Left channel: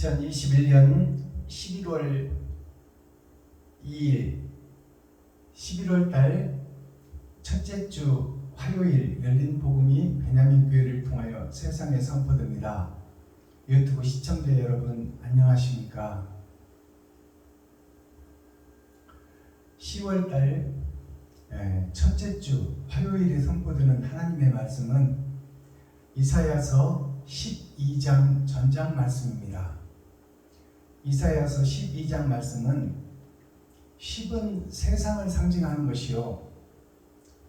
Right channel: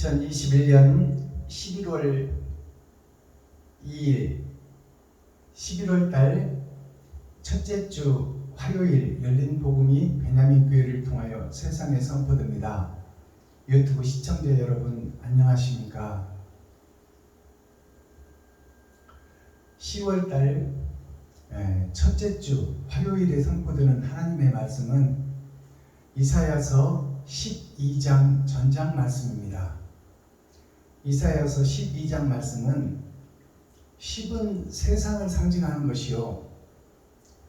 2021년 11월 2일 11월 달 첫째 주 화요일 열린 복음이 베냐민 교회를 통하여 세상에 선포됩니다. 유튜브 시청자 여러분 안녕하십니까? 10월 달 첫째 주 화요일에 선포되는 하나님의 말씀은 이사야서 12장 전장 말씀입니다. 이사야서 12장 말씀은 10은 세상을 상징하는 것이요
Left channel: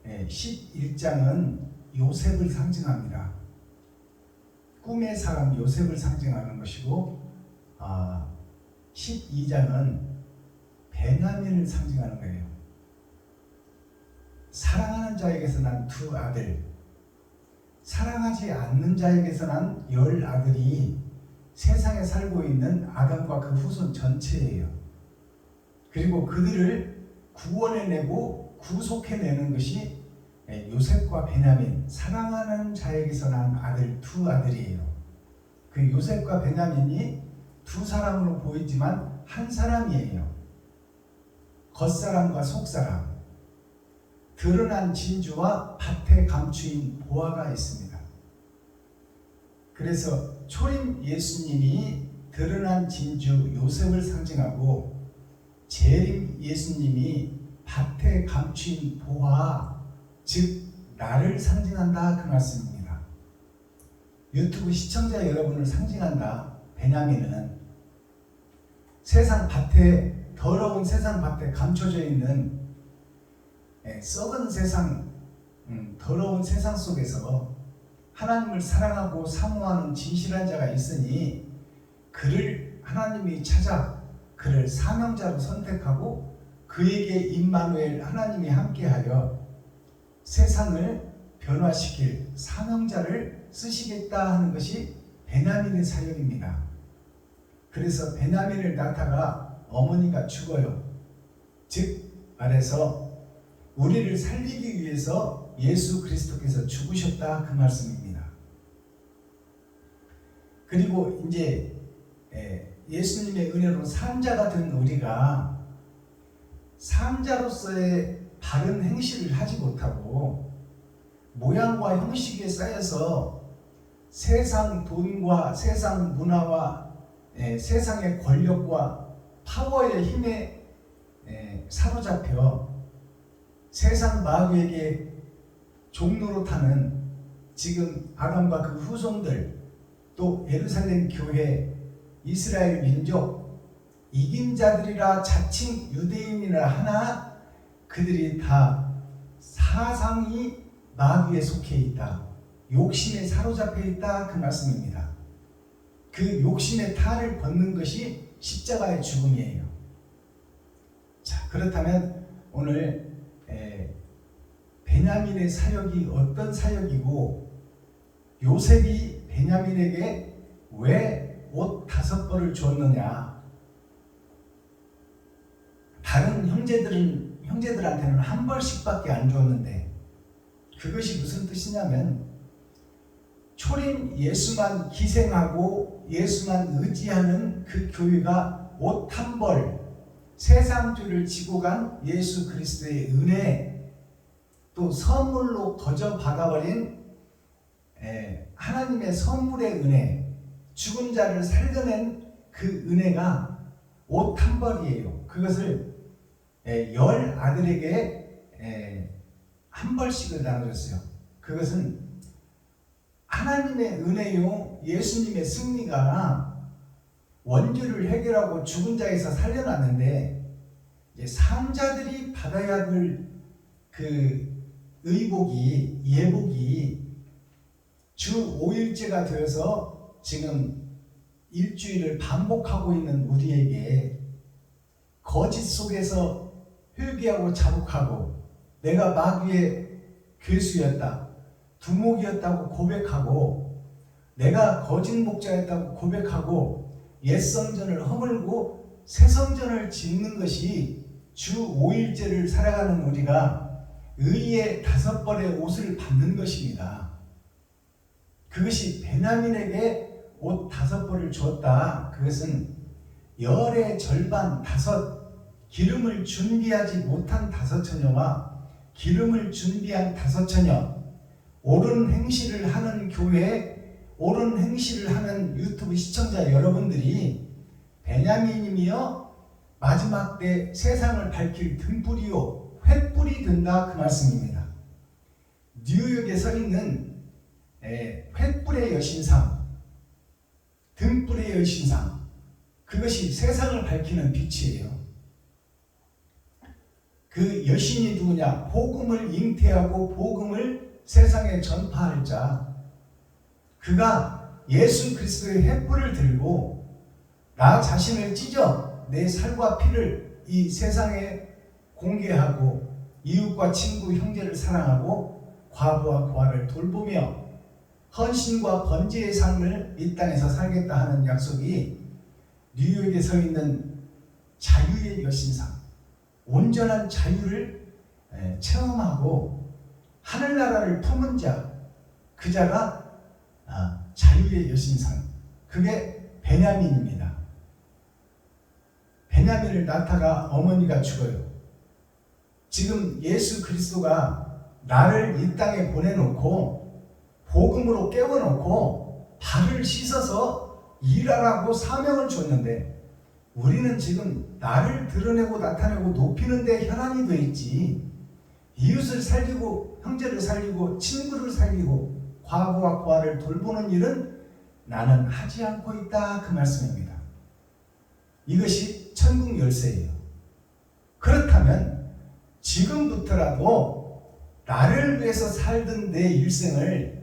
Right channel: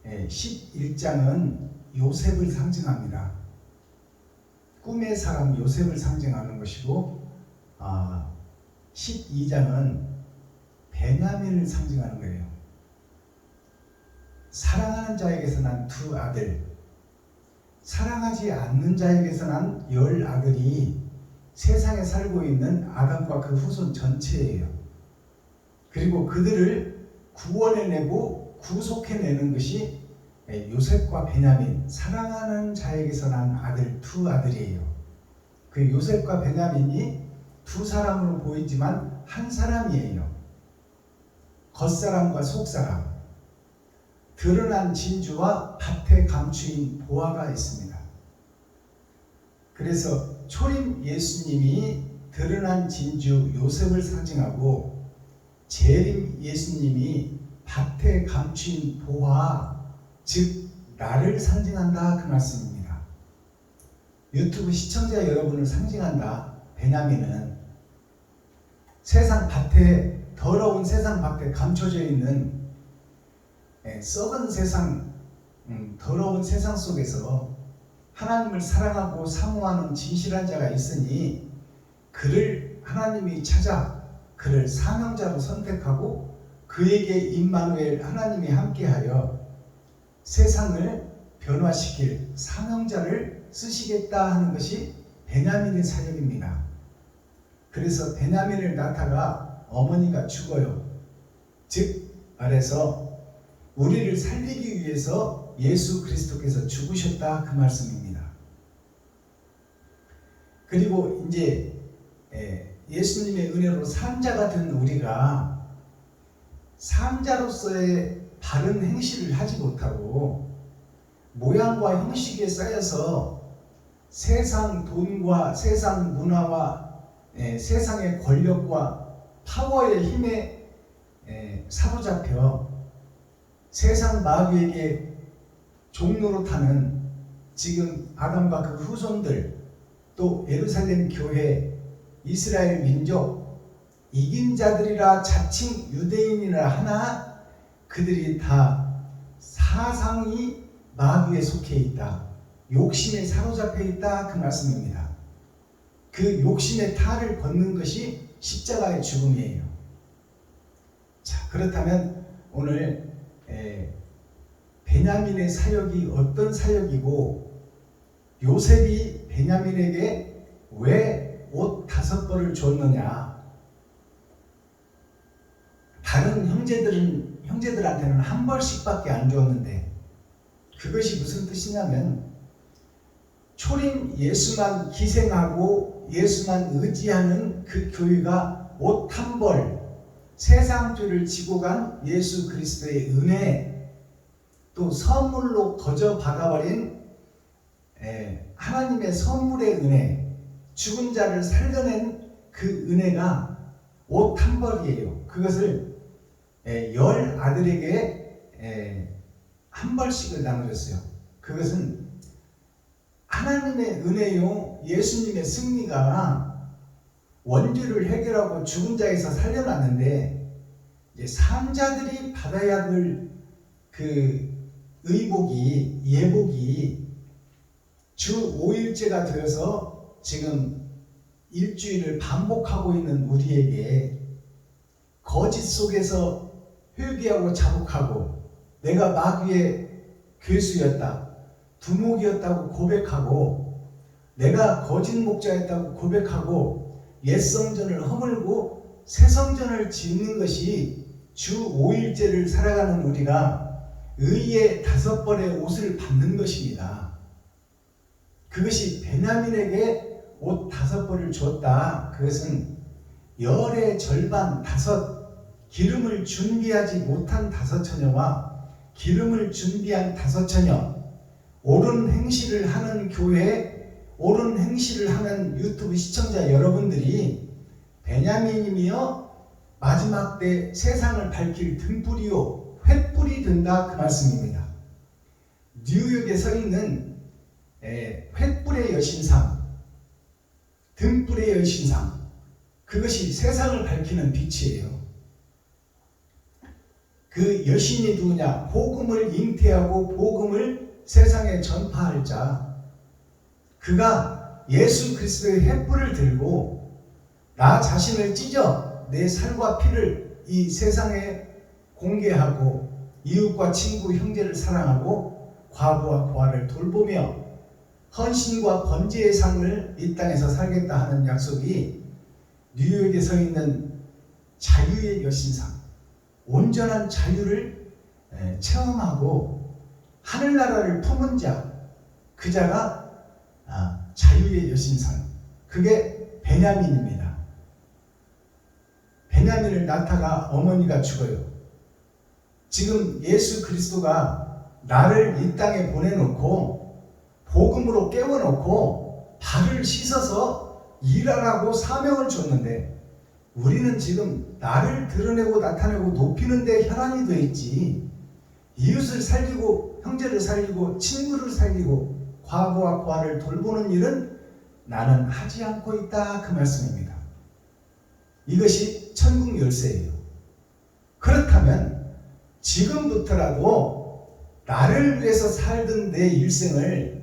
11장은 요셉을 상징합니다. 꿈의 사람 요셉을 상징하는 것이고 12장은 베냐민을 상징하는 거예요. 사랑하는 자에게서 난 두 아들, 사랑하지 않는 자에게서 난 10 아들이 세상에 살고 있는 아담과 그 후손 전체예요. 그리고 그들을 구원해내고 구속해내는 것이 요셉과 베냐민, 사랑하는 자에게서 난 아들, 두 아들이에요. 그 요셉과 베냐민이 두 사람으로 보이지만 한 사람이에요. 겉사람과 속사람, 드러난 진주와 밭에 감추인 보화가 있습니다. 그래서 초림 예수님이 드러난 진주 요셉을 상징하고 재림 예수님이 밭에 감추인 보화, 즉 나를 상징한다 그 말씀입니다. 유튜브 시청자 여러분을 상징한다. 베냐민은 세상 밭에, 더러운 세상 밭에 감춰져 있는 썩은 세상, 더러운 세상 속에서 하나님을 사랑하고 사모하는 진실한 자가 있으니 그를 하나님이 찾아 그를 사명자로 선택하고 그에게 임마누엘 하나님이 함께하여 세상을 변화시킬 사명자를 쓰시겠다 하는 것이 베냐민의 사역입니다. 그래서 베냐민을 낳다가 어머니가 죽어요. 즉 말해서 우리를 살리기 위해서 예수 그리스도께서 죽으셨다 그 말씀입니다. 그리고 이제 예수님의 은혜로 산자가 된 우리가 산자로서의 바른 행실을 하지 못하고 모양과 형식에 쌓여서 세상 돈과 세상 문화와 세상의 권력과 파워의 힘에 사로잡혀 세상 마귀에게 종로로 타는 지금 아담과 그 후손들, 또 예루살렘 교회, 이스라엘 민족, 이긴 자들이라 자칭 유대인이라 하나 그들이 다 사상이 마귀에 속해 있다, 욕심에 사로잡혀 있다 그 말씀입니다. 그 욕심의 탈을 벗는 것이 십자가의 죽음이에요. 자, 그렇다면 오늘 베냐민의 사역이 어떤 사역이고 요셉이 베냐민에게 왜 옷 5벌을 줬느냐? 다른 형제들한테는 한 벌씩밖에 안 줬는데 그것이 무슨 뜻이냐면 초림 예수만 희생하고 예수만 의지하는 그 교회가 옷 1벌, 세상죄를 지고 간 예수 그리스도의 은혜, 또 선물로 거저 받아버린 하나님의 선물의 은혜, 죽은 자를 살려낸 그 은혜가 옷 1벌이에요. 그것을 10 아들에게 한 벌씩을 나눠줬어요. 그것은 하나님의 은혜요, 예수님의 승리가 원죄를 해결하고 죽은 자에서 살려놨는데 이제 산자들이 받아야 할 그 의복이, 예복이 주 5일째가 되어서 지금 일주일을 반복하고 있는 우리에게 거짓 속에서 회개하고 자복하고 내가 마귀의 괴수였다, 두목이었다고 고백하고 내가 거짓 목자였다고 고백하고 옛 성전을 허물고 새 성전을 짓는 것이 주 5일째를 살아가는 우리가 의의 5벌의 옷을 받는 것입니다. 그것이 베냐민에게 옷 5벌을 주었다. 그것은 열의 절반 5, 기름을 준비하지 못한 5처녀와 기름을 준비한 5처녀, 옳은 행실을 하는 교회, 옳은 행실을 하는 유튜브 시청자 여러분들이 베냐민이며 마지막 때 세상을 밝힐 등불이요 횃불이 된다, 그 말씀입니다. 뉴욕에 서 있는 횃불의 여신상, 등불의 여신상, 그것이 세상을 밝히는 빛이에요. 그 여신이 누구냐? 복음을 잉태하고 복음을 세상에 전파할 자. 그가 예수 그리스도의 횃불을 들고 나 자신을 찢어 내 살과 피를 이 세상에 공개하고 이웃과 친구 형제를 사랑하고 과부와 고아를 돌보며 헌신과 번제의 삶을 이 땅에서 살겠다 하는 약속이 뉴욕에 서 있는 자유의 여신상, 온전한 자유를 체험하고 하늘나라를 품은 자, 그 자가 자유의 여신상, 그게 베냐민입니다. 베냐민을 낳다가 어머니가 죽어요. 지금 예수 그리스도가 나를 이 땅에 보내놓고 복음으로 깨워놓고 발을 씻어서 일하라고 사명을 줬는데 우리는 지금 나를 드러내고 나타내고 높이는 데 혈안이 되어 있지, 이웃을 살리고 형제를 살리고 친구를 살리고 과부와 고아를 돌보는 일은 나는 하지 않고 있다, 그 말씀입니다. 이것이 천국 열쇠예요. 그렇다면 지금부터라도 나를 위해서 살던 내 일생을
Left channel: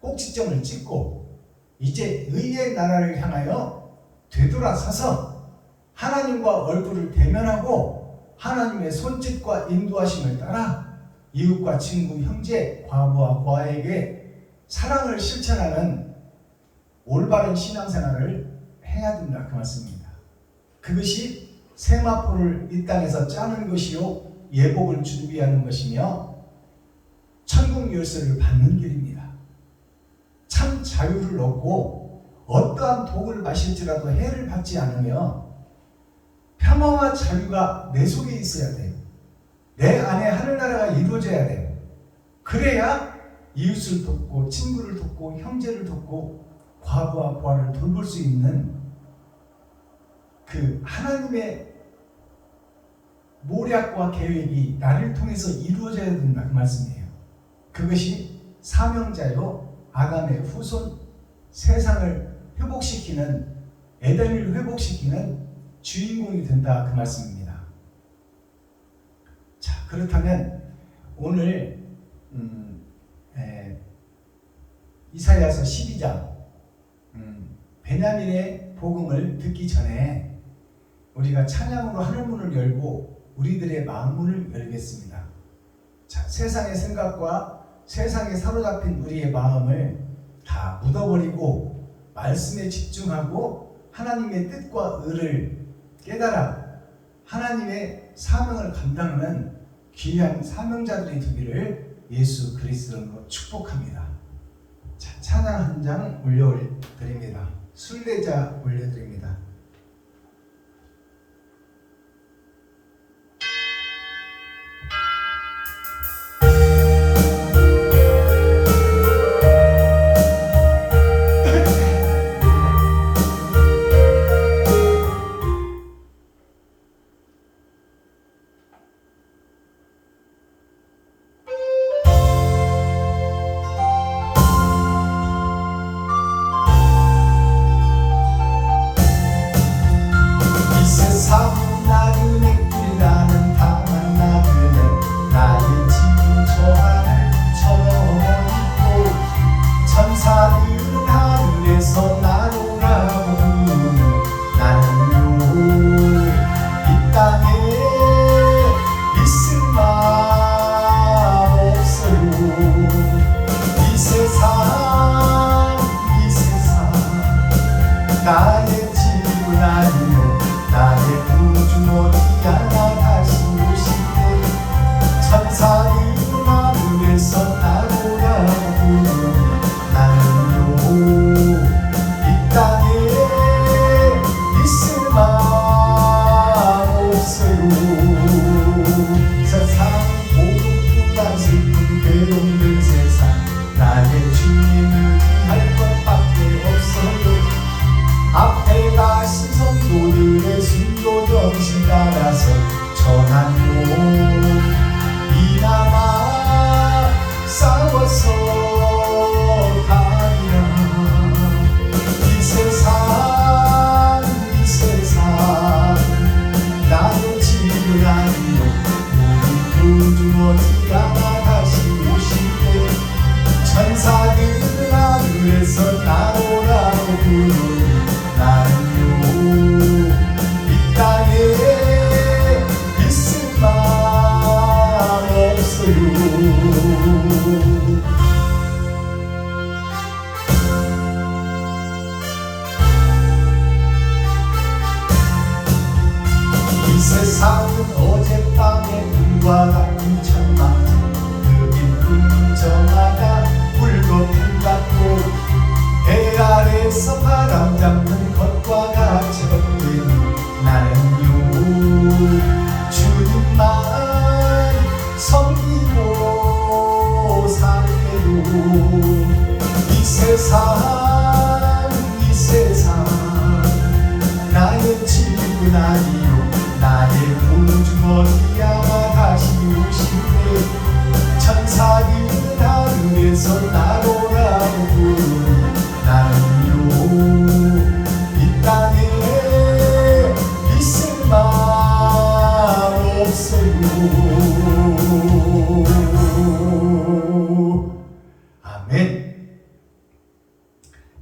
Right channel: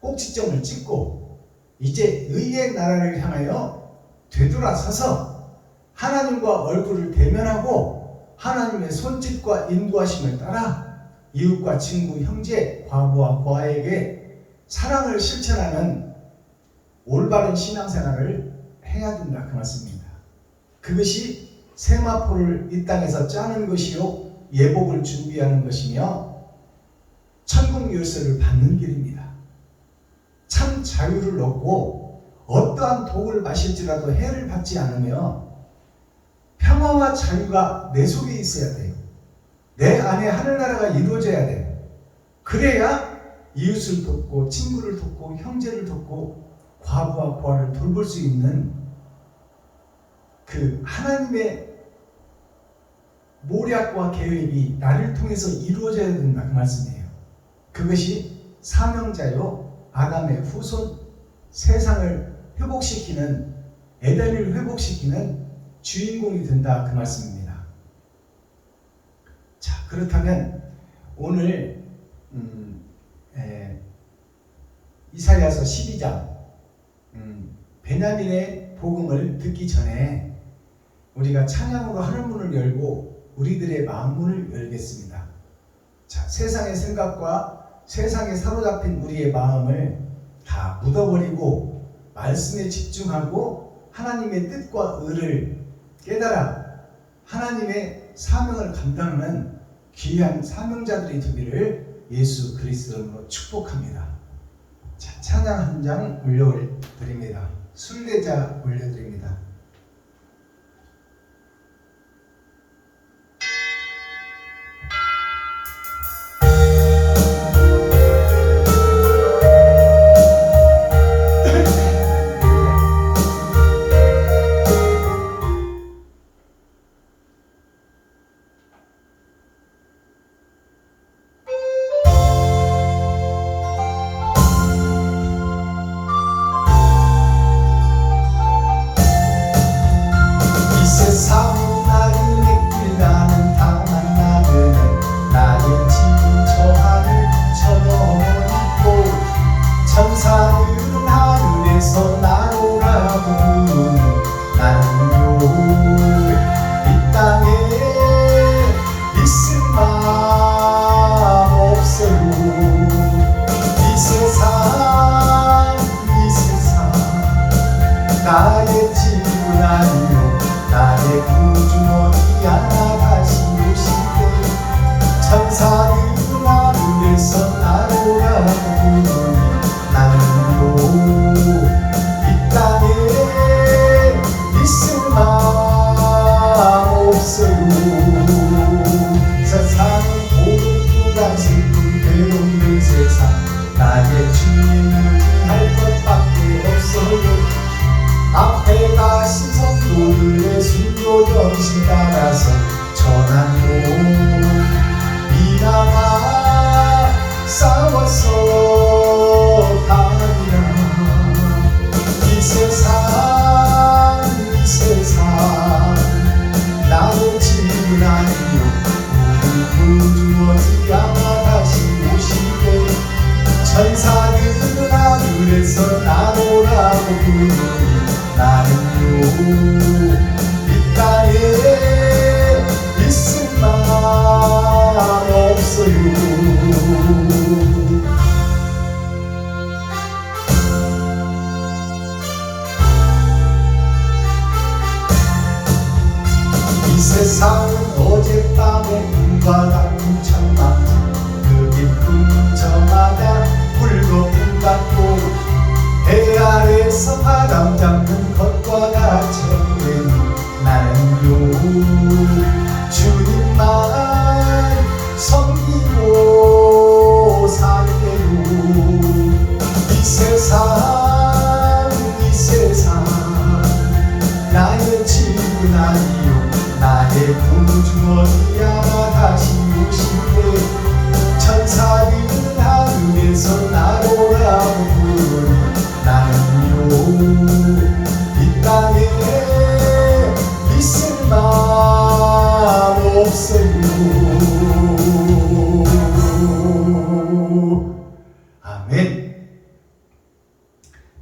꼭지점을 찍고 이제 의의 나라를 향하여 되돌아서서 하나님과 얼굴을 대면하고 하나님의 손짓과 인도하심을 따라 이웃과 친구, 형제, 과부와 고아에게 사랑을 실천하는 올바른 신앙생활을 해야 된다, 그 말씀입니다. 그것이 세마포를 이 땅에서 짜는 것이요 예복을 준비하는 것이며 천국 열쇠를 받는 길입니다. 참 자유를 얻고 어떠한 독을 마실지라도 해를 받지 않으며 평화와 자유가 내 속에 있어야 돼요. 내 안에 하늘나라가 이루어져야 돼요. 그래야 이웃을 돕고 친구를 돕고 형제를 돕고 과부와 고아를 돌볼 수 있는 그 하나님의 모략과 계획이 나를 통해서 이루어져야 된다, 그 말씀이에요. 그것이 사명자요 아담의 후손, 세상을 회복시키는, 에덴을 회복시키는 주인공이 된다, 그 말씀입니다. 자, 그렇다면 오늘 이사야서 12장 베냐민의 복음을 듣기 전에 우리가 찬양으로 하늘문을 열고 우리들의 마음문을 열겠습니다. 자, 세상의 생각과 세상에 사로잡힌 우리의 마음을 다 묻어버리고 말씀에 집중하고 하나님의 뜻과 의를 깨달아 하나님의 사명을 감당하는 귀한 사명자들이 되기를 예수 그리스도로 축복합니다. 자, 찬양 한 장 올려드립니다. 순례자 올려드립니다. 아멘.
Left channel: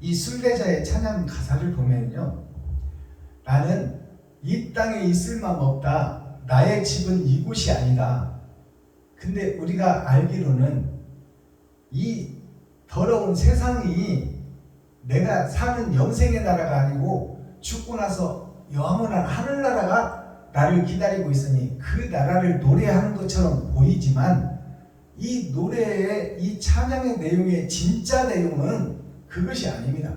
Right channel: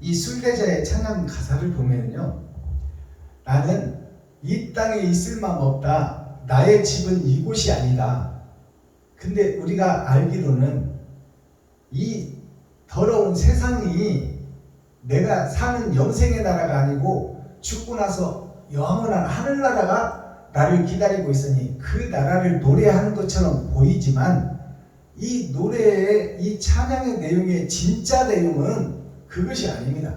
이 순례자의 찬양 가사를 보면요, 나는 이 땅에 있을 맘 없다. 나의 집은 이곳이 아니다. 근데 우리가 알기로는 이 더러운 세상이 내가 사는 영생의 나라가 아니고 죽고 나서 영원한 하늘나라가 나를 기다리고 있으니 그 나라를 노래하는 것처럼 보이지만 이 노래의 이 찬양의 내용의 진짜 내용은 그것이 아닙니다.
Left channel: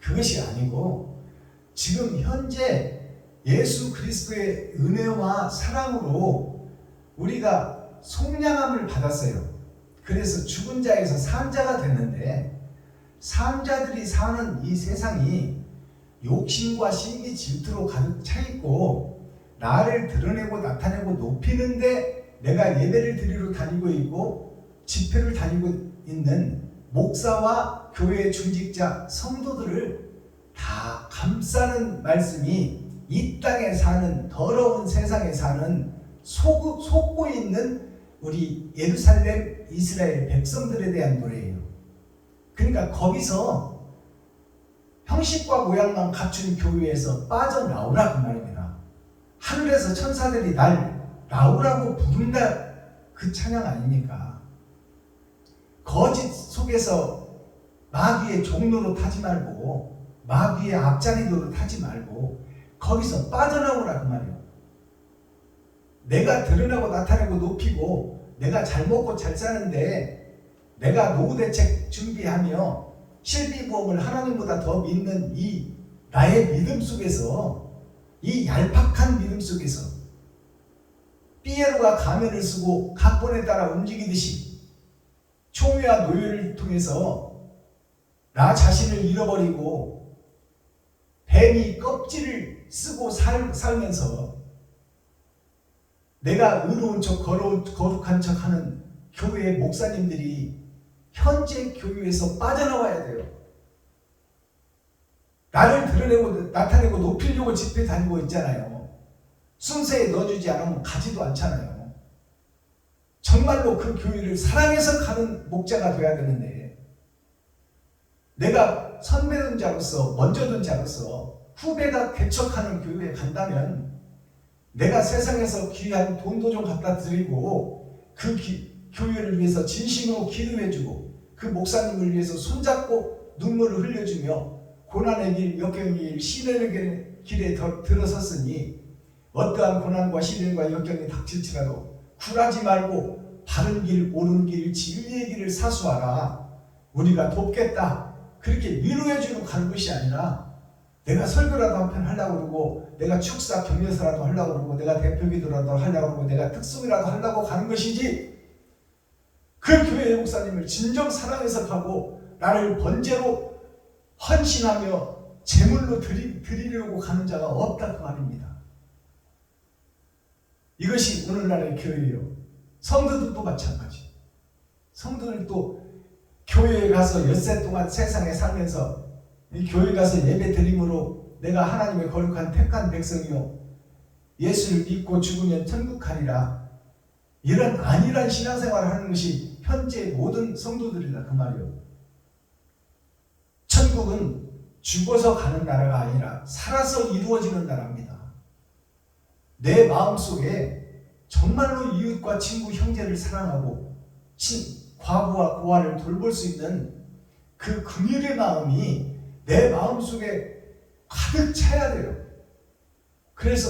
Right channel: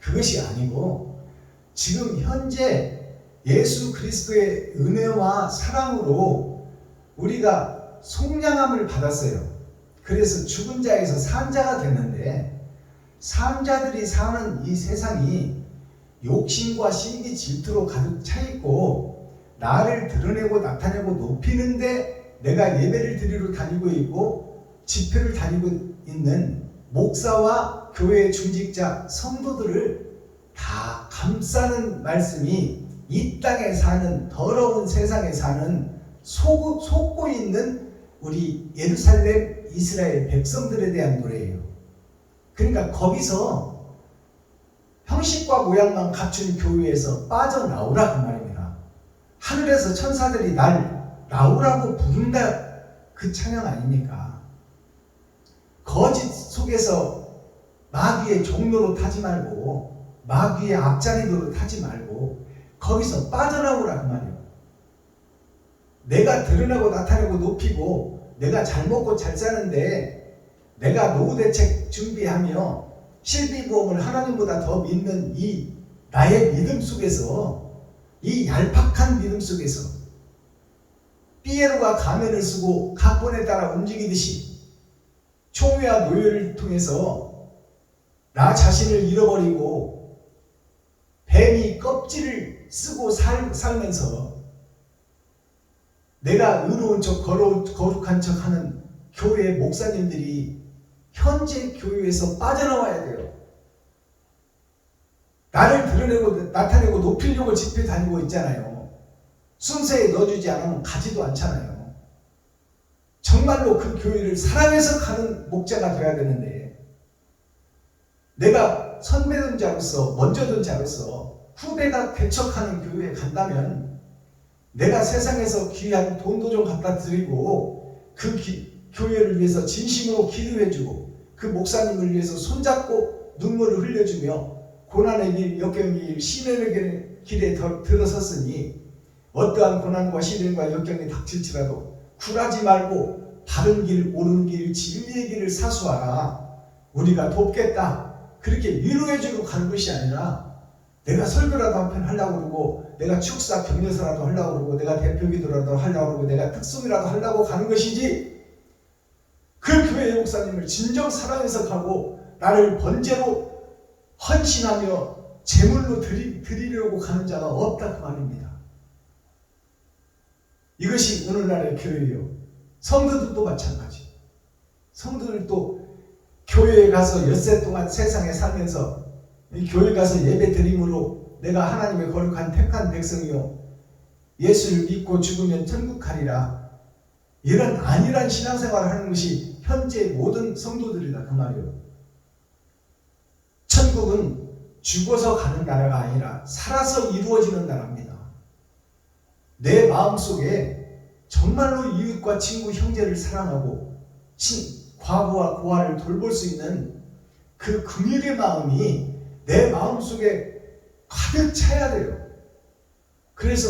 그것이 아니고 지금 현재 예수 그리스도의 은혜와 사랑으로 우리가 속량함을 받았어요. 그래서 죽은 자에서 산 자가 됐는데, 산 자들이 사는 이 세상이 욕심과 시기 질투로 가득 차 있고 나를 드러내고 나타내고 높이는데 내가 예배를 드리러 다니고 있고 집회를 다니고 있는 목사와 교회 중직자 성도들을 다 감싸는 말씀이 이 땅에 사는 더러운 세상에 사는 속고 있는 우리 예루살렘 이스라엘 백성들에 대한 노래예요. 그러니까 거기서 형식과 모양만 갖춘 교회에서 빠져나오라 그 말입니다. 하늘에서 천사들이 날 나오라고 부른다 그 찬양 아닙니까? 거짓 속에서 마귀의 종로로 타지 말고 마귀의 앞자리로 타지 말고 거기서 빠져나오라 그 말이에요. 내가 드러나고 나타내고 높이고 내가 잘 먹고 잘 사는데 내가 노후 대책 준비하며 실비보험을 하나님보다 더 믿는 이 나의 믿음 속에서, 이 얄팍한 믿음 속에서 삐에로가 가면을 쓰고 각본에 따라 움직이듯이 총회와 노예를 통해서 나 자신을 잃어버리고 뱀이 껍질을 쓰고 살면서 내가 의로운 척 거룩한 척 하는 교회 목사님들이 현재 교회에서 빠져나와야 돼요. 나를 드러내고 나타내고 높이려고 집회 다니고 있잖아요. 순서에 넣어주지 않으면 가지도 않잖아요. 정말로 그 교회를 사랑해서 가는 목자가 되어야 되는데, 내가 선배된 자로서 먼저 든 자로서 후배가 개척하는 교회에 간다면 내가 세상에서 귀한 돈도 좀 갖다 드리고 그 교회를 위해서 진심으로 기도해주고 그 목사님을 위해서 손잡고 눈물을 흘려주며 고난의 길, 역경의 길, 시련의 길에 들어섰으니 어떠한 고난과 시련과 역경이 닥칠지라도 굴하지 말고 바른 길, 옳은 길, 진리의 길을 사수하라. 우리가 돕겠다. 그렇게 위로해주고 가는 것이 아니라 내가 설교라도 한 편 하려고 그러고 내가 축사 격려서라도 하려고 그러고 내가 대표기도라도 하려고 그러고 내가 특송이라도 하려고 가는 것이지, 그 교회의 목사님을 진정 사랑해서 가고 나를 번제로 헌신하며 제물로 드리려고 가는 자가 없다 그 말입니다. 이것이 오늘날의 교회예요. 성도들도 마찬가지. 성도들도 교회에 가서 엿새 동안 세상에 살면서 이 교회 가서 예배 드림으로 내가 하나님의 거룩한 택한 백성이요 예수를 믿고 죽으면 천국 가리라, 이런 안일한 신앙생활을 하는 것이 현재 모든 성도들이다 그 말이에요. 천국은 죽어서 가는 나라가 아니라 살아서 이루어지는 나라입니다. 내 마음속에 정말로 이웃과 친구 형제를 사랑하고 과부와 고아를 돌볼 수 있는 그 긍휼의 마음이 내 마음속에 가득 차야 돼요. 그래서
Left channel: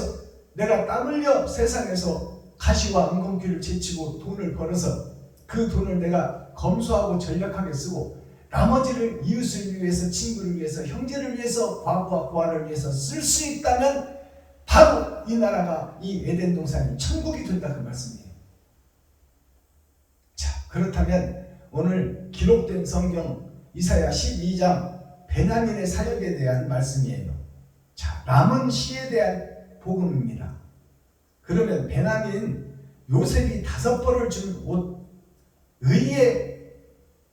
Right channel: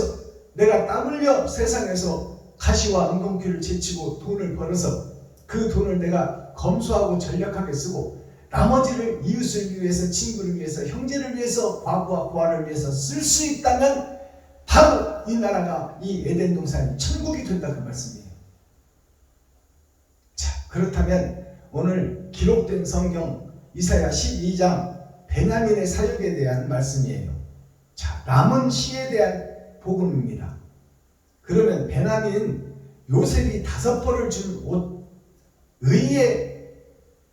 내가 땀 흘려 세상에서 가시와 은공귀를 제치고 돈을 벌어서 그 돈을 내가 검소하고 전략하게 쓰고 나머지를 이웃을 위해서, 친구를 위해서, 형제를 위해서, 과부와 고아를 위해서 쓸 수 있다면 바로 이 나라가, 이 에덴 동산이 천국이 된다 그 말씀이에요. 자, 그렇다면 오늘 기록된 성경 이사야 12장 베냐민의 사역에 대한 말씀이에요. 자, 남은 시에 대한 복음입니다. 그러면 베냐민, 요셉이 5벌을 준 옷, 의의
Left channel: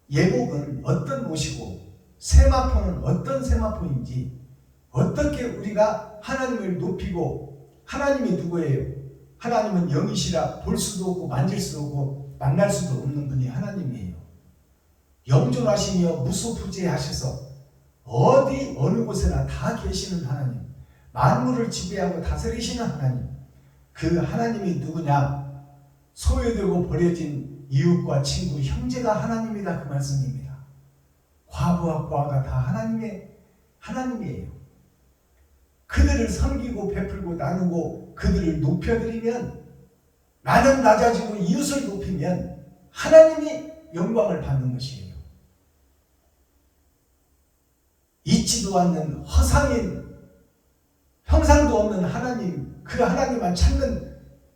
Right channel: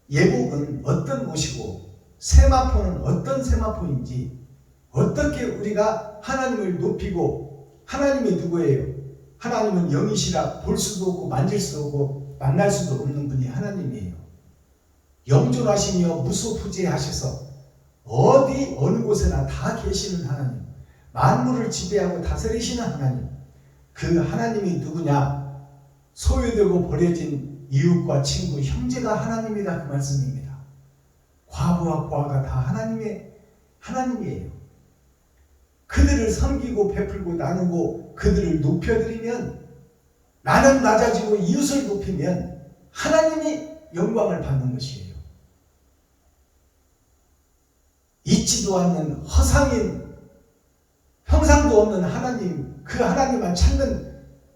예복은 어떤 옷이고 세마포는 어떤 세마포인지, 어떻게 우리가 하나님을 높이고, 하나님이 누구예요? 하나님은 영이시라 볼 수도 없고 만질 수도 없고 만날 수도 없는 분이 하나님이에요. 영존하시며 무소부재하셔서 어디 어느 곳에나 다 계시는 하나님, 만물을 지배하고 다스리시는 하나님, 그 하나님이 누구냐? 소외되고 버려진 이웃과 친구, 형제가 하나님이다, 그 말씀입니다. 과부와 고아가 다 하나님이에요. 그들을 섬기고 베풀고 나누고 그들을 높여드리면, 나는 낮아지고 이웃을 높이면 하나님이 영광을 받는 것이에요. 있지도 않는 허상인, 형상도 없는 하나님, 그 하나님만 찾는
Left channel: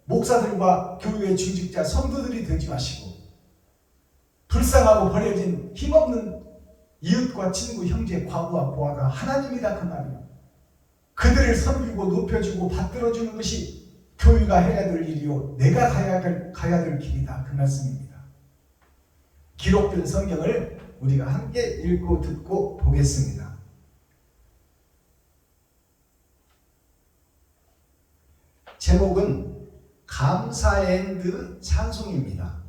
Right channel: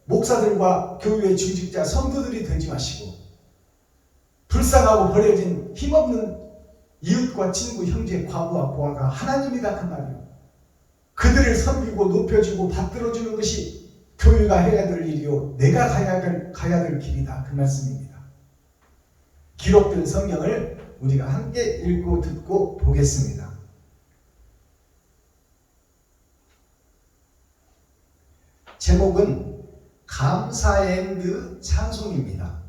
목사들과 교회의 중직자 성도들이 되지 마시고, 불쌍하고 버려진 힘없는 이웃과 친구, 형제, 과부와 고아가 하나님이다, 그 말이요. 그들을 섬기고 높여주고 받들어주는 것이 교회가 해야 될 일이요, 내가 가야 될 길이다, 그 말씀입니다. 기록된 성경을 우리가 함께 읽고 듣고 보겠습니다. 제목은 감사 앤드 찬송입니다.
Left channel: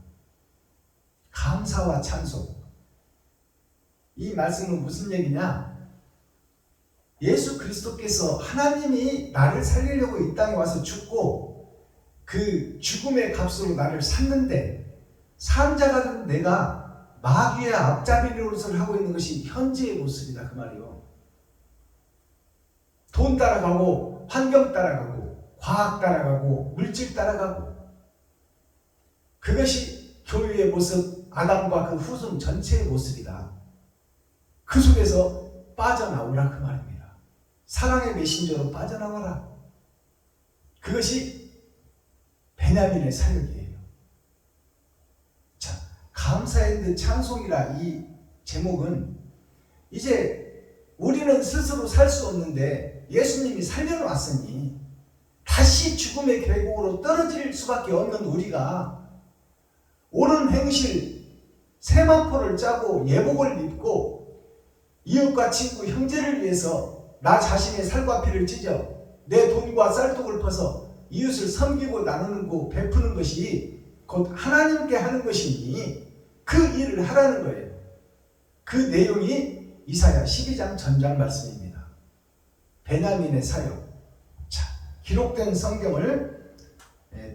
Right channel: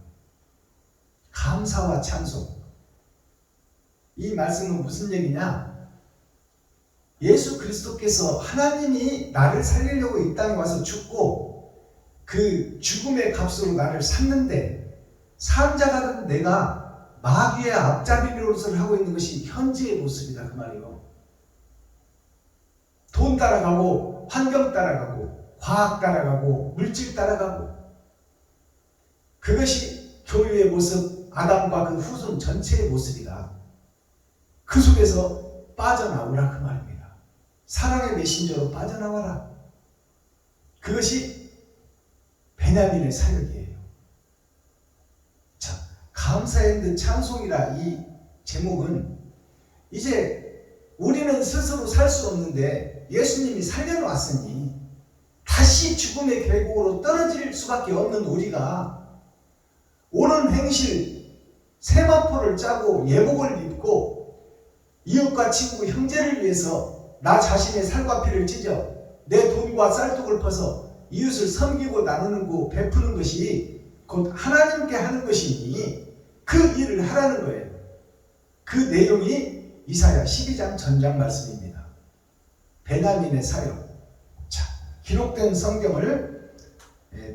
감사와 찬송. 이 말씀은 무슨 얘기냐? 예수 그리스도께서, 하나님이 나를 살리려고 이 땅에 와서 죽고 그 죽음의 값으로 나를 샀는데, 산자가 된 내가 마귀의 앞잡이 노릇을 하고 있는 것이 현재의 모습이다, 그 말이요. 돈 따라가고 환경 따라가고 과학 따라가고 물질 따라가고, 그것이 교회의 모습, 아담과 그 후손 전체의 모습이다. 그 속에서 빠져나오라, 그 말입니다. 사랑의 메신저로 빠져나와라. 그것이 베냐민의 사역이에요. 자, 감사 앤드 찬송이라 이 제목은, 이제 우리는 스스로 살 수 없는데 예수님이 살려놓았으니 다시 죽음의 계곡으로 떨어질 수밖에 없는 우리가 옳은 행실, 세마포를 짜고 예복을 입고 이웃과 친구, 형제를 위해서 나 자신의 살과 피를 찢어 내 돈과 쌀독을 퍼서 이웃을 섬기고 나누는 거, 베푸는 것이 곧 하나님께 하는 것이니 그 일을 하라는 거예요. 그 내용이 이사야 12장 전장 말씀입니다. 베냐민의 사역. 기록된 성경을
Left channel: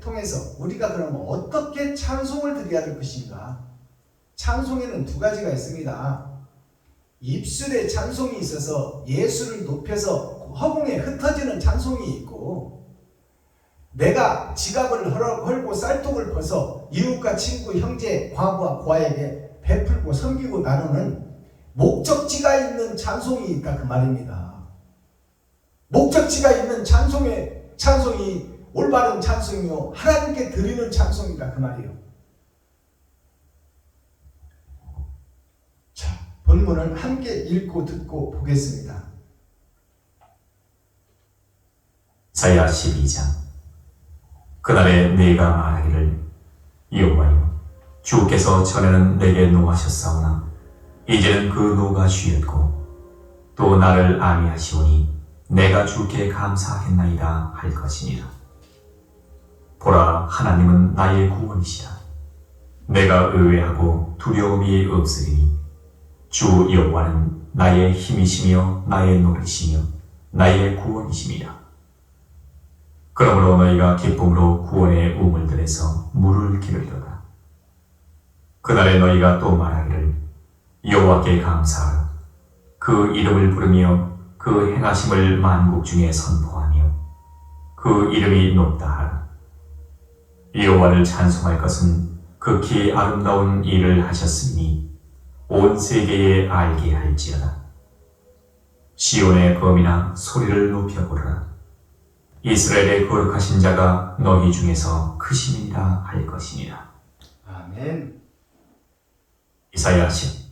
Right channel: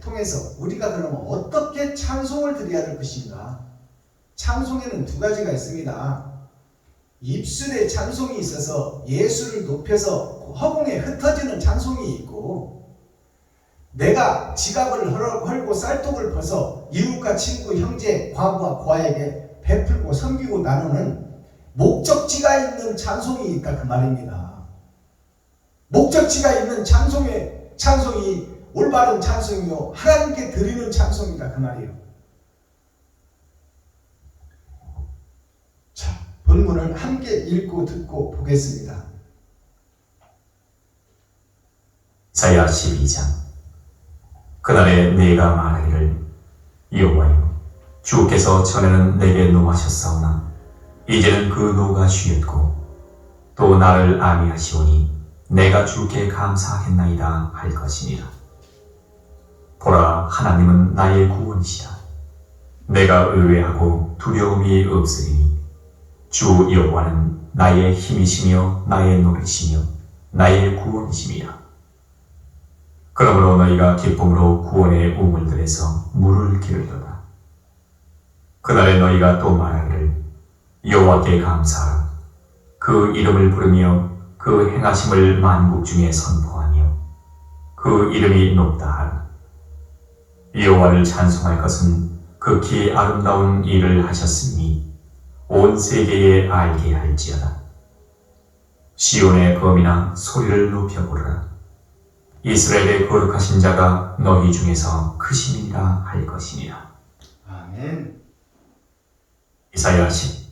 통해서 우리가 그러면 어떻게 찬송을 드려야 될 것인가? 찬송에는 두 가지가 있습니다. 입술에 찬송이 있어서 예수를 높여서 허공에 흩어지는 찬송이 있고, 내가 지갑을 헐고 쌀독을 퍼서 이웃과 친구, 형제, 과부와 고아에게 베풀고 섬기고 나누는 목적지가 있는 찬송이 있다, 그 말입니다. 목적지가 있는 찬송이 올바른 찬송이요, 하나님께 드리는 찬송이다, 그 말이에요. 자, 본문을 함께 읽고 듣고 보겠습니다. 이사야 12장. 그날에 네가 말하기를, 여호와여, 주께서 전에는 내게 노하셨사오나 이제는 그 노가 쉬었고 또 나를 안위하시오니 내가 주께 감사하겠나이다 할 것이니라. 보라, 하나님은 나의 구원이시라. 내가 의뢰하고 두려움이 없으리니 주 여호와는 나의 힘이시며 나의 노래시며 나의 구원이시니라. 그러므로 너희가 기쁨으로 구원의 우물들에서 물을 기르리로다. 그날에 너희가 또 말하기를, 여호와께 감사하라. 그 이름을 부르며 그 행하심을 만국 중에 선포하며 그 이름이 높다 하라. 여호와를 찬송할 것은 극히 아름다운 일을 하셨으니 온 세계에 알게 할지어다. 시온의 범이나 소리를 높여보라. 이스라엘의 거룩하신 자가 너희 중에서 크시니라 할 것이니라. 아멘. 이사야 10.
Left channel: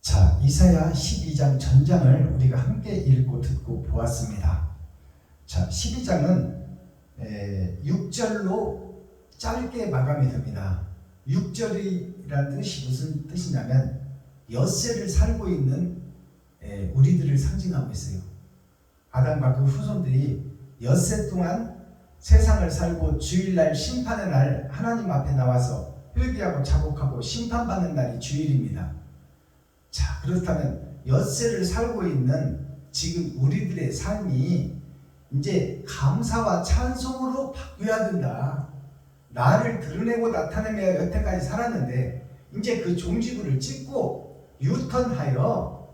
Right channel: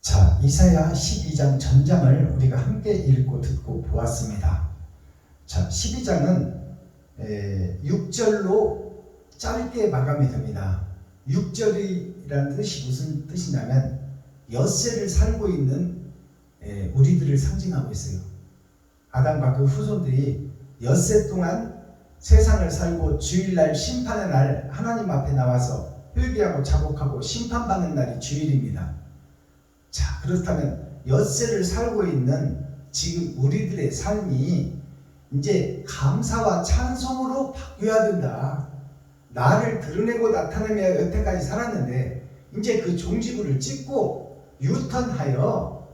자, 이사야 12장 전장을 우리가 함께 읽고 듣고 보았습니다. 자, 12장은 6절로 짧게 마감이 됩니다. 6절이라는 뜻이 무슨 뜻이냐면 엿새를 살고 있는 우리들을 상징하고 있어요. 아담과 그 후손들이 엿새 동안 세상을 살고 주일날 심판의 날 하나님 앞에 나와서 회개하고 자복하고 심판받는 날이 주일입니다. 자, 그렇다면 엿새를 살고 있는 지금 우리들의 삶이 이제 감사와 찬송으로 바뀌어야 된다. 나를 드러내고 나타내며 여태까지 살았는데 이제 그 종지부를 찍고 유턴하여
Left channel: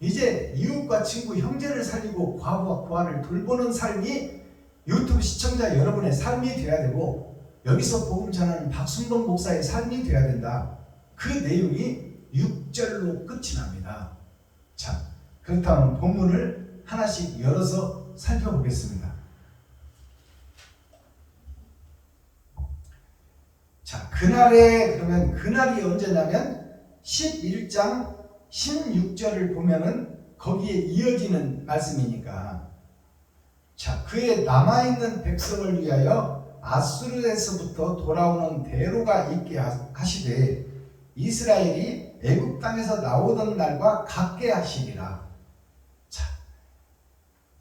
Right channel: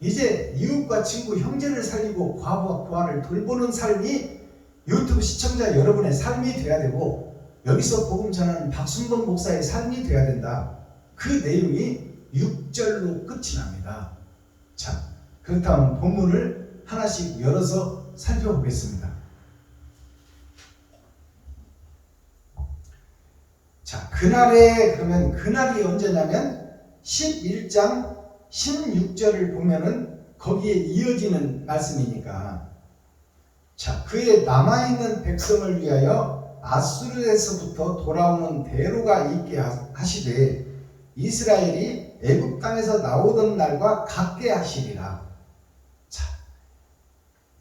이제 이웃과 친구 형제를 살리고 과부와 고아를 돌보는 삶이 유튜브 시청자 여러분의 삶이 되어야 되고, 여기서 복음 전하는 박순봉 목사의 삶이 되어야 된다. 그 내용이 6절로 끝이 납니다. 자, 그렇다면 본문을 하나씩 열어서 살펴보겠습니다. 자, 그러면 그날이 언제냐면 11장 16절을 보면은 거기에 이어지는 말씀이니까, 자, 그의 남아있는 백성을 위하여 아수르에서부터 돌아오는 대로가 있게 하시되 이스라엘이 애굽 땅에서 나오던 날과 같게 하시리라. 자,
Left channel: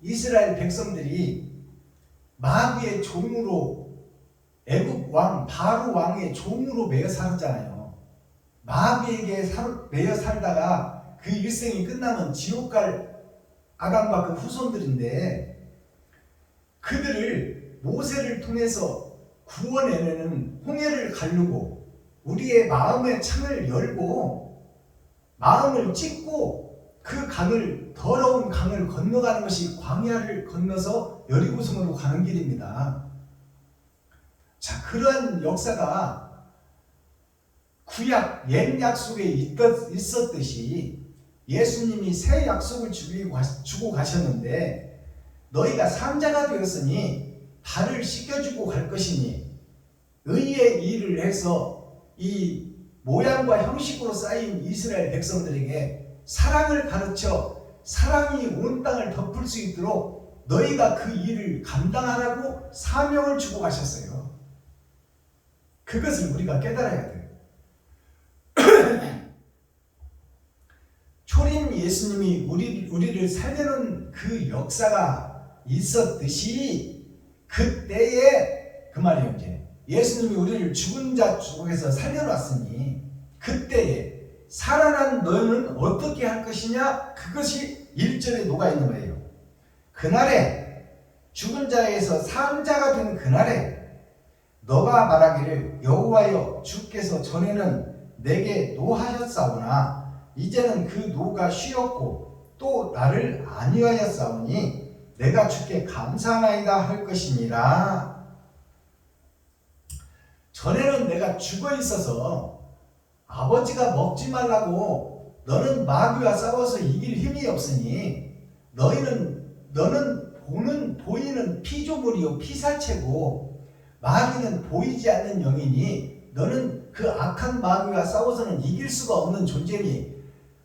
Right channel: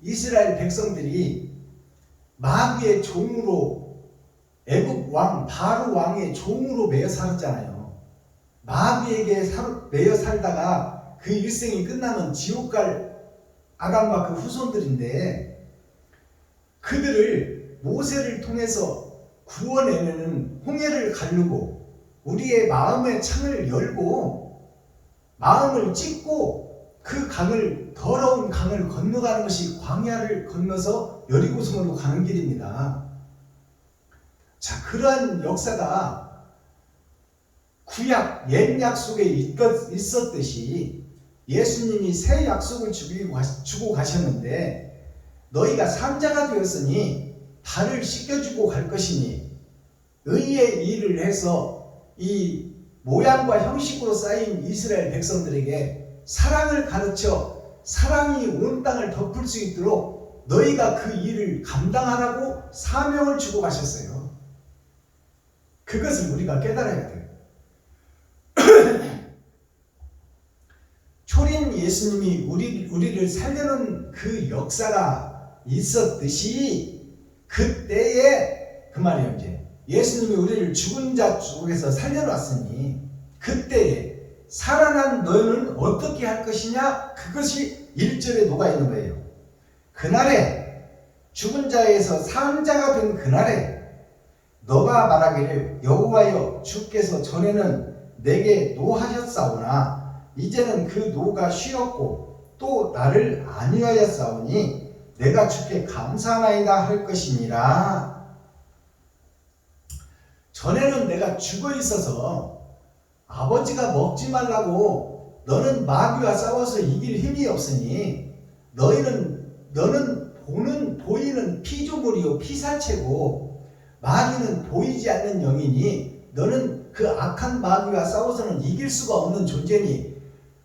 이스라엘 백성들이 마귀의 종으로, 애굽 왕 바로 왕의 종으로 매여 살았잖아요. 마귀에게 매여 살다가 그 일생이 끝나면 지옥 갈 아담과 그 후손들인데, 그들을 모세를 통해서 구원해내는 홍해를 가르고 우리의 마음의 창을 열고 마음을 찢고 그 강을, 더러운 강을 건너가는 것이 광야를 건너서 여리고성으로 가는 길입니다. 자, 그러한 역사가 구약 옛 약속에 있었듯이 예수님이 새 약속을 주고 가셨는데, 너희가 산자가 되었으니 발을 씻겨주고 갈 것이니 의의 일을 해서 이 모양과 형식으로 쌓인 이스라엘 백성들에게 사랑을 가르쳐 사랑이 온 땅을 덮을 수 있도록 너희가 그 일을 감당하라고 사명을 주고 가셨어요. 그것을 우리가 깨달아야 돼요. 초림 예수님이 우리를 살려는 그 역사가 있었듯이 그때에, 그 말이에요. 이제 예수님이 우리를 죽은 자 속에서 살려놨으니 그때에 살아난 너희는 어떻게 할 것이냐, 그것이 1절에 녹아있는 거예요. 그날에, 죽은 자에서 산 자가 된 그날에 너가 말하기를 여호와여 주께서 전에는 내게 노하셨사오나 이제는 그 노가 쉬었고 또 나를 안위하였사오니 내가 주께 감사하나이다 할 것이니라. 전에는 내가 죽어 있어서 아버지가 먹지 말라고 너는 마귀와 싸워서 이길 힘이 없으니 너는 보이는 피조물이요 피사체고 마귀는 보이지 않는 영이니 너는 그 악한 마귀와 싸워서는 이길 수가 없는 존재니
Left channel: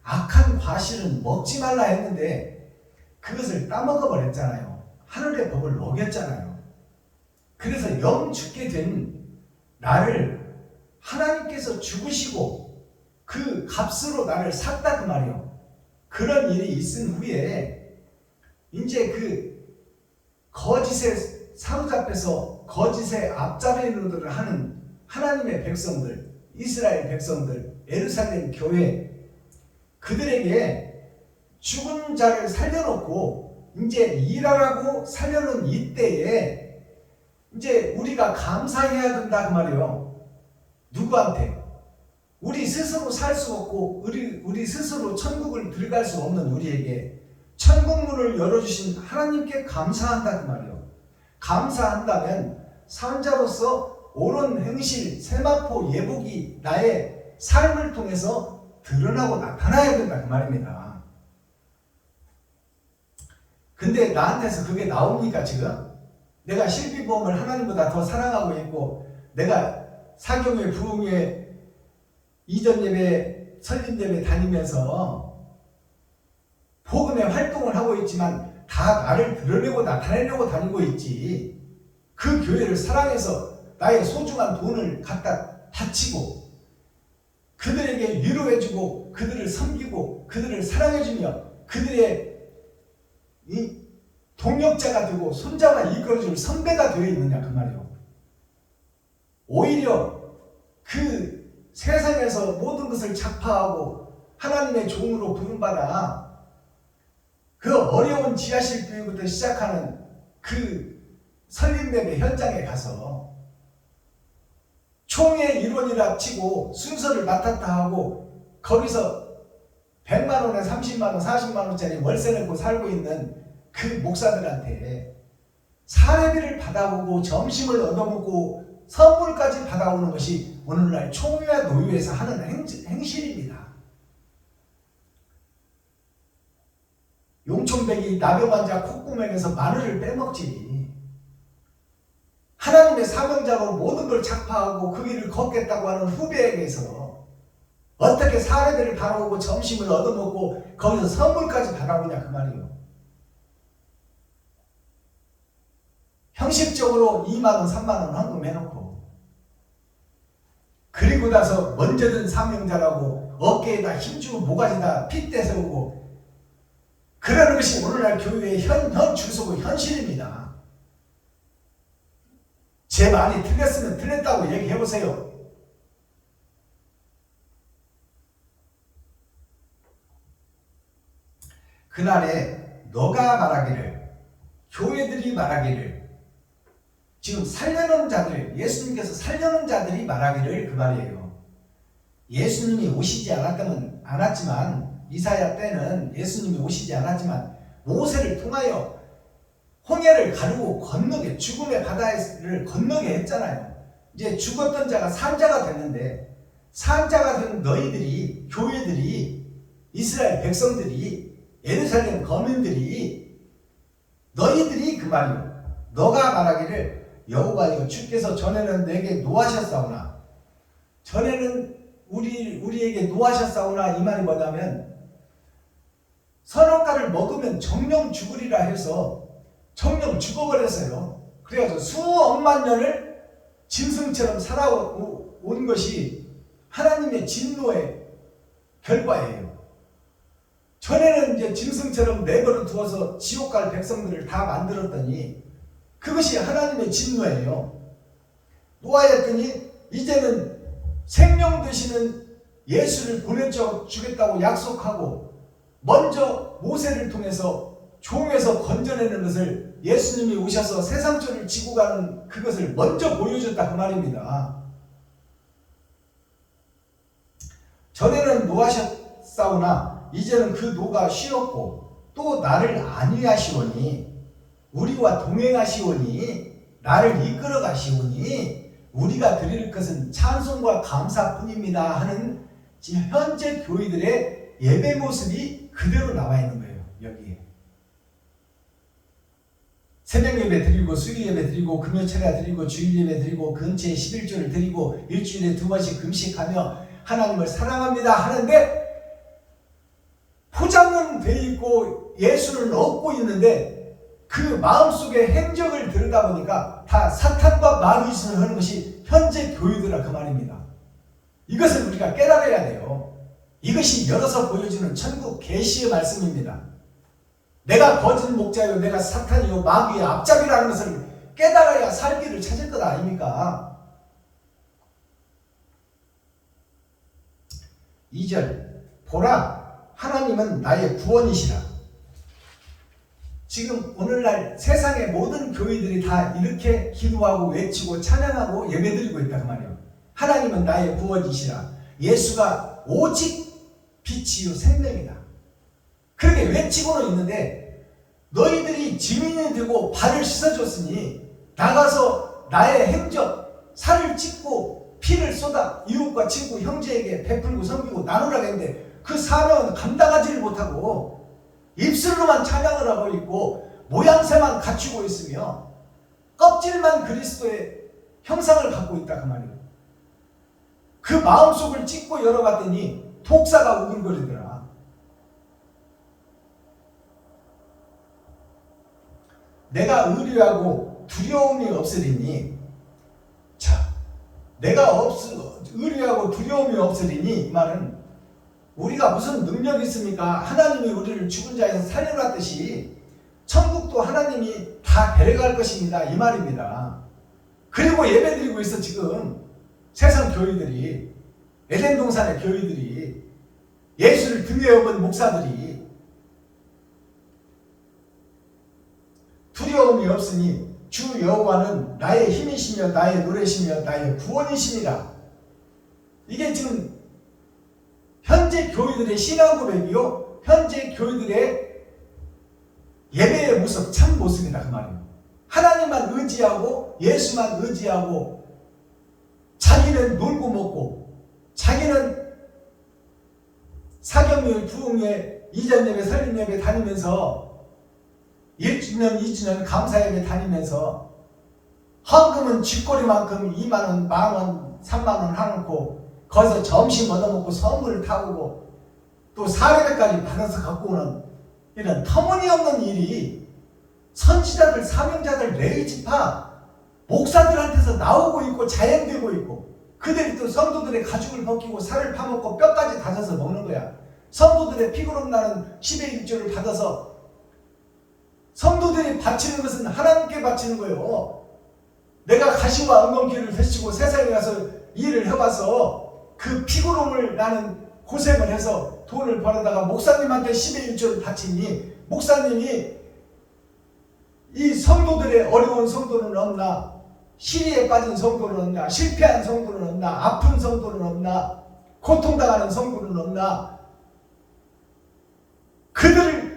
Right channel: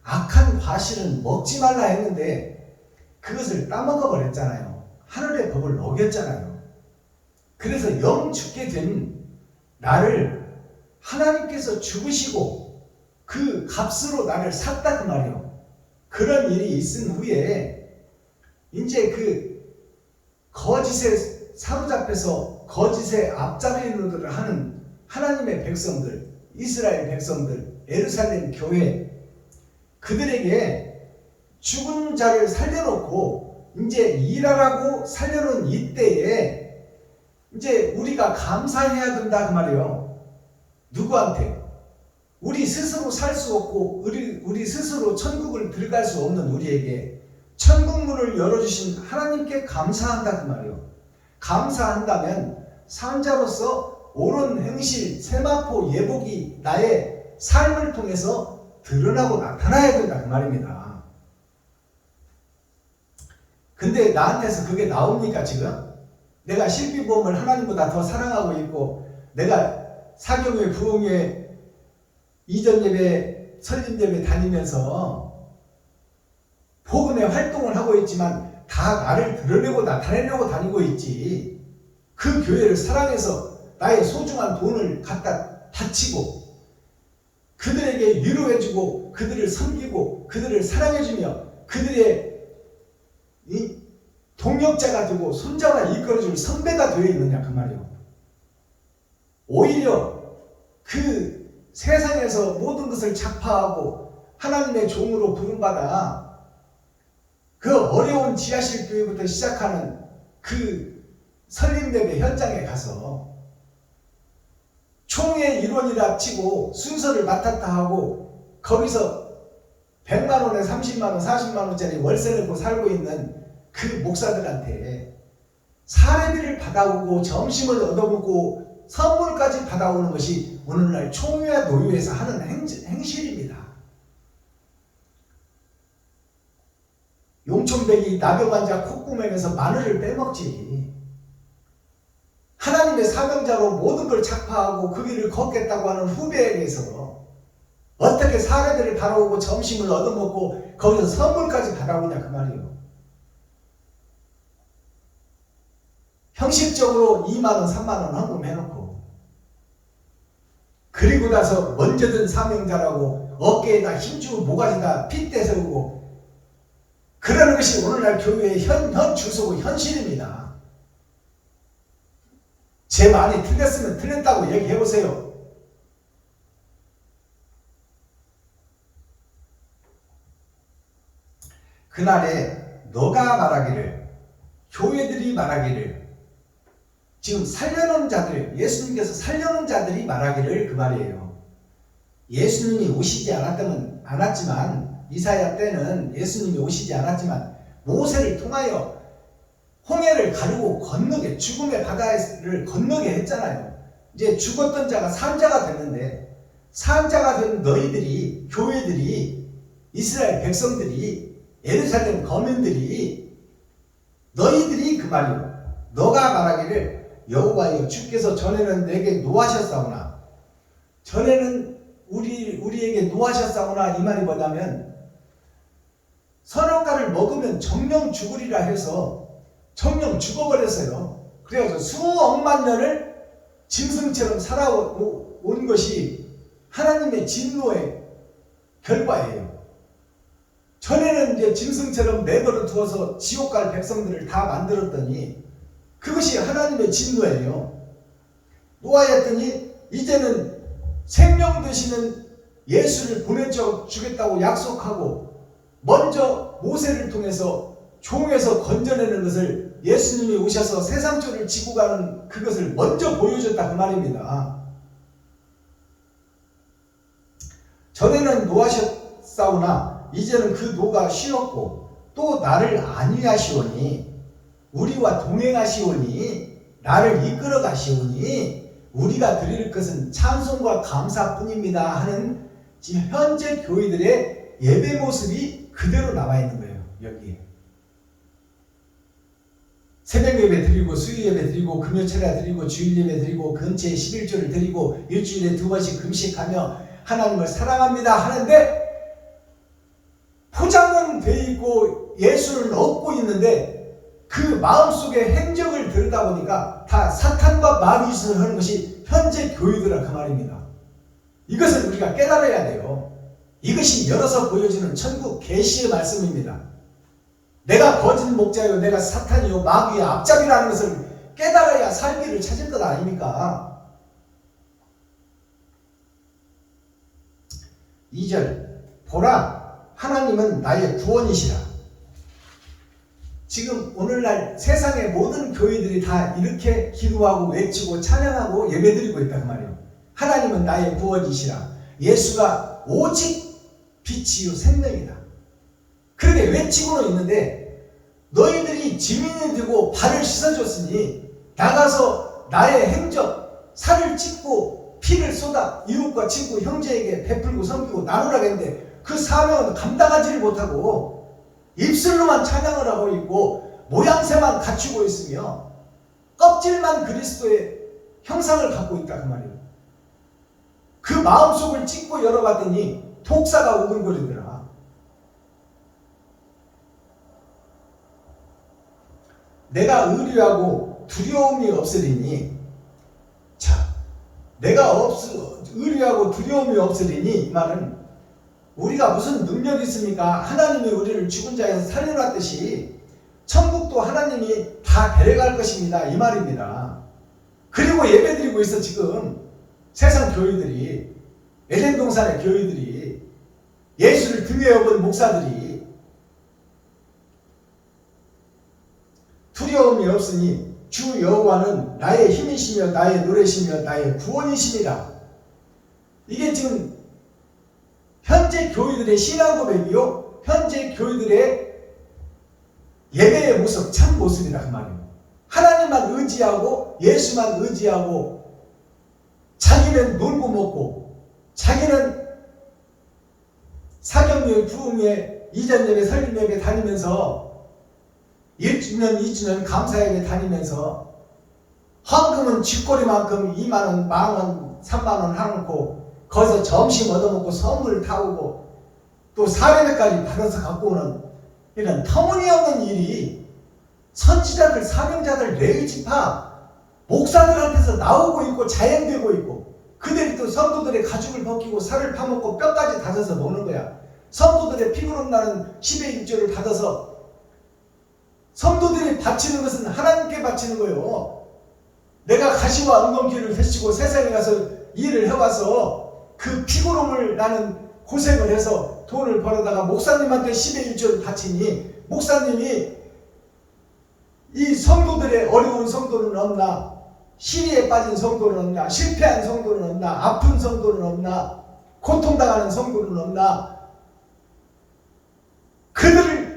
악한 과실은 먹지 말라 했는데 그것을 따먹어 버렸잖아요. 하늘의 법을 어겼잖아요. 그래서 영 죽게 된 나를 하나님께서 죽으시고 그 값으로 나를 샀다 그 말이에요. 그런 일이 있은 후에 이제 그 거짓에 사로잡혀서 거짓의 앞잡이 노릇을 하는 하나님의 백성들, 이스라엘 백성들, 예루살렘 교회, 그들에게 죽은 자를 살려놓고 이제 일하라고 살려놓은 이때에 이제 우리가 감사해야 된다 그 말이에요. 누구한테? 우리 스스로 살 수 없고 우리 스스로 천국을 들어갈 수 없는 우리에게 천국문을 열어주신 하나님께 감사한다 그 말이에요. 감사한다면 산자로서 옳은 행실, 세마포, 예복이 나의 삶을 통해서 드러나고 나타나야 된다 그 말입니다. 근데 나한테서 그게 나옵니까 지금? 내가 실비보험을 하나님보다 더 사랑하고 있고 내가 사경회, 부흥회, 이전예배, 설림예배 다니면서 복음의 활동을 하고 있지만 다 나를 드러내고 나타내려고 다니고 있지. 그 교회를 사랑해서 나의 소중한 돈을 갖다 바치고 그들에게 위로해주고 그들을 섬기고 그들을 사랑해주며 그들의 이 동역자가 되고 손자와 이끌어줄 선배가 되어 있느냐 그 말이요. 오히려 그 세상에서 모든 것을 작파하고 하나님의 종으로 부름받아 그 어려운 지하실 교회부터 시작하는 그 설립예배 현장에 가서 총회 일원이라 치고 순서를 맡았다 하고 거기서 100만 원에 30만 원, 40만 원짜리 월세 내고 살고 있는 그 목사들한테 사례비를 받아오고 점심을 얻어먹고 선물까지 받아오는 것이 오늘날 총회와 노회에서 하는 행실입니다. 용촌백이 나병 환자 콧구멍에서 마늘을 빼먹지. 하나님의 사명자로 모든 걸 작파하고 그 길을 걷겠다고 하는 후배에게서 어떻게 사례비를 받아오고 점심을 얻어먹고 거기서 선물까지 받아오냐 그 말이에요. 형식적으로 2만원 3만원 헌금해놓고 그리고 나서 먼저 든 사명자라고 어깨에다 힘주고 모가지다 핏대 세우고 그러는 것이 오늘날 교회의 현 주소고 현실입니다. 제 말이 틀렸으면 틀렸다고 얘기해보세요. 그날에 너가 말하기를, 교회들이 말하기를, 지금 살려놓은 자들, 예수님께서 살려놓은 자들이 말하기를 그 말이에요. 예수님이 오시지 않았지만 이사야 때는 예수님이 오시지 않았지만 모세를 통하여 홍해를 가르고 건너게, 죽음의 바다를 건너게 했잖아요. 이제 죽었던 자가 산자가 됐는데 산자가 된 너희들이, 교회들이, 이스라엘 백성들이, 예루살렘 거민들이, 너희들이 그 말이요, 너가 말하기를 여호와여 주께서 전에는 내게 노하셨사오나, 전에는 우리에게 노하셨사오나, 이 말이 뭐냐면 선악과를 먹으면 정령 죽으리라 해서 정령 죽어버렸어요. 그래서 수억만 년을 짐승처럼 살아온 것이 하나님의 진노의 결과예요. 전에는 이제 짐승처럼 내버려 두어서 지옥 갈 백성들을 다 만들었더니 그것이 하나님의 진노예요. 노아였더니 이제는 생명 되시는 예수를 보내주겠다고 약속하고 먼저 모세를 통해서 종에서 건져내는 것을, 예수님이 오셔서 세상조를 지고 가는 그것을 먼저 보여줬다 그 말입니다. 전에는 노하셨사오나 이제는 그 노가 쉬었고 또 나를 안위하시오니, 우리와 동행하시오니, 나를 이끌어 가시오니 우리가 드릴 것은 찬송과 감사뿐입니다 하는 현재 교회들의 예배 모습이 그대로 나와 있는 거예요. 여기에 새벽 예배 드리고, 수요 예배 드리고, 금요철야 드리고, 주일 예배 드리고, 근처에 11조를 드리고, 일주일에 2번씩 금식하며 하나님을 사랑합니다 하는데 포장은 돼 있고 예수를 얻고 있는데 그 마음속의 행적을 들여다보니까 다 사탄과 마귀짓을 하는 것이 현재 교회들아 그 말입니다. 이것을 우리가 깨달아야 돼요. 이것이 열어서 보여주는 천국 계시의 말씀입니다. 내가 거짓 목자요, 내가 사탄이요, 마귀의 앞잡이라는 것을 깨달아야 살기를 찾을 것 아닙니까? 2절, 보라, 하나님은 나의 구원이시라. 지금 오늘날 세상의 모든 교회들이 다 이렇게 기도하고 외치고 찬양하고 예배드리고 있다 그 말이에요. 하나님은 나의 구원이시라. 예수가 오직 빛이요 생명이다. 그렇게 외치고는 있는데 너희들이 지민이 되고 발을 씻어줬으니 나가서 나의 행적, 살을 찢고 피를 쏟아 이웃과 친구 형제에게 베풀고 섬기고 나누라고 했는데 그 사명은 감당하지를 못하고 입술로만 찬양을 하고 있고 모양새만 갖추고 있으며 껍질만 그리스도의 형상을 갖고 있다 그 말이에요. 그 마음속을 찢고 열어봤더니 독사가 우글거리더라. 내가 의뢰하고 두려움이 없으리니, 자, 내가 의뢰하고 두려움이 없으리니, 이 말은 우리가 무슨 능력이 있습니까? 하나님이 우리를 죽은 자에서 살려놨듯이 천국도 하나님이 다 데려갈 것입니다, 이 말입니다. 그리고 예배드리고 있어. 지금 세상 교회들이 에덴 동산의 교회들이, 예수를 등에 업은 목사들이 두려움이 없으니 주 여호와는 나의 힘이시며 나의 노래시며 나의 구원이시니라. 이게 지금 현재 교회들의 신앙 고백이요, 현재 교회들의 예배의 모습, 참 모습이다 그 말이에요. 하나님만 의지하고 예수만 의지하고 자기는 놀고 먹고, 자기는 사경유회, 부흥회, 이전 예배, 설립 예배 다니면서 1주년, 2주년 감사예배 다니면서 헌금은 쥐꼬리만큼 2만원, 만원, 3만원 하놓고 거기서 점심 얻어먹고 선물 타오고 또 사례배까지 받아서 갖고 오는 이런 터무니없는 일이 선지자들, 사명자들, 레위지파 목사들한테서 나오고 있고 자행되고 있고, 그들이 또 성도들의 가죽을 벗기고 살을 파먹고 뼈까지 다져서 먹는 거야. 성도들의 피부름 나는 10의 1조를 받아서 성도들이 바치는 것은 하나님께 바치는 거예요. 내가 가시와 엉겅퀴를 펼치고 세상에 가서 일을 해와서 그 피부름을 나는 고생을 해서 돈을 벌어다가 목사님한테 10의 1조를 바치니 목사님이 이 성도들의 어려운 성도는 없나, 시리에 빠진 성도는 없나, 실패한 성도는 없나, 아픈 성도는 없나, 고통당하는 성도는 없나, 그들을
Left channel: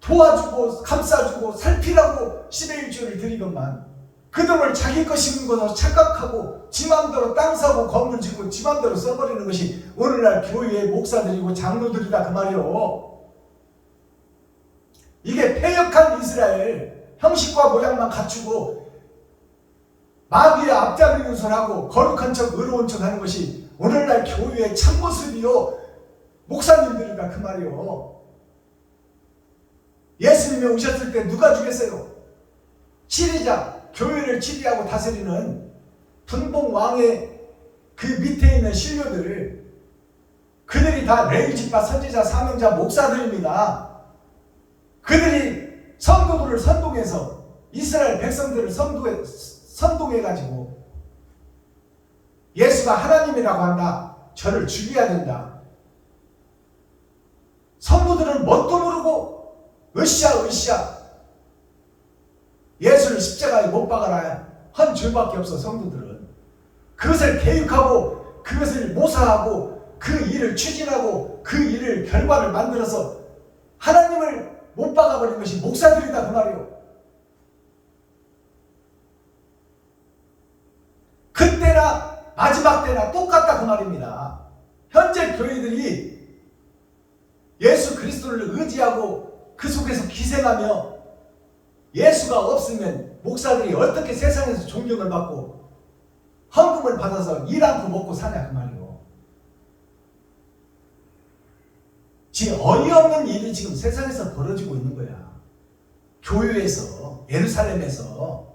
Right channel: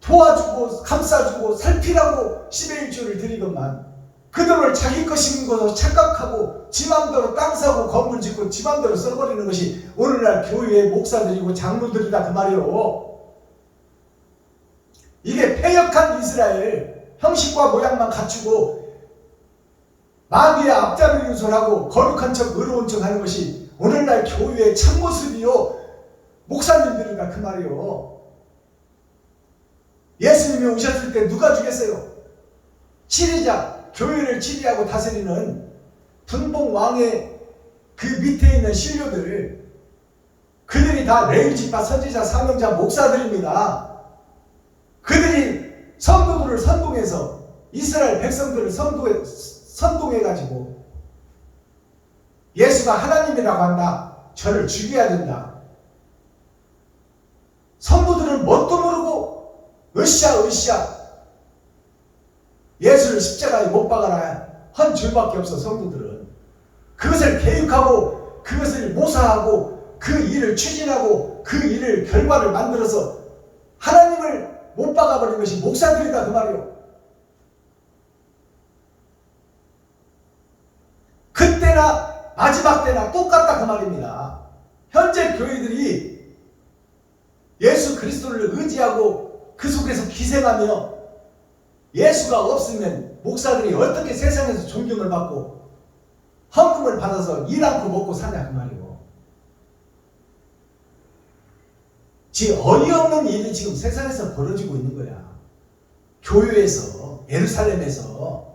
도와주고 감싸주고 살피라고 10의 1조를 드리건만 그 돈을 자기 것인 것으로 착각하고 지 맘대로 땅 사고 건물 짓고 지 맘대로 써버리는 것이 오늘날 교회의 목사들이고 장로들이다 그 말이오. 이게 패역한 이스라엘, 형식과 모양만 갖추고 마귀의 앞잡이 유설하고 거룩한 척 의로운 척 하는 것이 오늘날 교회의 참모습이요, 목사님들이다 그 말이오. 예수님이 오셨을 때 누가 죽였어요? 치리자, 교회를 치리하고 다스리는 분봉 왕의 그 밑에 있는 신료들, 그들이 다 레위지파, 선지자, 사명자, 목사들입니다. 그들이 성도들을 선동해서 이스라엘 백성들을 선동해가지고 예수가 하나님이라고 한다, 저를 죽여야 된다. 성도들은 뭣도 모르고 으쌰 예수를 십자가에 못 박아라 한 줄밖에 없어. 성도들은 그것을 계획하고 그것을 모사하고 그 일을 추진하고 그 일을 결과를 만들어서 하나님을 못 박아버린 것이 목사들이다 그 말이요. 그때나 마지막 때나 똑같다 그 말입니다. 현재 교회들이 예수 그리스도를 의지하고 그 속에서 기생하며 예수가 없으면 목사들이 어떻게 세상에서 존경을 받고 헌금을 받아서 일 않고 먹고 사냐 그 말이고. 지금 어이없는 일이 지금 세상에서 벌어지고 있는 거야. 교회에서, 예루살렘에서.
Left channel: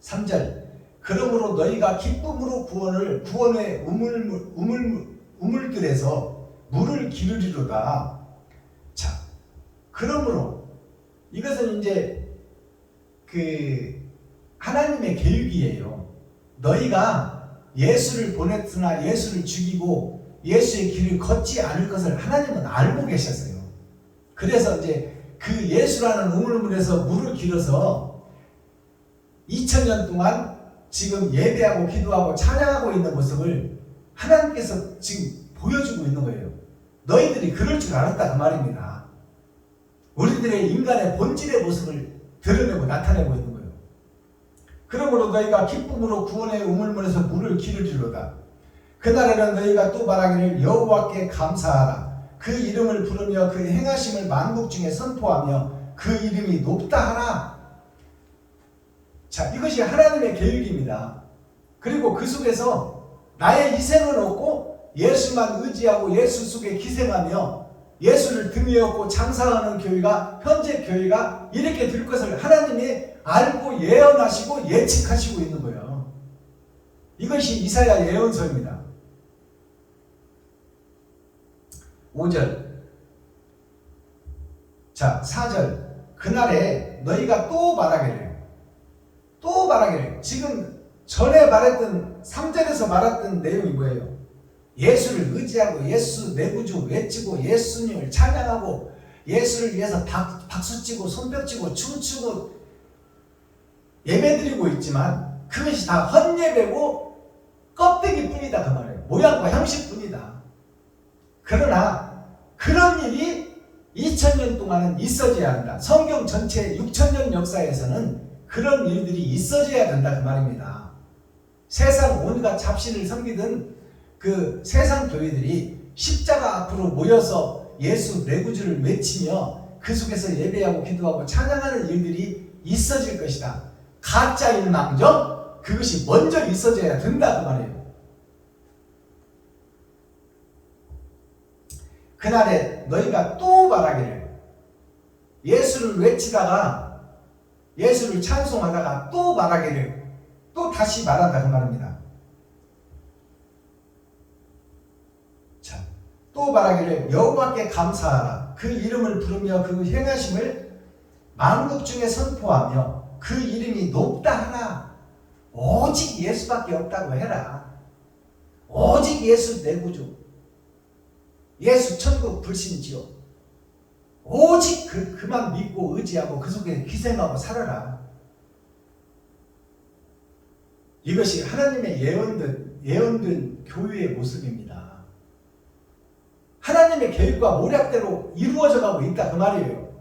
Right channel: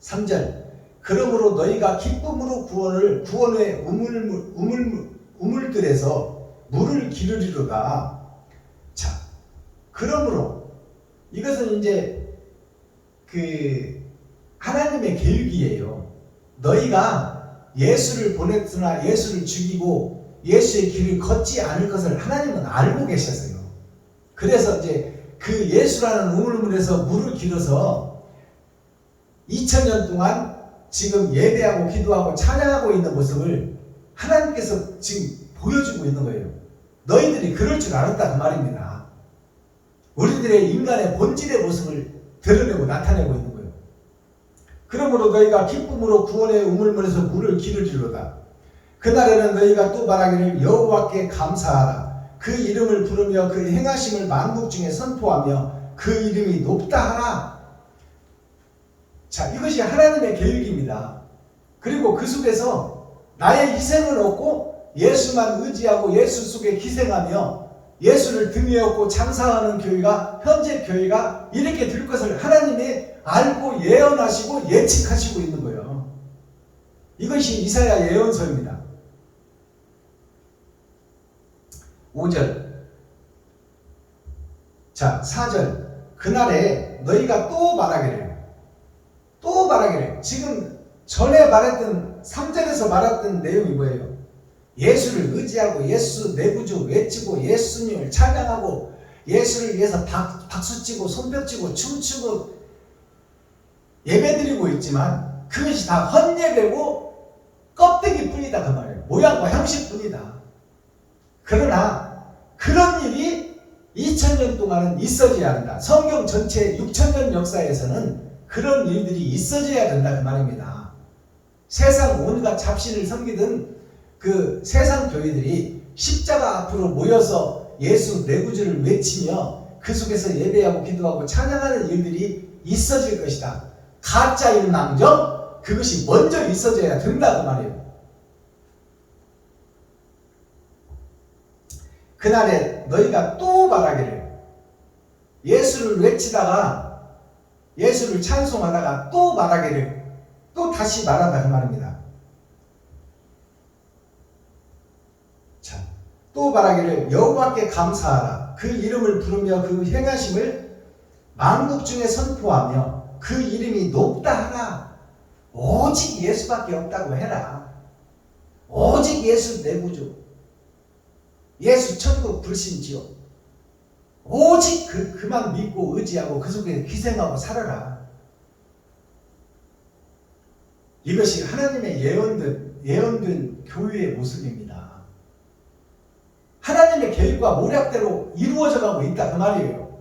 3절, 그러므로 너희가 기쁨으로 구원의 우물들에서 물을 기르리로다. 자, 그러므로 이것은 이제 그 하나님의 계획이에요. 너희가 예수를 보냈으나 예수를 죽이고 예수의 길을 걷지 않을 것을 하나님은 알고 계셨어요. 그래서 이제 그 예수라는 우물물에서 물을 길어서 2000년 동안 지금 예배하고 기도하고 찬양하고 있는 모습을 하나님께서 지금 보여주고 있는 거예요. 너희들이 그럴 줄 알았다 그 말입니다. 우리들의 인간의 본질의 모습을 드러내고 나타내고 있는 거예요. 그러므로 너희가 기쁨으로 구원의 우물물에서 물을 기르리로다. 그날에는 너희가 또 말하기를 여호와께 감사하라. 그 이름을 부르며 그 행하심을 만국 중에 선포하며 그 이름이 높다 하라. 자, 이것이 하나님의 계획입니다. 그리고 그 속에서 나의 희생은 없고 예수만 의지하고 예수 속에 기생하며 예수를 등에 업고 장사하는 교회가, 현재 교회가 이렇게 될 것을 하나님이 알고 예언하시고 예측하시고 있는 거예요. 이것이 이사야 예언서입니다. 5절. 자, 4절. 그날에 너희가 또 말하기를 지금 전에 말했던 3절에서 말했던 내용이 뭐예요? 예수를 의지하고 예수 내 구주 외치고 예수님을 찬양하고 예수를 위해서 박수치고 손뼉치고 춤추고 예배드리고 있지만 그것이 다 헛예배고 껍데기뿐이다 그 말이에요. 모양과 형식뿐이다. 그러나 그런 일이 2000년 동안은 있어져야 한다. 성경 전체 6000년 역사에서는 그런 일들이 있어져야 된다 그 말입니다. 세상 온갖 잡신을 섬기던 그 세상 교회들이 십자가 앞으로 모여서 예수 내 구주를 외치며 그 속에서 예배하고 기도하고 찬양하는 일들이 있어질 것이다. 가짜일망정 그것이 먼저 있어져야 된다 그 말이에요. 그날에 너희가 또 말하기를 예수를 외치다가 예수를 찬송하다가 또 말하기를 또 다시 말한다 그 말입니다. 자, 또 말하기를 여호와께 감사하라. 그 이름을 부르며 그 행하심을 만국 중에 선포하며 그 이름이 높다 하라. 오직 예수밖에 없다고 해라. 오직 예수 내 구주, 예수 천국 불신지옥, 오직 그만 믿고 의지하고 그 속에 희생하고 살아라. 이것이 하나님의 예언된 교회의 모습입니다. 하나님의 계획과 모략대로 이루어져 가고 있다 그 말이에요.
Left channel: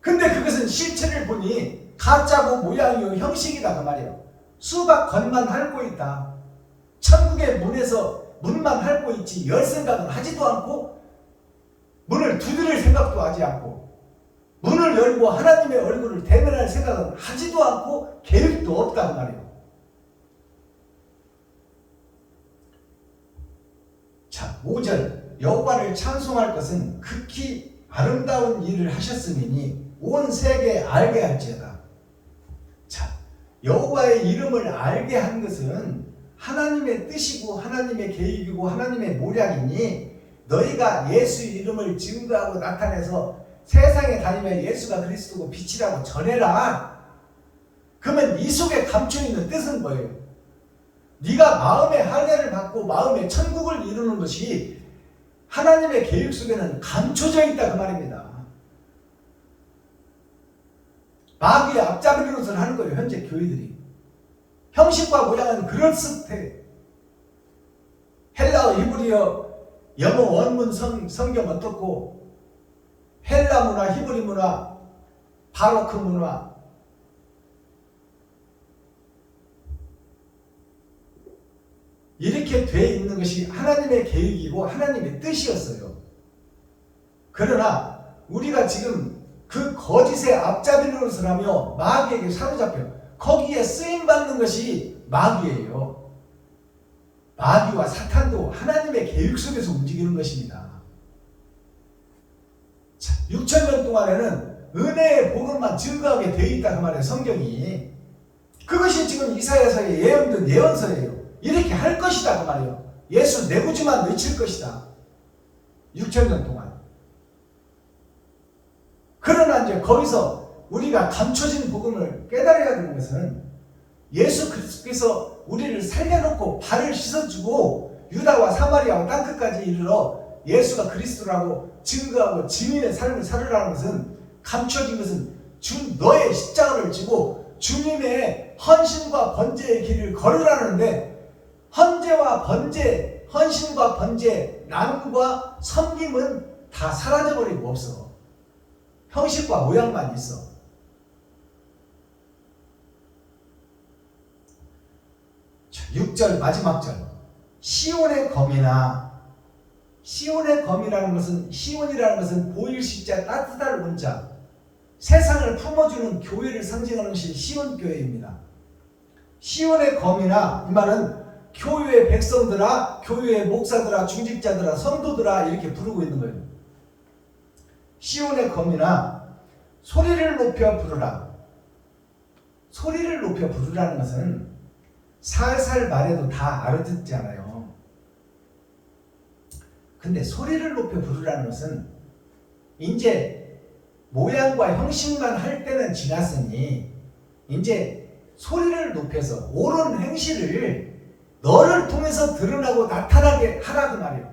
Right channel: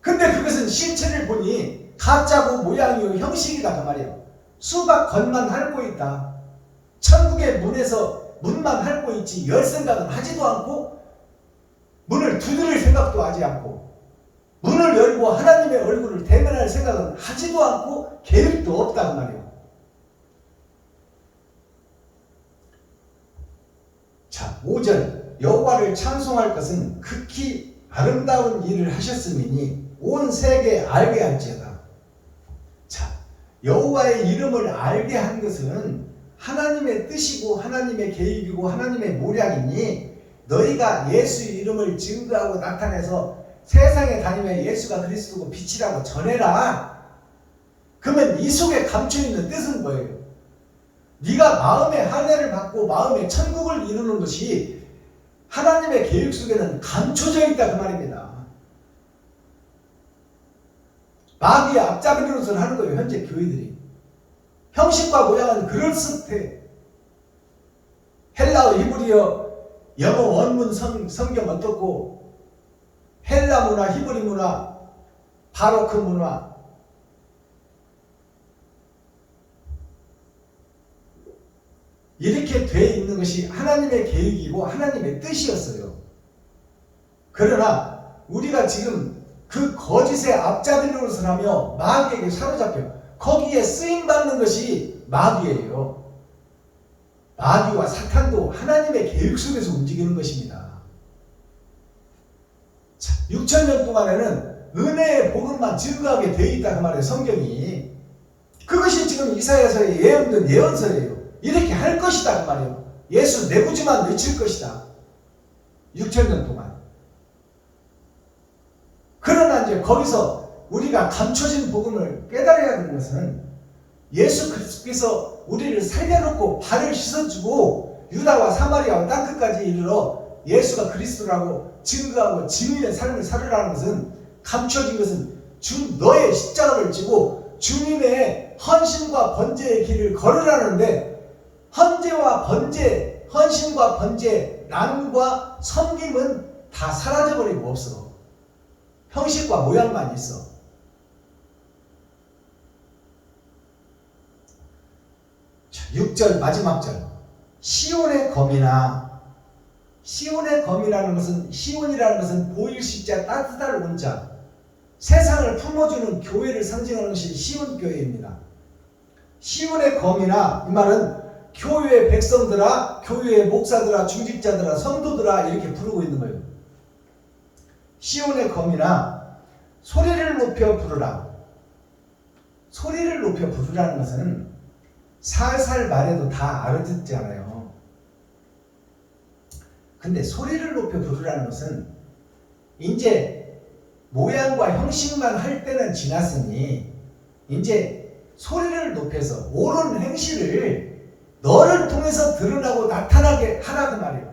근데 그것은 실체를 보니 가짜고 모양이요 형식이다 그 말이에요. 수박 건만 핥고 있다. 천국의 문만 핥고 있지 열 생각은 하지도 않고 문을 두드릴 생각도 하지 않고 문을 열고 하나님의 얼굴을 대면할 생각은 하지도 않고 계획도 없다 그 말이에요. 자, 5절 여호와를 찬송할 것은 극히 아름다운 일을 하셨음이니 온 세계에 알게 할지어다. 자, 여호와의 이름을 알게 한 것은 하나님의 뜻이고 하나님의 계획이고 하나님의 모략이니 너희가 예수 이름을 증거하고 나타내서 세상에 다니며 예수가 그리스도고 빛이라고 전해라. 그러면 이 속에 감춰있는 뜻은 뭐예요? 네가 마음의 할례를 받고 마음의 천국을 이루는 것이 하나님의 계획 속에는 감춰져 있다 그 말입니다. 마귀의 앞잡이 노릇을 하는 거예요. 현재 교회들이. 형식과 모양은 그럴듯해. 헬라어, 히브리어, 영어 원문 성경 어떻고 헬라 문화, 히브리 문화, 바로크 문화 이렇게 돼 있는 것이 하나님의 계획이고 하나님의 뜻이었어요. 그러나 우리가 지금 그 거짓의 앞잡이 노릇을 하며 마귀에게 사로잡혀 거기에 쓰임받는 것이 마귀예요. 마귀와 사탄도 하나님의 계획 속에서 움직이는 것입니다. 자, 6,000년 동안에는 은혜의 복음만 증거하게 되어 있다 그 말이에요. 성경이. 그것이 지금 이사야서의 예언된 예언서예요. 이렇게 할 것이다 그 말이에요. 예수 내 구주만 외칠 것이다. 6,000년 동안. 그러나 이제 거기서 우리가 감춰진 복음을 깨달아야 되는 것은 예수 그리스도께서 우리를 살려놓고 발을 씻어주고 유다와 사마리아와 땅끝까지 이르러 예수가 그리스도라고 증거하고 증인의 삶을 살으라는 것은 감춰진 것은 너의 십자가를 지고 주님의 헌신과 번제의 길을 걸으라는데 헌재와 번제, 헌신과 번제, 나눔과 섬김은 다 사라져버리고 없어. 형식과 모양만 있어. 자, 6절 마지막 절. 시온의 검이나 시온의 검이라는 것은 시온이라는 것은 보일 십자 따뜻할 온자 세상을 품어주는 교회를 상징하는 것이 시온 교회입니다. 시온의 검이나 이 말은 교회의 백성들아, 교회의 목사들아, 중직자들아, 성도들아 이렇게 부르고 있는 거예요. 시온의 검이나 소리를 높여 부르라. 소리를 높여 부르라는 것은 살살 말해도 다 알아듣잖아요. 근데 소리를 높여 부르라는 것은 이제 모양과 형식만 할 때는 지났으니 이제 소리를 높여서 옳은 행실을 너를 통해서 드러나고 나타나게 하라 그 말이에요.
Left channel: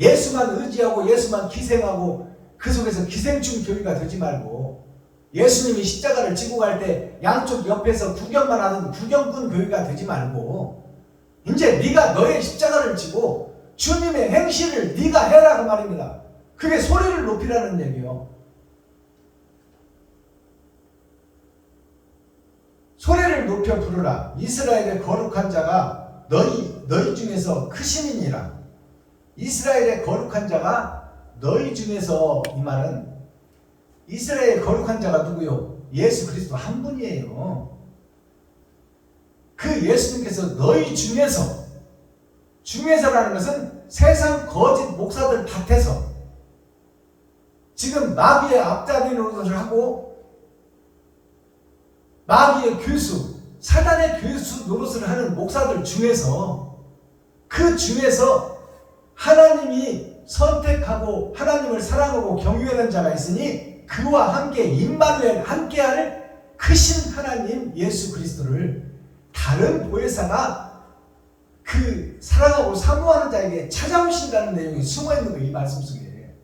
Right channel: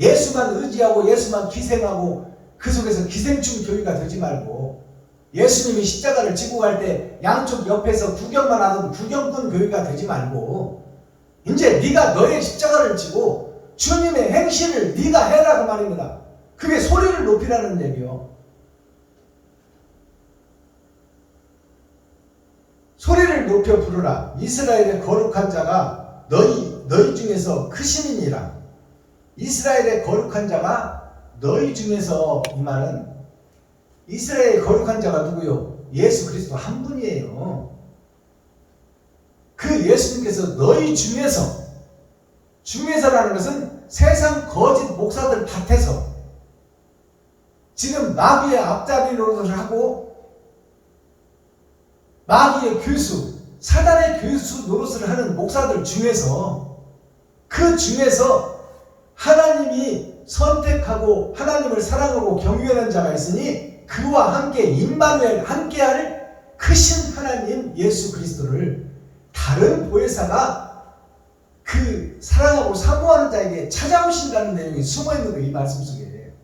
예수만 의지하고 예수만 기생하고 그 속에서 기생충 교회가 되지 말고, 예수님이 십자가를 지고 갈 때 양쪽 옆에서 구경만 하던 구경꾼 교회가 되지 말고, 이제 네가 너의 십자가를 지고 주님의 행실을 네가 해라 그 말입니다. 그게 소리를 높이라는 얘기요. 소리를 높여 부르라. 이스라엘의 거룩한 자가 너희 중에서 크심이니라. 이스라엘의 거룩한 자가 너희 중에서, 이 말은 이스라엘의 거룩한 자가 누구요? 예수 그리스도 한 분이에요. 그 예수님께서 너희 중에서라는 것은 세상 거짓 목사들 밭에서 지금 마귀의 앞잡이 노릇을 하고 마귀의 교수, 사단의 교수 노릇을 하는 목사들 중에서, 그 중에서 하나님이 선택하고 하나님을 사랑하고 경외하는 자가 있으니 그와 함께 임마누엘 함께할 크신 하나님 예수 그리스도를 다른 보혜사가 그 사랑하고 사모하는 자에게 찾아오신다는 내용이 숨어있는 거예요. 이 말씀 속에.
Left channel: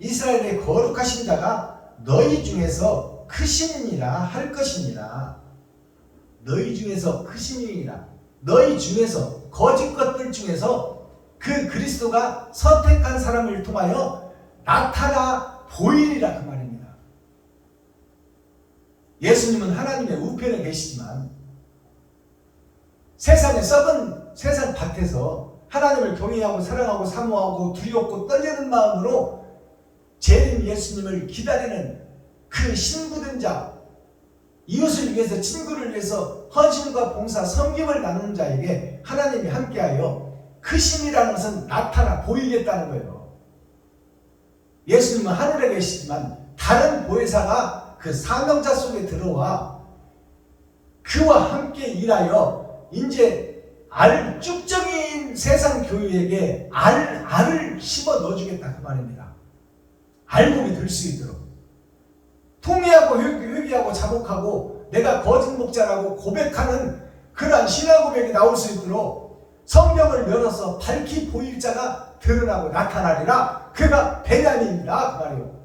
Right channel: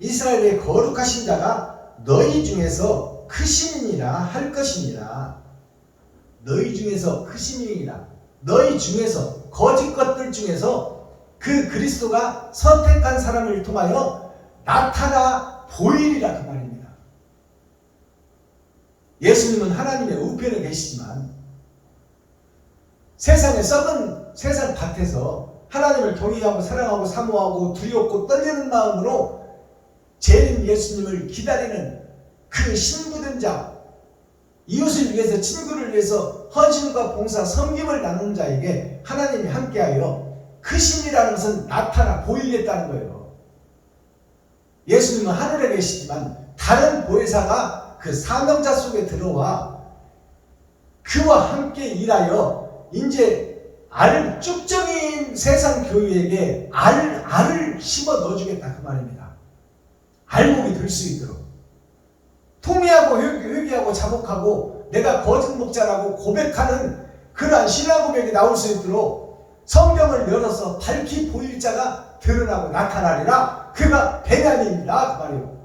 이스라엘의 거룩하신 자가 너희 중에서 크심이니라 할 것이니라. 너희 중에서 크심이니라. 너희 중에서, 거짓 것들 중에서 그 그리스도가 선택한 사람을 통하여 나타나 보이리라 그 말입니다. 예수님은 하나님의 우편에 계시지만 세상에 썩은 세상 밭에서 하나님을 경외하고 사랑하고 사모하고 두렵고 떨리는 마음으로 재림 예수님을 기다리는 그 신부된 자, 이웃을 위해서, 친구를 위해서 헌신과 봉사, 섬김을 나누는 자에게 하나님이 함께하여 그 신이라는 것은 나타나 보이겠다는 거예요. 예수님은 하늘에 계시지만 다른 보혜사가 그 사명자 속에 들어와 그와 함께 일하여 이제 쭉정인 세상 교회에게 알을 심어 넣어주겠다 그 말입니다. 알목이 될 수 있도록 통회하고 회개하고 자복하고 내가 거짓 목자라고 고백하는 그러한 신앙 고백이 나올 수 있도록 성경을 열어서 밝히 보일 자가 드러나고 나타나리라. 그가 베냐민이다 그 말이에요.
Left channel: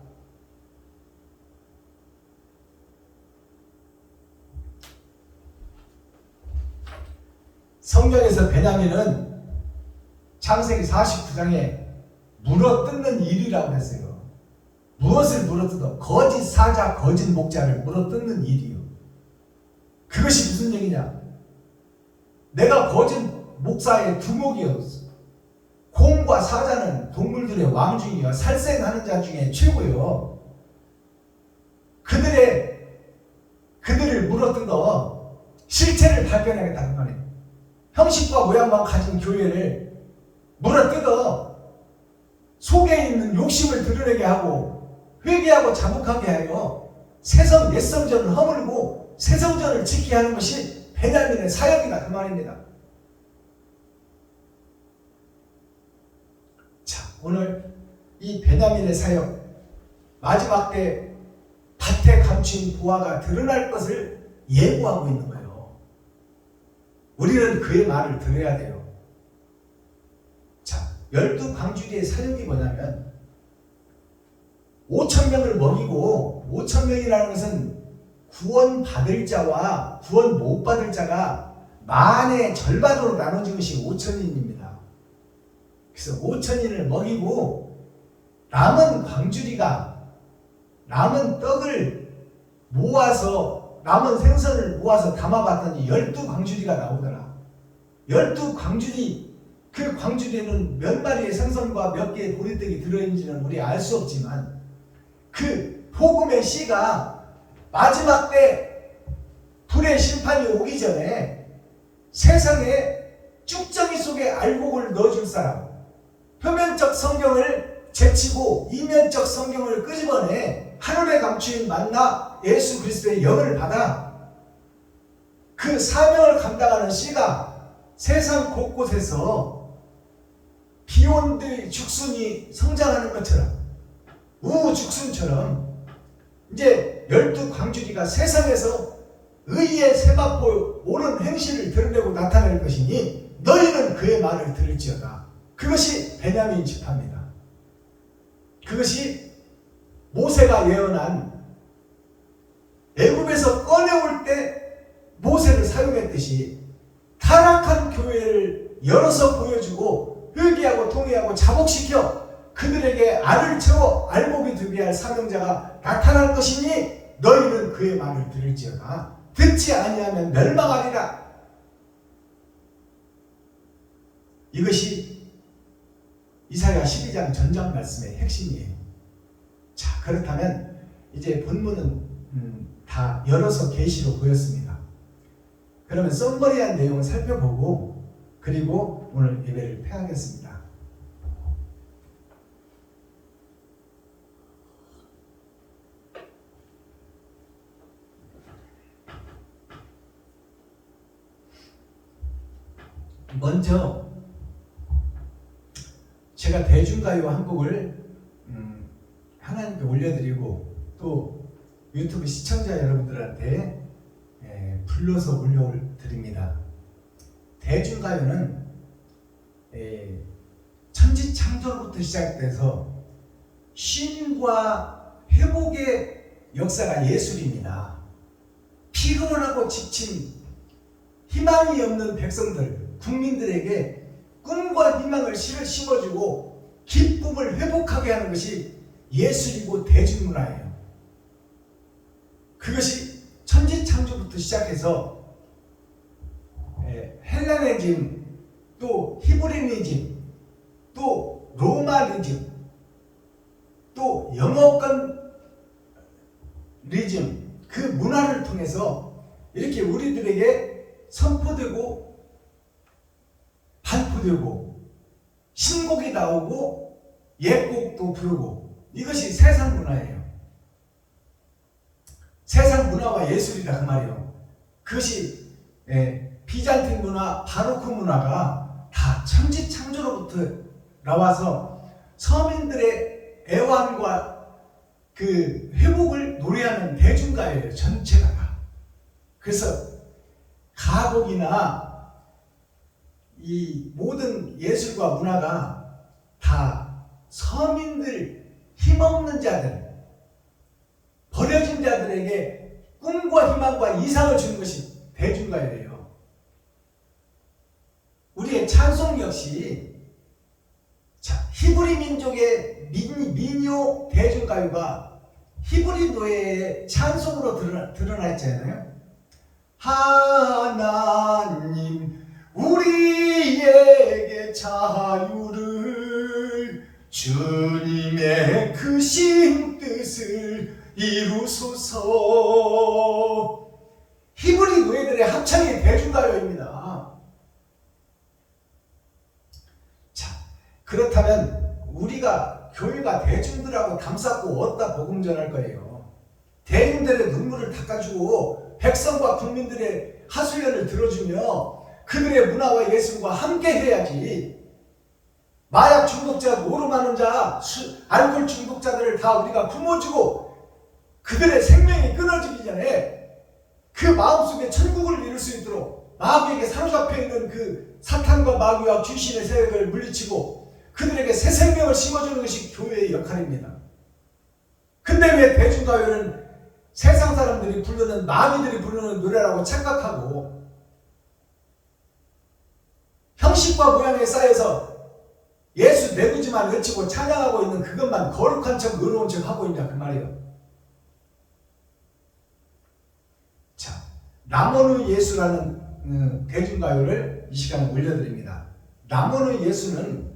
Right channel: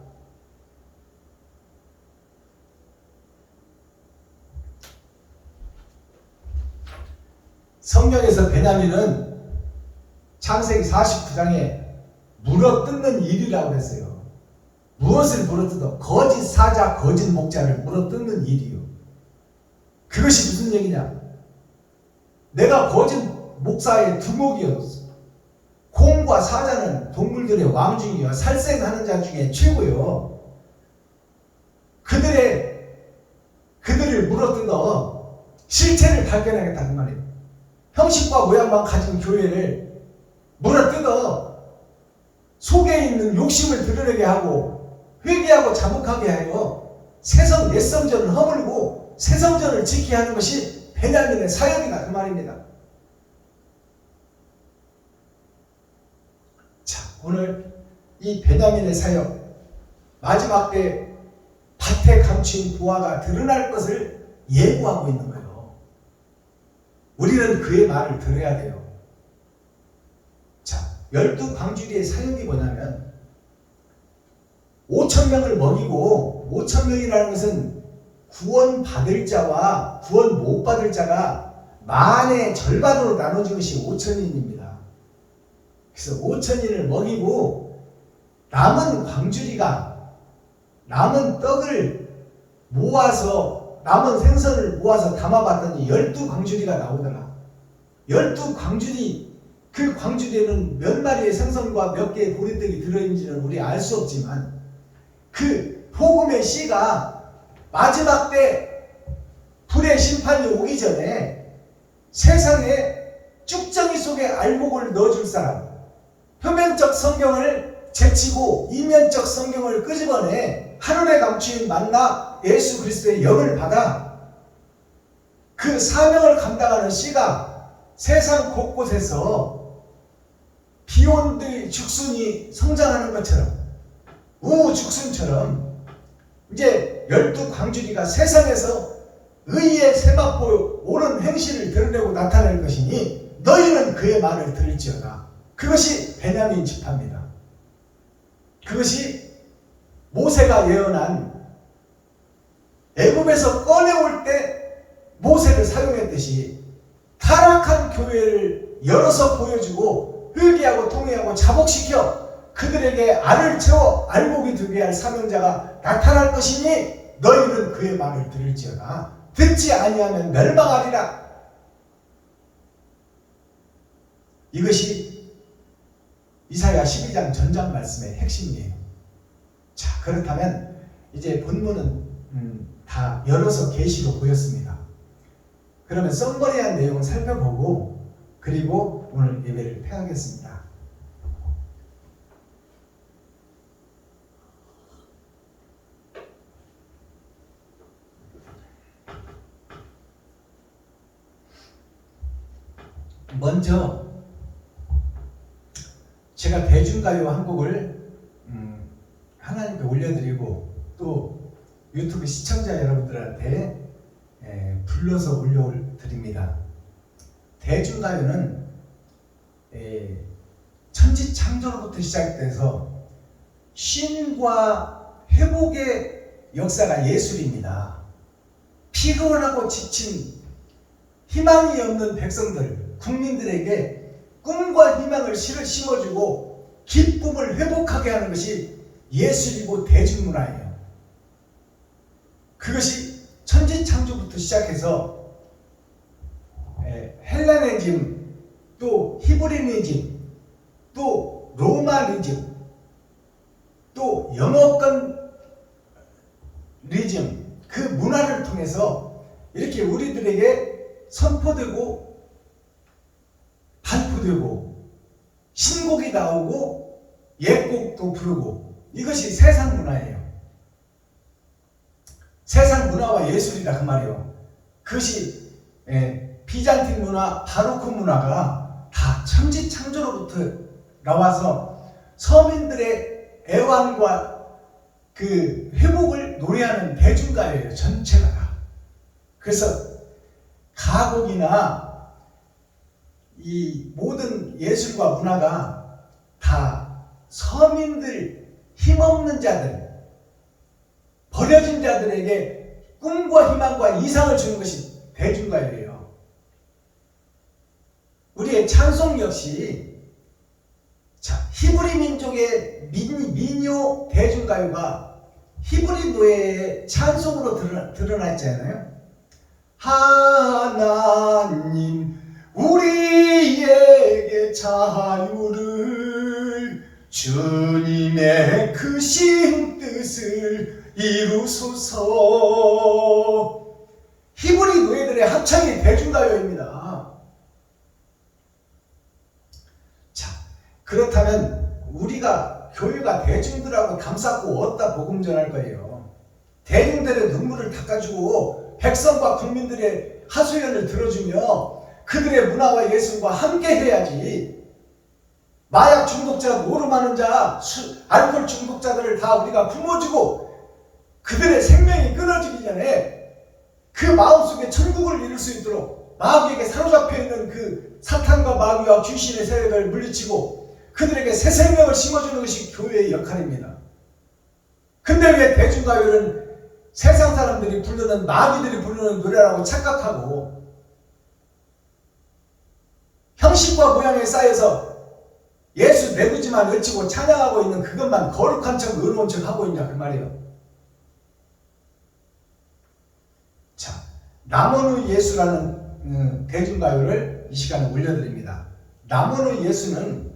성경에서 베냐민은 창세기 49장에 물어뜯는 일이라고 했어요. 무엇을 물어뜯어? 거짓 사자, 거짓 목자를 물어뜯는 일이요. 그것이 무슨 얘기냐? 내가 거짓 목사의 두목이었어. 곰과 사자는 동물들의 왕 중이요, 살생하는 자 중에 최고요. 그들을 물어뜯어 실체를 발견하겠다는 말이에요. 형식과 모양만 가진 교회를 물어뜯어 속에 있는 욕심을 드러내게 하고 회개하고 자복하게 하여 새성 옛성전을 허물고 새성전을 지키게 하는 것이 베냐민의 사역이다 그 말입니다. 자, 오늘 이 베냐민의 사역, 마지막 때 밭에 감추인 부하가 드러날 것을 예고하고 있는 거예요. 우리는 그의 말을 들어야 돼요. 자, 12광주리의 사역이 뭐냐면 5,000명을 먹이고, 5,000명이라는 것은 구원 받을 자와 구원 못 받을 자가 만의 절반으로 나눠진 것이 5,000인입니다. 그래서 5,000인을 먹이고 남은 광주리가 남은 떡을 모아서, 남은 생선을 모아서 담아봤더니 12광주리가 나오더라. 12광주리, 그 광주리에는 몇 마리의 생선과 몇 개의 보리떡이 들어있는지는 우리 알 수 없지만 그 복음의 씨가 마지막 때 불의 심판이 오기 전에 세상에 쭉정이 속에 알곡을 넣어줄 사람, 표면적 성경을 제치고 이면적 성경을 끄집어내 하늘에 감추인 만나 예수 그리스도의 영을 받아 그 사명을 감당하는 씨가 세상 곳곳에서 비온들의 죽순이 성장하는 것처럼, 우죽순처럼 이제 12광주리가 세상에서 의의 세맛보 옳은 행실을 드러내고 나타낼 것이니 너희는 그의 말을 들을지어다. 그것이 베냐민 지파입니다. 그것이 모세가 예언한 애굽에서 꺼내올 때 모세를 사용했듯이 타락한 교회를 열어서 보여주고 회개하고 통회하고 자복시켜 그들에게 알을 채워 알곡이 되게 할 사명자가 나타날 것이니 너희는 그의 말을 들을지어다. 듣지 아니하면 멸망하리라. 이것이 이사야 12장 전장 말씀의 핵심이에요. 자, 그렇다면 이제 본문은 다 열어서 계시로 보였습니다. 그러면 썸머리한 내용을 살펴보고 그리고 오늘 예배를 폐하겠습니다. 먼저 제가 대중가요 한 곡을 하나님께 올려드리고 또 유튜브 시청자 여러분들한테 불러서 올려드립니다. 대중가요는 천지창조로부터 시작돼서 쉼과 회복의 역사가 예술입니다. 피곤하고 지친 희망이 없는 백성들, 국민들에게 꿈과 희망을 심어주고 기쁨을 회복하게 하는 것이 예술이고 대중문화예요. 그것이 천지창조부터 시작해서 헬레니즘, 또 히브리니즘, 또 로마니즘, 또 영어권 리즘, 그 문화를 통해서 이렇게 우리들에게 선포되고 발표되고 신곡이 나오고 옛곡도 부르고 이것이 세상 문화예요. 세상 문화와 예술이다 그 말이에요. 그것이 비잔틴 문화, 바로크 문화가 다 천지창조로부터 나와서 서민들의 애환과 그 회복을 노래하는 대중가요예요. 전체가 다. 그래서 가곡이나 이 모든 예술과 문화가 다 서민들, 힘없는 자들, 버려진 자들에게 꿈과 희망과 이상을 주는 것이 대중가요예요. 우리의 찬송 역시 히브리 민족의 민요 대중가요가 히브리 노예의 찬송으로 드러나 있잖아요. 하나님 우리에게 자유를 주님의 크신 뜻을 이루소서. 히브리 노예들의 합창이 대중가요입니다. 자, 그렇다면 우리가 교회가 대중들하고 담쌓고 어디다 복음 전할 거예요? 대중들의 눈물을 닦아주고 백성과 국민들의 하소연을 들어주며 그들의 문화와 예술과 함께 해야지. 마약 중독자, 노름하는 자, 알코올 중독자들을 다 우리가 품어주고 그들의 생명이 끊어지기 전에 그 마음속에 천국을 이룰 수 있도록 마귀에게 사로잡혀 있는 그 사탄과 마귀와 귀신의 세력을 물리치고 그들에게 새 생명을 심어주는 것이 교회의 역할입니다. 근데 왜 대중가요는 세상 사람들이 부르는, 마귀들이 부르는 노래라고 착각하고 형식과 모양에 쌓여서 예수 내구지만 외치고 찬양하고 있는 그것만 거룩한 척 의로운 척 하고 있냐 그 말이에요. 자, 남원의 예수라는 대중가요를 이 시간에 올려드립니다. 남원의 예수는,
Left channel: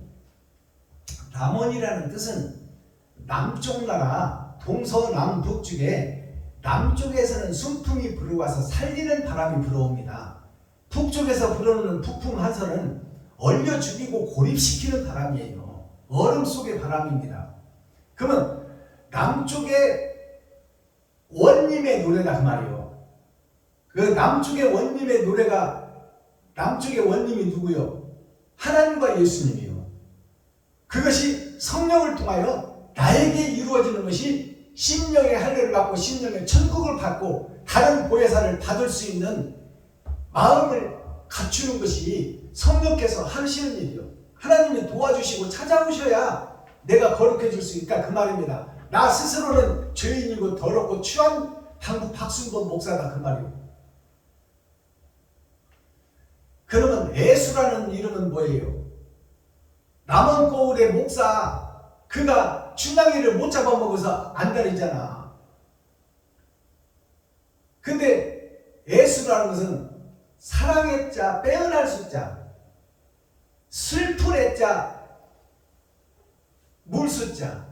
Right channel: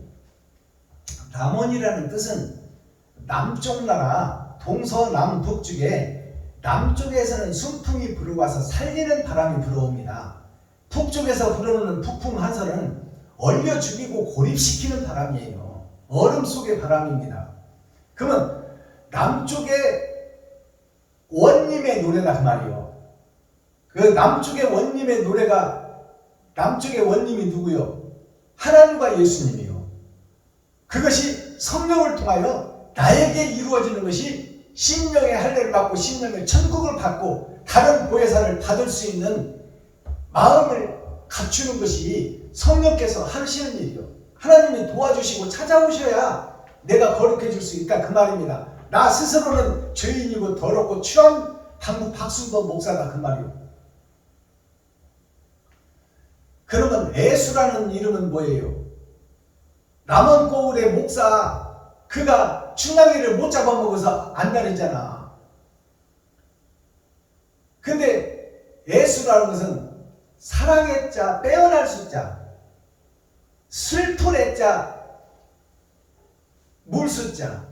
남원이라는 뜻은 남쪽 나라 동서남북쪽에 남쪽에서는 순풍이 불어와서 살리는 바람이 불어옵니다. 북쪽에서 불어오는 북풍 한선은 얼려 죽이고 고립시키는 바람이에요. 얼음 속의 바람입니다. 그러면 남쪽의 원님의 노래다 그 말이에요. 그 남쪽의 원님의 노래가, 남쪽의 원님이 누구요? 하나님과 예수님이요. 그것이 성령을 통하여 나에게 이루어지는 것이 심령의 할례를 받고 심령의 천국을 받고 다른 보혜사를 받을 수 있는 마음을 갖추는 것이 성령께서 하시는 일이요. 하나님이 도와주시고 찾아오셔야 내가 거룩해질 수 있다 그 말입니다. 나 스스로는 죄인이고 더럽고 취한 한국 박순범 목사다 그 말이요. 그러면 예수라는 이름은 뭐예요? 남원고을의 목사 그가 춘향이를 못 잡아먹어서 안달이잖아. 근데 예수라는 것은 사랑의 자, 빼어날 숫자, 슬픈의 자, 물숫자.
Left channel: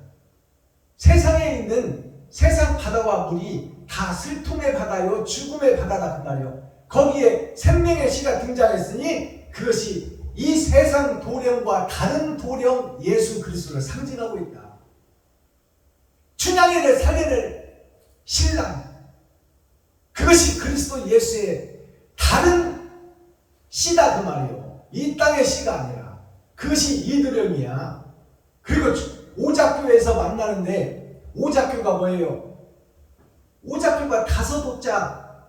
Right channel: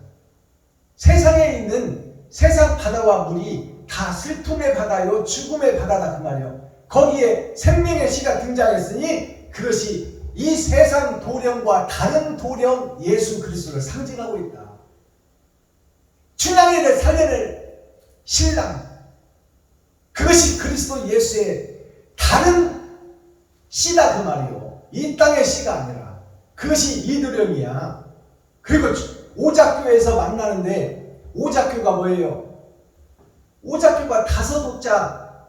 세상에 있는 세상 바다와 물이 다 슬픔의 바다요 죽음의 바다다 그 말이요. 거기에 생명의 시가 등장했으니 그것이 이 세상 도령과 다른 도령 예수 그리스도를 상징하고 있다. 춘향이를 살려낼 신랑, 그것이 그리스도 예수의 다른 씨다 그 말이요. 이 땅의 씨가 아니라 그것이 이도령이야. 그리고 오작교에서 만나는데 오작교가 뭐예요? 오작교가 다섯 오자,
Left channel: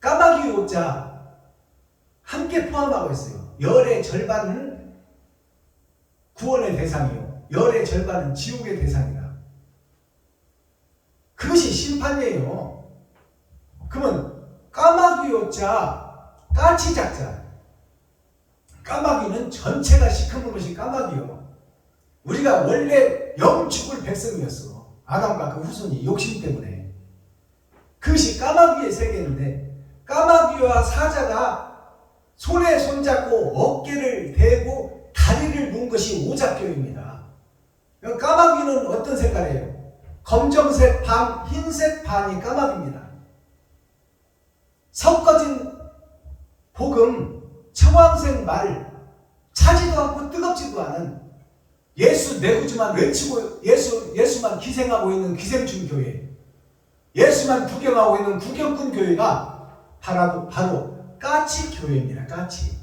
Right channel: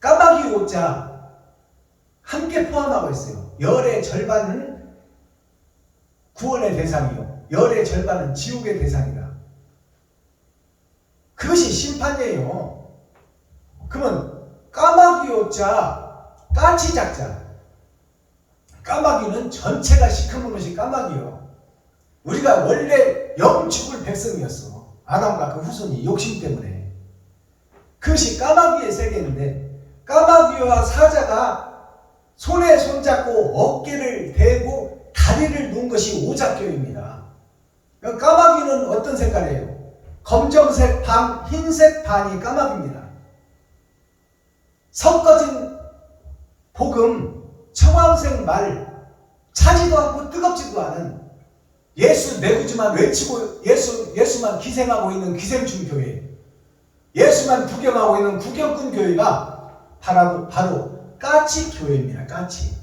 까마귀 오자 함께 포함하고 있어요. 열의 절반은 구원의 대상이요, 열의 절반은 지옥의 대상이다. 그것이 심판이에요. 그러면 까마귀 오자, 까치 작자. 까마귀는 전체가 시커먼 것이 까마귀요. 우리가 원래 영 죽을 백성이었어. 아담과 그 후손이 욕심 때문에. 그것이 까마귀의 세계인데 까마귀와 사자가 손에 손잡고 어깨를 대고 다리를 놓은 것이 오작교입니다. 까마귀는 어떤 색깔이에요? 검정색 반, 흰색 반이 까마귀입니다. 섞어진 복음, 청황색 말, 차지도 않고 뜨겁지도 않은 예수 내구주만 외치고 예수만 기생하고 있는 기생충 교회, 예수만 구경하고 있는 구경꾼 교회가 바로 까치 교회입니다. 까치.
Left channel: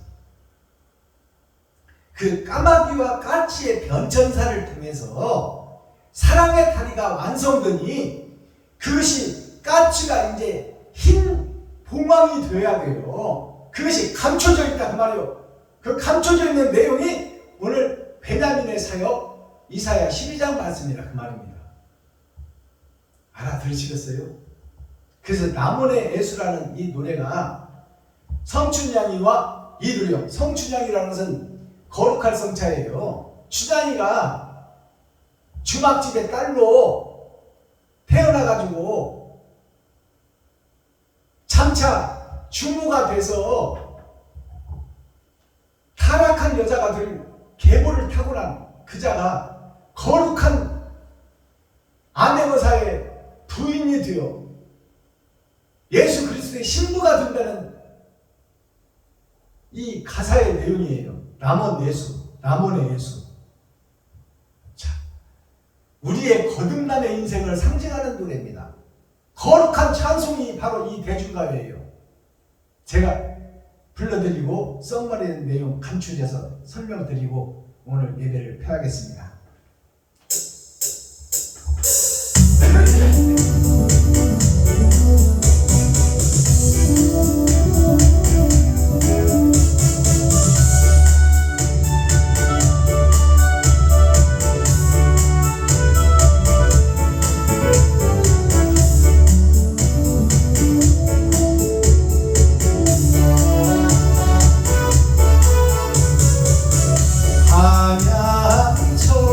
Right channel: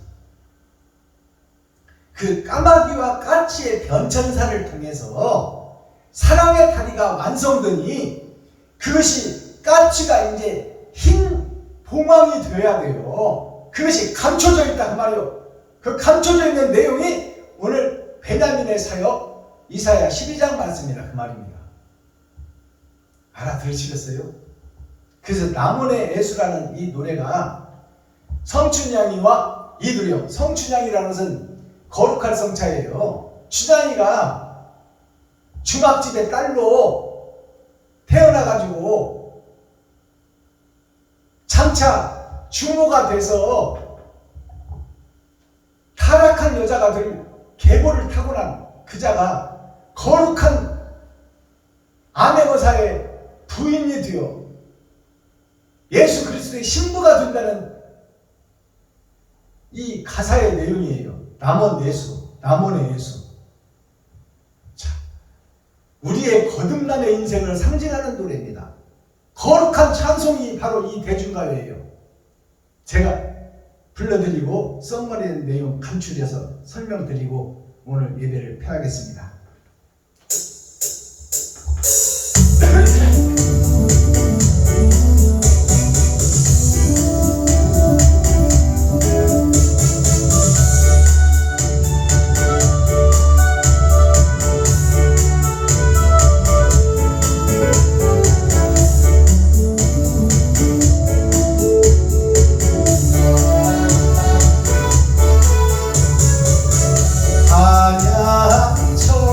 그 까마귀와 까치의 변천사를 통해서 사랑의 다리가 완성되니 그것이 까치가 이제 흰 봉황이 되어야 돼요. 그것이 감춰져 있다 그 말이요. 그 감춰져 있는 내용이 오늘 베냐민의 사역 이사야 12장 말씀이라 그 말입니다. 알아들으시겠어요? 그래서 남원의 예수라는 이 노래가 성춘향이와 이두령, 성춘향이라는 것은 거룩할 성차예요. 춘향이가 주막집의 딸로 태어나가지고 장차 주모가 돼서 타락한 여자가 될 계보를 타고난 그자가 거룩한 아내거사의 부인이 되어 예수 그리스도의 신부가 된다는 이 가사의 내용이에요. 남원 예수, 남원의 예수. 자, 우리의 거듭남의 인생을 상징하는 노래입니다. 거룩한 찬송이 바로 이 대중가요예요. 제가 불러드리고 썸머리의 내용 간추려서 설명드리고 오늘 예배를 펴야겠습니다. 찬양처럼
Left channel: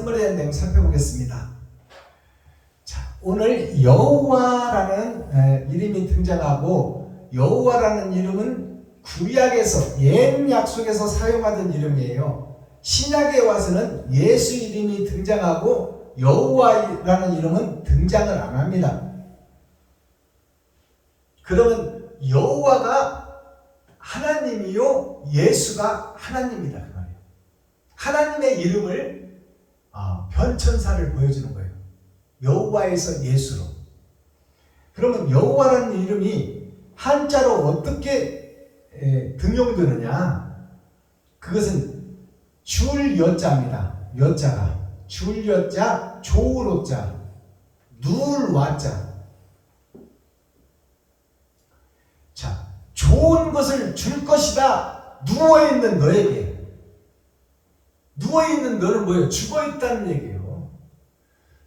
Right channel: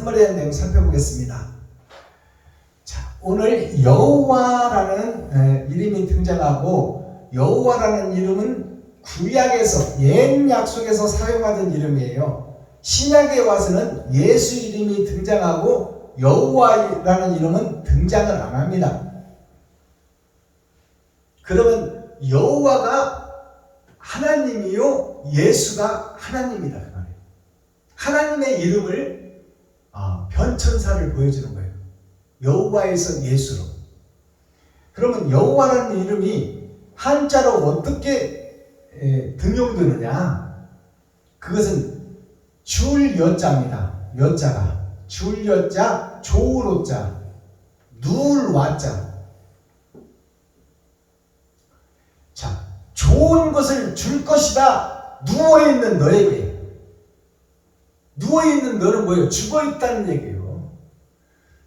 선물에 대한 내용 살펴보겠습니다. 자, 오늘 여호와라는 이름이 등장하고, 여호와라는 이름은 구약에서 옛 약속에서 사용하던 이름이에요. 신약에 와서는 예수 이름이 등장하고 여호와라는 이름은 등장을 안 합니다. 그러면 여호와가 하나님이요, 예수가 하나님이다 그 말이에요. 하나님의 이름을 변천사를 보여주는 거예요. 여호와에서 예수로. 그러면 여호와라는 이름이 한자로 어떻게 등용되느냐? 그것은 줄 여자입니다. 여자가 줄 여자, 좋을 오자, 누울 와자. 자, 좋은 것을 줄 것이다. 누워있는 너에게. 누워있는 너는 뭐예요? 죽어있다는 얘기예요.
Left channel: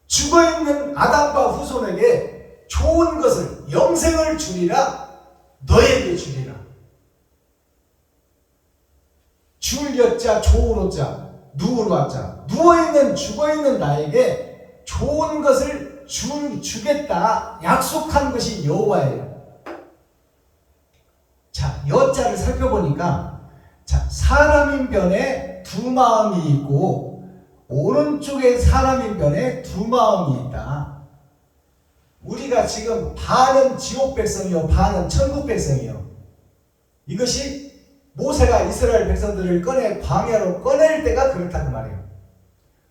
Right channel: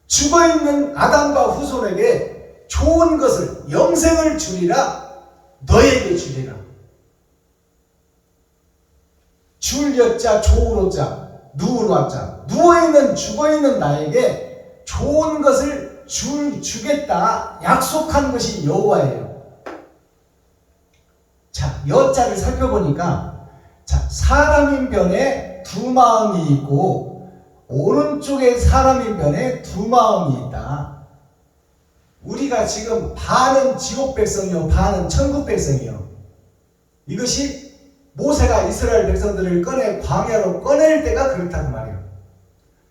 죽어있는 아담과 후손에게 좋은 것을, 영생을 주리라. 너에게 주리라. 줄 여자, 좋을 오자, 누울 와자. 누워있는, 죽어있는 나에게 좋은 것을 주겠다. 약속한 것이 여호와예요. 자, 여자를 살펴보니까, 자, 사람인 변에 두 마음이 있고, 오른쪽에 사람인 변에 두 마음이 있다. 우리가 지금 반은 지옥 백성이요, 반은 천국 백성이요. 이것이 모세가 이스라엘 백성들을 광야로 꺼낼 때가 그렇다는 말이에요.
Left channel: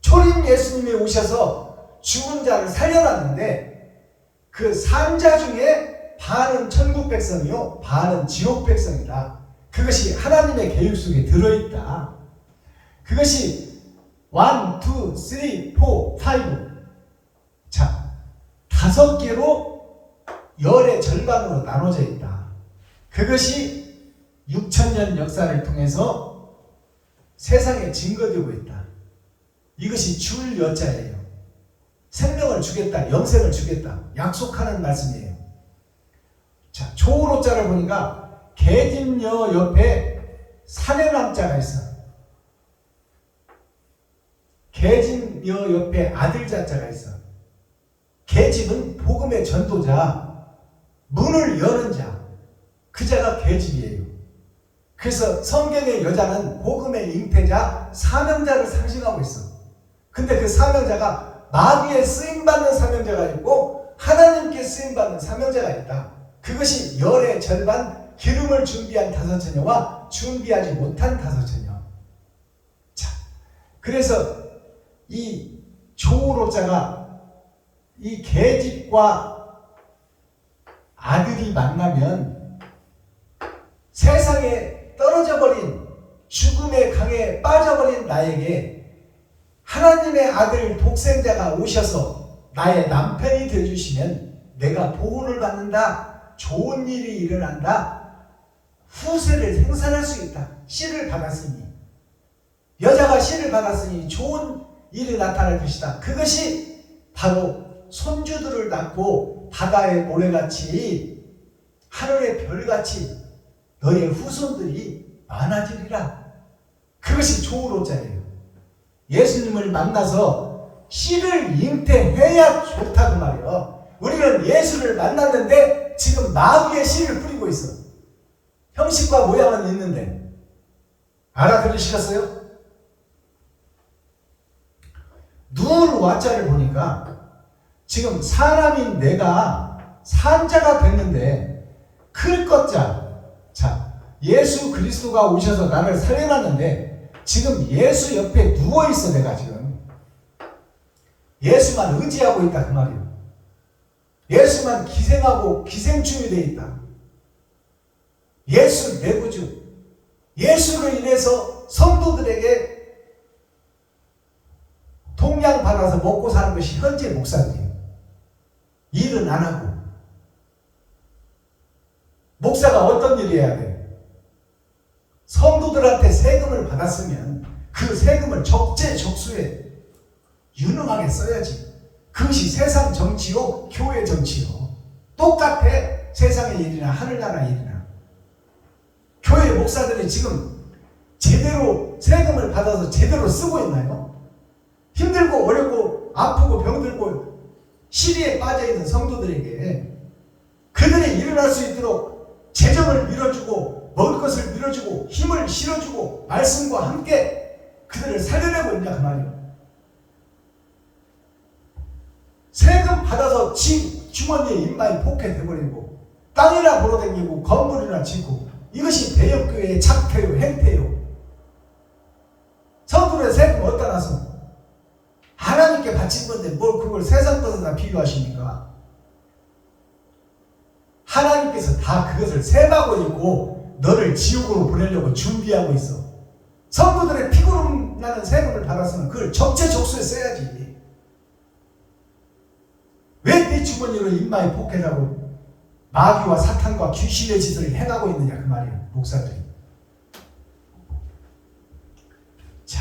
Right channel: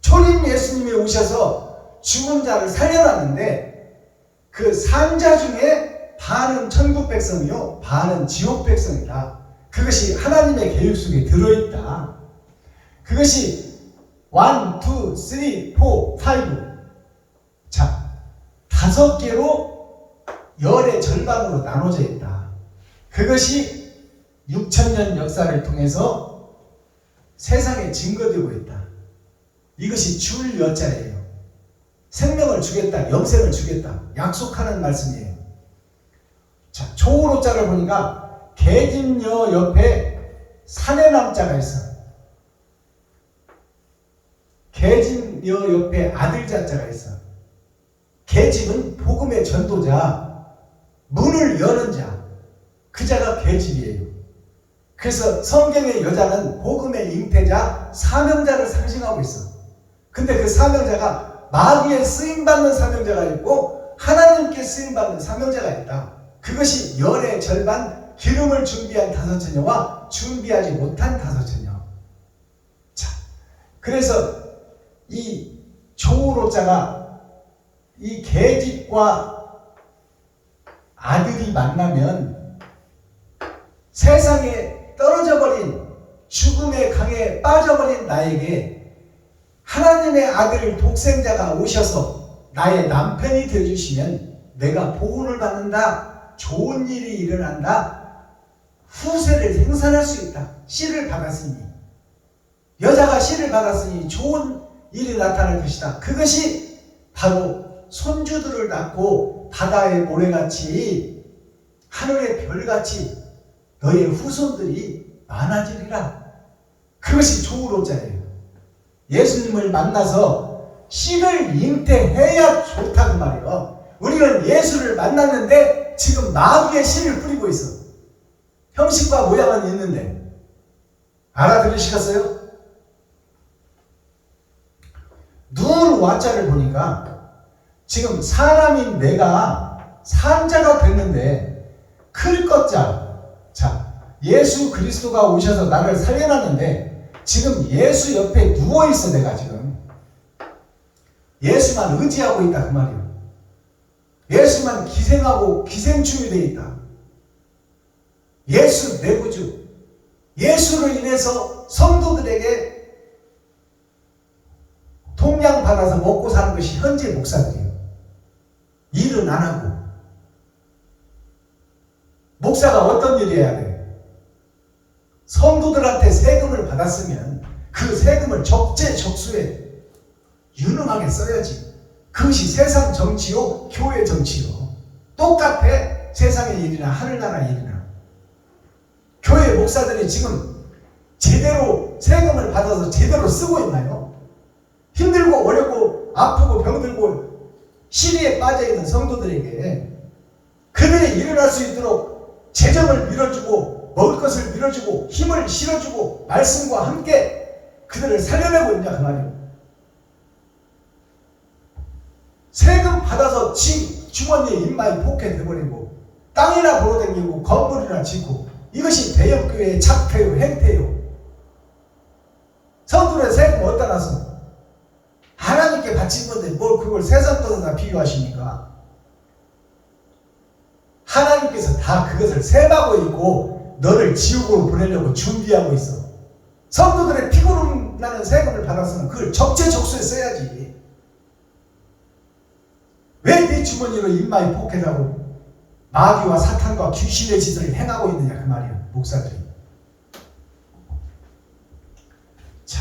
초림 예수님이 오셔서 죽은 자를 살려놨는데, 그 산자 중에 반은 천국 백성이요, 반은 지옥 백성이다. 그것이 하나님의 계획 속에 들어있다. 그것이 1, 2, 3, 4, 5. 자, 5개로 열의 절반으로 나눠져 있다. 그것이 6,000년 역사를 통해서 세상에 증거되고 있다. 이것이 줄 여자예요. 생명을 주겠다, 영생을 주겠다, 약속하는 말씀이에요. 자, 좋을 오자를 보니까 계집여 옆에 사내남자가 있어. 계집여 옆에 아들자자가 있어. 계집은 복음의 전도자, 문을 여는 자, 그 자가 계집이에요. 그래서 성경의 여자는 복음의 잉태자, 사명자를 상징하고 있어. 근데 그 사명자가 마귀에 쓰임받는 사명자가 있고 하나님께 쓰임받는 사명자가 있다. 그것이 열의 절반, 기름을 준비한 5처녀와 준비하지 못한 5처녀. 자, 그래서 이 조로자가 이 계집과 아들이 만나면 세상에 떨어져 버린, 죽음의 강에 빠져버린 나에게 하나님의 아들 독생자가 오셔서 나의 남편이 되어주시면 내가 보호를 받는다. 좋은 일이 일어난다. 후세를 생산할 수 있다. 씨를 받았으니, 여자가 씨를 받았으니 좋은 일이 나타날 것이다. 그것이 바로 손주들을 낳고 바다의 모래같이 하늘의 별같이 너의 후손들이 많아지리라. 그것이 조로자예요. 예수님을 만나서 씨를 잉태해야 좋다고 말이에요. 우리는 예수를 만났는데 지금 마귀의 씨를 뿌리고 있어. 형식과 모양은 있는데. 알아들으시겠어요? 누울 와자를 보니까 지금 사람인 내가 산자가 됐는데 클 것자. 자, 예수 그리스도가 오셔서 나를 살려놨는데 지금 예수 옆에 누워있어. 내가 지금 예수만 의지하고 있다 그 말이에요. 예수만 기생하고 기생충이 되어 있다. 예수 내 구주, 예수로 인해서 성도들에게 동양 받아서 먹고 사는 것이 현재 목사들이에요. 일은 안 하고. 목사가 어떤 일을 해야 돼요? 성도들한테 세금을 받았으면 그 세금을 적재적소에 유능하게 써야지. 그것이 세상 정치요, 교회 정치요. 똑같아. 세상의 일이나 하늘나라 일이나. 교회 목사들이 지금 제대로 세금을 받아서 제대로 쓰고 있나요? 힘들고 어렵고 아프고 병들고 시리에 빠져있는 성도들에게 그들이 일어날 수 있도록 재정을 밀어주고 먹을 것을 밀어주고 힘을 실어주고 말씀과 함께 그들을 살려내고 있냐 그 말이에요. 세금 받아서 주머니에 입마이 포켓해버리고 땅이나 보러 다니고 건물이나 짓고 이것이 대형교회의 작태요 행태요. 성도의 세금 어디다 놨어? 하나님께 바친 건데 뭘 그걸 세상 것에다 비교하십니까? 하나님께서 다 그것을 세마고 있고 너를 지옥으로 보내려고 준비하고 있어. 성도들의 피고름 나는 세금을 받았으면 그걸 적재적소에 써야지. 왜 네 주머니로 입마에 포켓하고 마귀와 사탄과 귀신의 짓을 행하고 있느냐 그 말이에요. 목사들이. 자,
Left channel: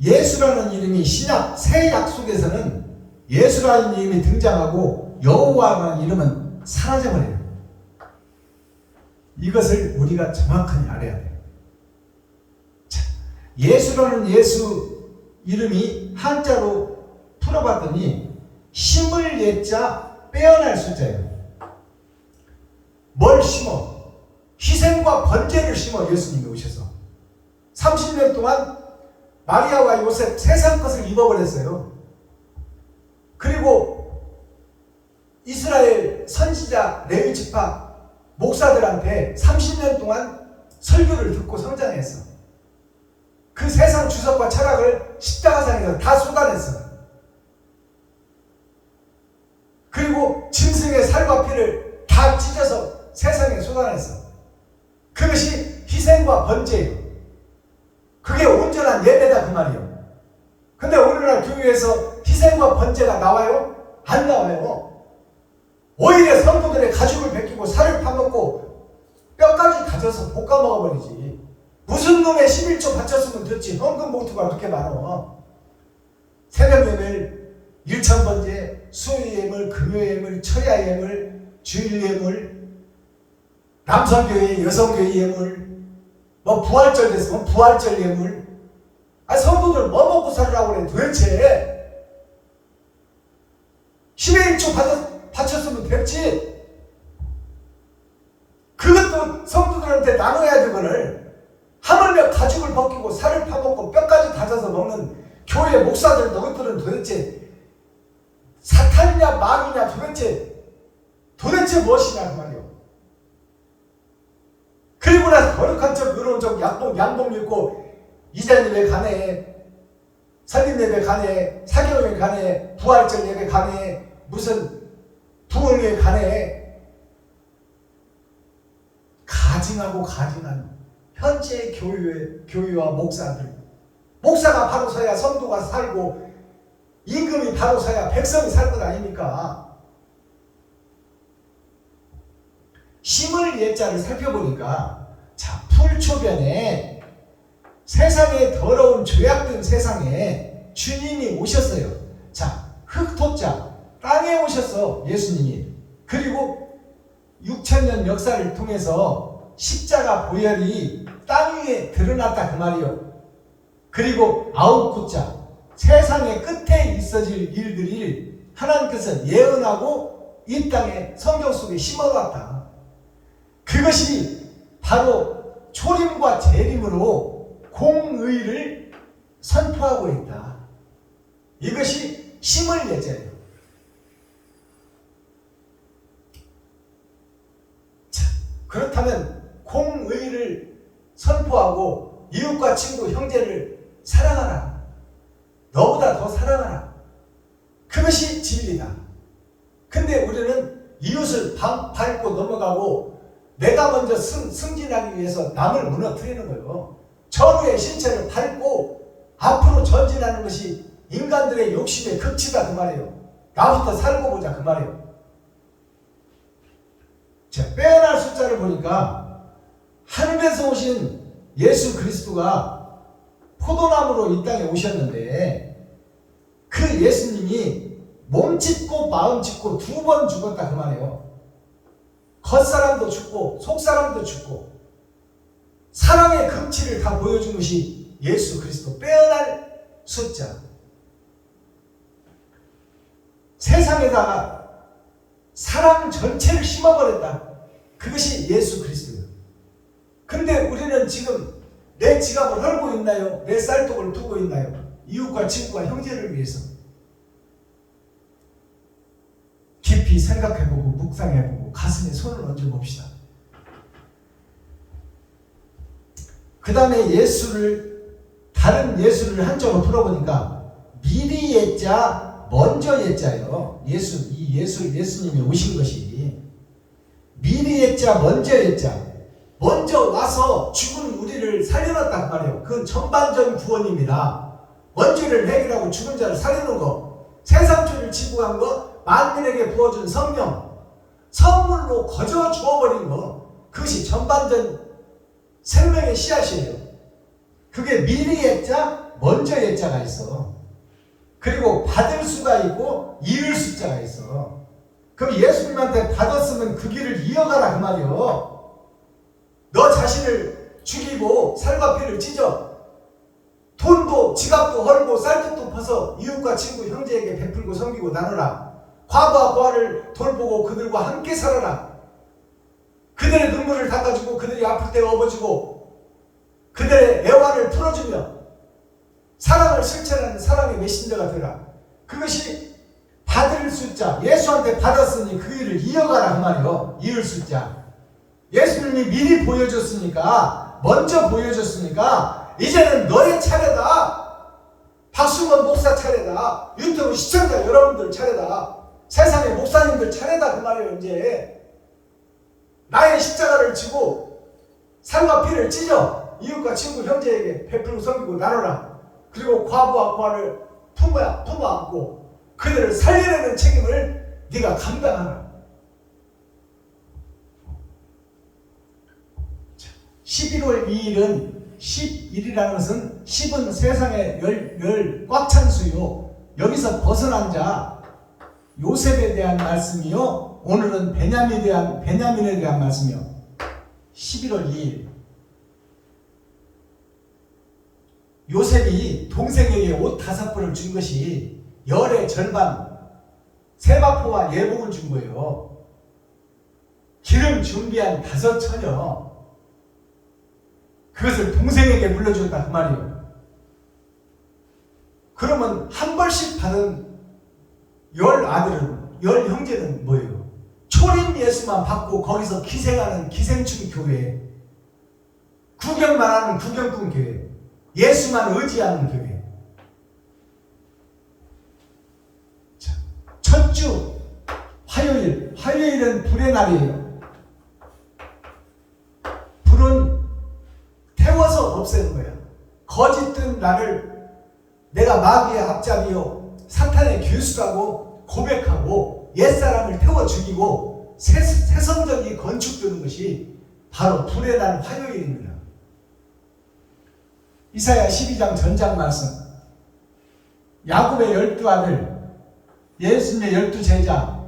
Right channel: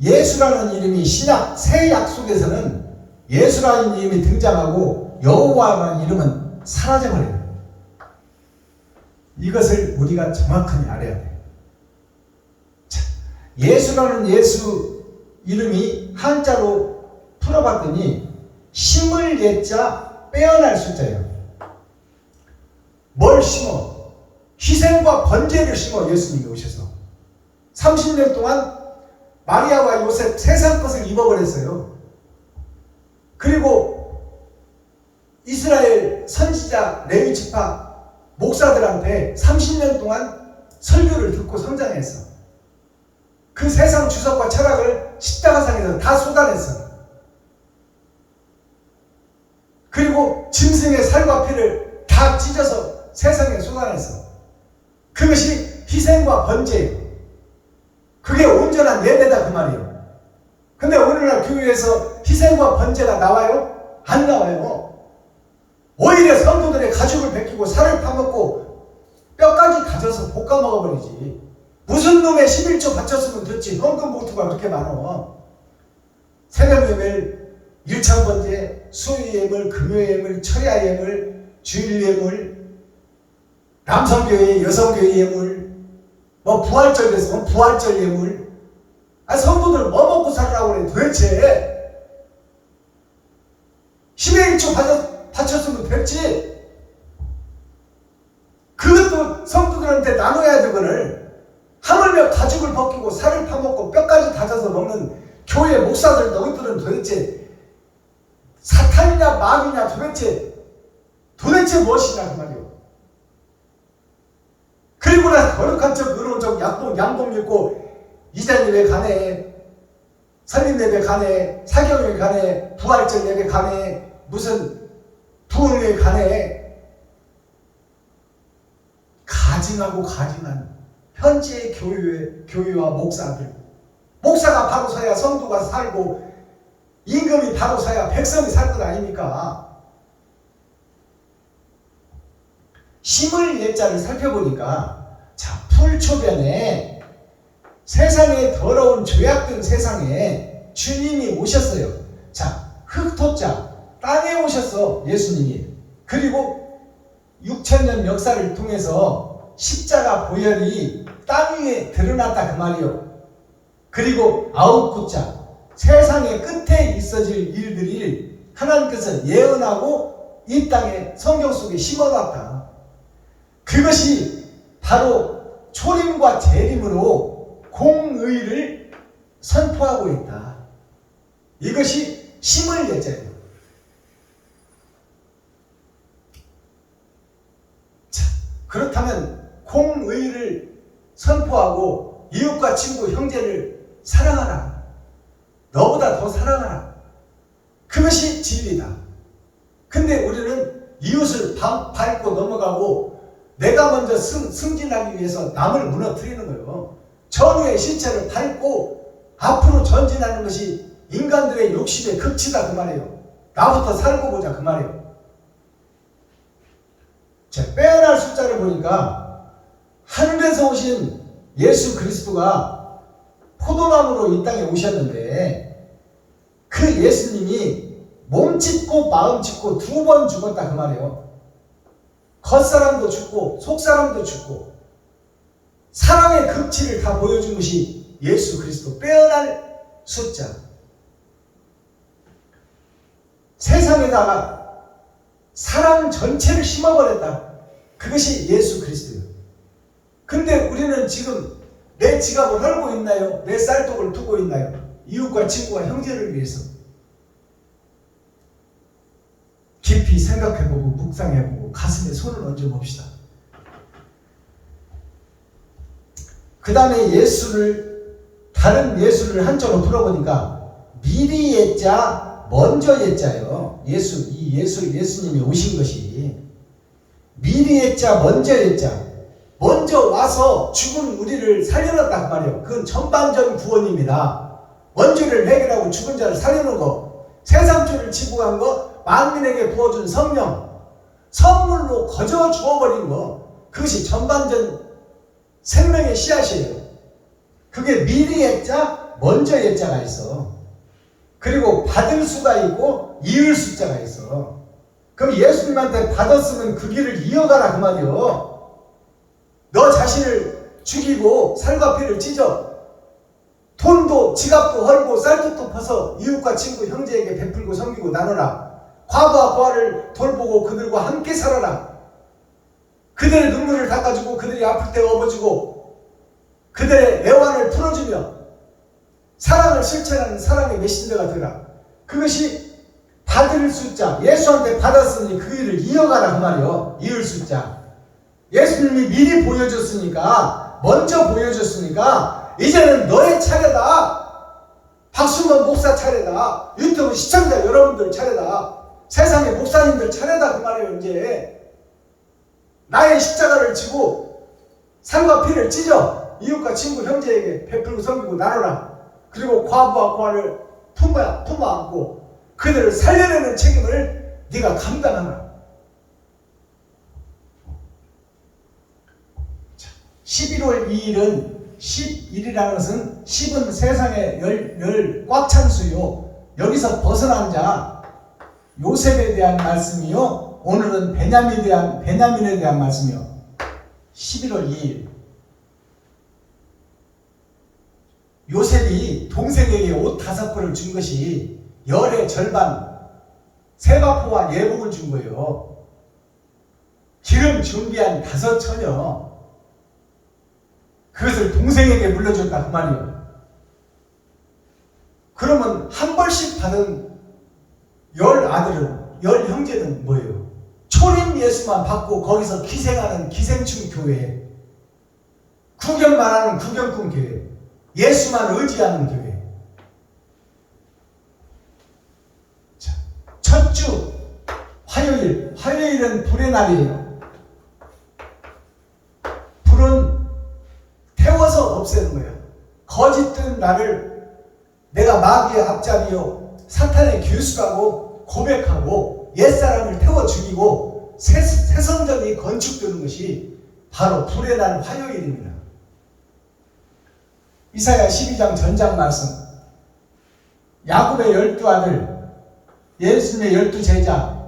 예수라는 이름이 신약 새 약속에서는 예수라는 이름이 등장하고 여호와라는 이름은 사라져버려요. 이것을 우리가 정확하게 알아야 돼요. 자, 예수라는 예수 이름이 한자로 풀어봤더니 심을 예자 빼어날 숫자예요. 뭘 심어? 희생과 번제를 심어 예수님이 오셔서 30년 동안 마리아와 요셉 세상 것을 입어버렸어요. 그리고 이스라엘 선지자 레위 지파 목사들한테 30년 동안 설교를 듣고 성장했어. 그 세상 주석과 철학을 십자가상에서 다 쏟아냈어. 그리고 짐승의 살과 피를 다 찢어서 세상에 쏟아냈어. 그것이 희생과 번제예요. 그게 온전한 예배다 그 말이에요. 근데 오늘날 교회에서 희생과 번제가 나와요? 안 나와요. 오히려 성도들의 가죽을 벗기고 살을 파먹고 뼈까지 가져서 볶아 먹어버리지. 무슨 놈의 11조 바쳤으면 됐지. 헌금 봉투가 그렇게 많어. 새벽예배를 일찬번제, 수요예물, 금요예물, 처야예물, 주일예물, 남성교회, 여성교회 예물, 뭐 부활절 됐으면 부활절 예물. 아, 성도들 뭐 먹고 살라고 그래 도대체. 10의 1조 바쳤으면 됐지. 그것도 성도들한테 나눠야 돼. 그거를 하물며 가죽을 벗기고 살을 파먹고 뼈까지 다져서 먹는 교회 목사들 너희들은 도대체 사탄이냐 마귀냐 도대체 무엇이냐 그 말이에요. 그리고 나서 거룩한 척 의로운 척 양복 입고 이장 예배 가네, 설립 예배 가네, 사경 예배 가네, 부활절 예배 가네, 무슨 부흥 예배 가네. 가증하고 가증한 현재 교회와 목사가 바로 서야 성도가 살고 임금이 바로 서야 백성이 살 것 아닙니까? 심을 예자를 살펴보니까 자, 풀초변에 세상의 더러운 죄악된 세상에 주님이 오셨어요. 자, 흙토자 땅에 오셨어 예수님이. 그리고 6,000년 역사를 통해서 십자가 보혈이 땅 위에 드러났다 그 말이에요. 그리고 9구자 세상의 끝에 있어질 일들을 하나님께서 예언하고 이 땅에 성경 속에 심어놨다. 그것이 바로 초림과 재림으로 공의를 선포하고 있다. 이것이 심을 예자예요. 자, 그렇다면 공의를 선포하고 이웃과 친구 형제를 사랑하라. 너보다 더 사랑하라. 그것이 진리다. 근데 우리는 이웃을 밟고 넘어가고 내가 먼저 승진하기 위해서 남을 무너뜨리는 거예요. 전우의 실체를 밟고 앞으로 전진하는 것이 인간들의 욕심의 극치다 그 말이에요. 나부터 살고 보자 그 말이에요. 자, 빼어날 숫자를 보니까 하늘에서 오신 예수 그리스도가 포도나무로 이 땅에 오셨는데 그 예수님이 몸 찢고 마음 찢고 2번 죽었다 그 말이에요. 겉사람도 죽고 속사람도 죽고 사랑의 극치를 다 보여준 것이 예수 그리스도 빼어날 숫자. 세상에다가 사람 전체를 심어버렸다. 그것이 예수 그리스도예요. 근데 우리는 지금 내 지갑을 헐고 있나요? 내 쌀독을 두고 있나요? 이웃과 친구와 형제를 위해서. 깊이 생각해보고 묵상해보고 가슴에 손을 얹어봅시다. 그 다음에 다른 예수를 한자로 풀어보니까 미리 예자 먼저 예자예요. 예수님이 오신 것이 미리 예자 먼저 예자. 먼저 와서 죽은 우리를 살려놨단 말이에요. 그건 전반전 구원입니다. 원죄를 해결하고 죽은 자를 살려놓은 거, 세상죄를 지고 간 거, 만민에게 부어준 성령, 선물로 거저 주어버린 거, 그것이 전반전 생명의 씨앗이에요. 그게 미리 예자, 먼저 예자가 있어. 그리고 받을 수가 있고 이을 숫자가 있어. 그럼 예수님한테 받았으면 그 길을 이어가라 그 말이요. 너 자신을 죽이고 살과 피를 찢어 돈도 지갑도 헐고 쌀국도 퍼서 이웃과 친구 형제에게 베풀고 섬기고 나눠라. 과부와 고아를 돌보고 그들과 함께 살아라. 그들의 눈물을 닦아주고 그들이 아플 때 업어주고 그들의 애환을 풀어주며 사랑을 실천하는 사랑의 메신저가 되라. 그것이 받을 숫자. 예수한테 받았으니 그 일을 이어가라 그 말이요. 이을 숫자. 예수님이 미리 보여줬으니까, 먼저 보여줬으니까 이제는 너의 차례다. 박순건 목사 차례다. 유튜브 시청자 여러분들 차례다. 세상의 목사님들 차례다 그 말이에요. 이제 나의 십자가를 지고 살과 피를 찢어 이웃과 친구 형제에게 베풀고 섬기고 나눠라. 그리고 과부와 고아를 품어 안고 그들을 살려내는 책임을 네가 감당하라. 11월 2일은 11이라는 것은 10은 세상의 열 꽉 찬 수요. 여기서 벗어난 자 요셉에 대한 말씀이요. 오늘은 베냐민에 대한 말씀이요. 11월 2일 요셉이 동생에게 옷 5벌을 준 것이 열의 절반 세바포와 예복을 준 거예요. 기름 준비한 5처녀 그것을 동생에게 물려줬다 그 말이에요. 그러면 한 벌씩 받은 10아들은 10형제는 뭐예요? 초림 예수만 받고 거기서 기생하는 기생충 교회, 구경만 하는 구경꾼 교회, 예수만 의지하는 교회. 자, 첫 주 화요일은 불의 날이에요. 불은 태워서 없애는 거야. 거짓된 나를 내가 마귀의 앞잡이요 사탄의 교수라고 고백하고 옛사람을 태워 죽이고 새 성전이 건축되는 것이 바로 불의 날 화요일입니다. 이사야 12장 전장 말씀. 야곱의 12아들, 예수님의 12제자,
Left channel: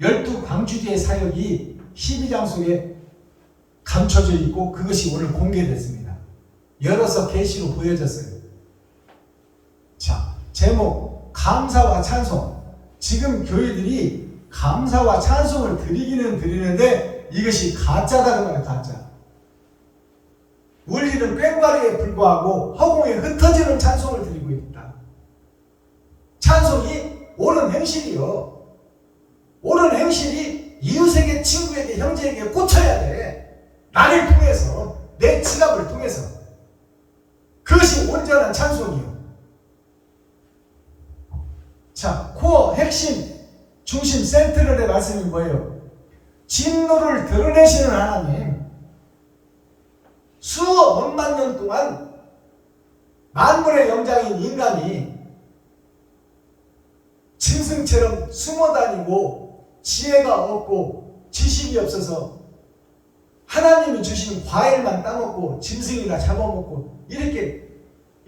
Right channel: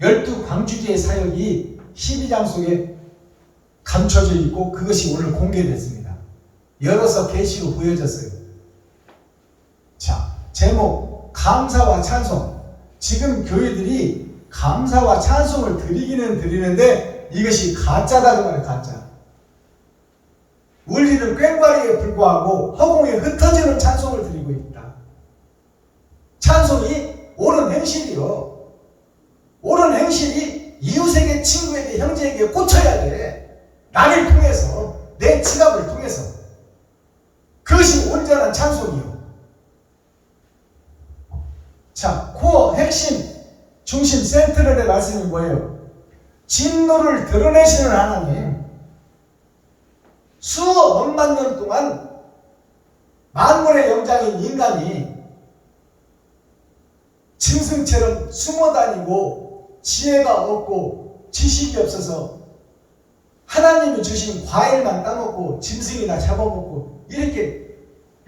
12광주기의 사역이 12장 속에 감춰져 있고 그것이 오늘 공개됐습니다. 열어서 계시로 보여졌어요. 자, 제목 감사와 찬송. 지금 교회들이 감사와 찬송을 드리기는 드리는데 이것이 가짜다는 말이에요. 가짜. 울리는 꽹과리에 불과하고 허공에 흩어지는 찬송을 드리고 있다. 찬송이 옳은 행실이요. 옳은 행실이 이웃에게, 친구에게, 형제에게 꽂혀야 돼. 나를 통해서, 내 지갑을 통해서. 그것이 온전한 찬송이요. 자, 코어, 핵심, 중심, 센트럴의 말씀이 뭐예요? 진노를 드러내시는 하나님. 수억만 년 동안 만물의 영장인 인간이 짐승처럼 숨어다니고 지혜가 없고 지식이 없어서 하나님이 주신 과일만 따먹고 짐승이나 잡아먹고 이렇게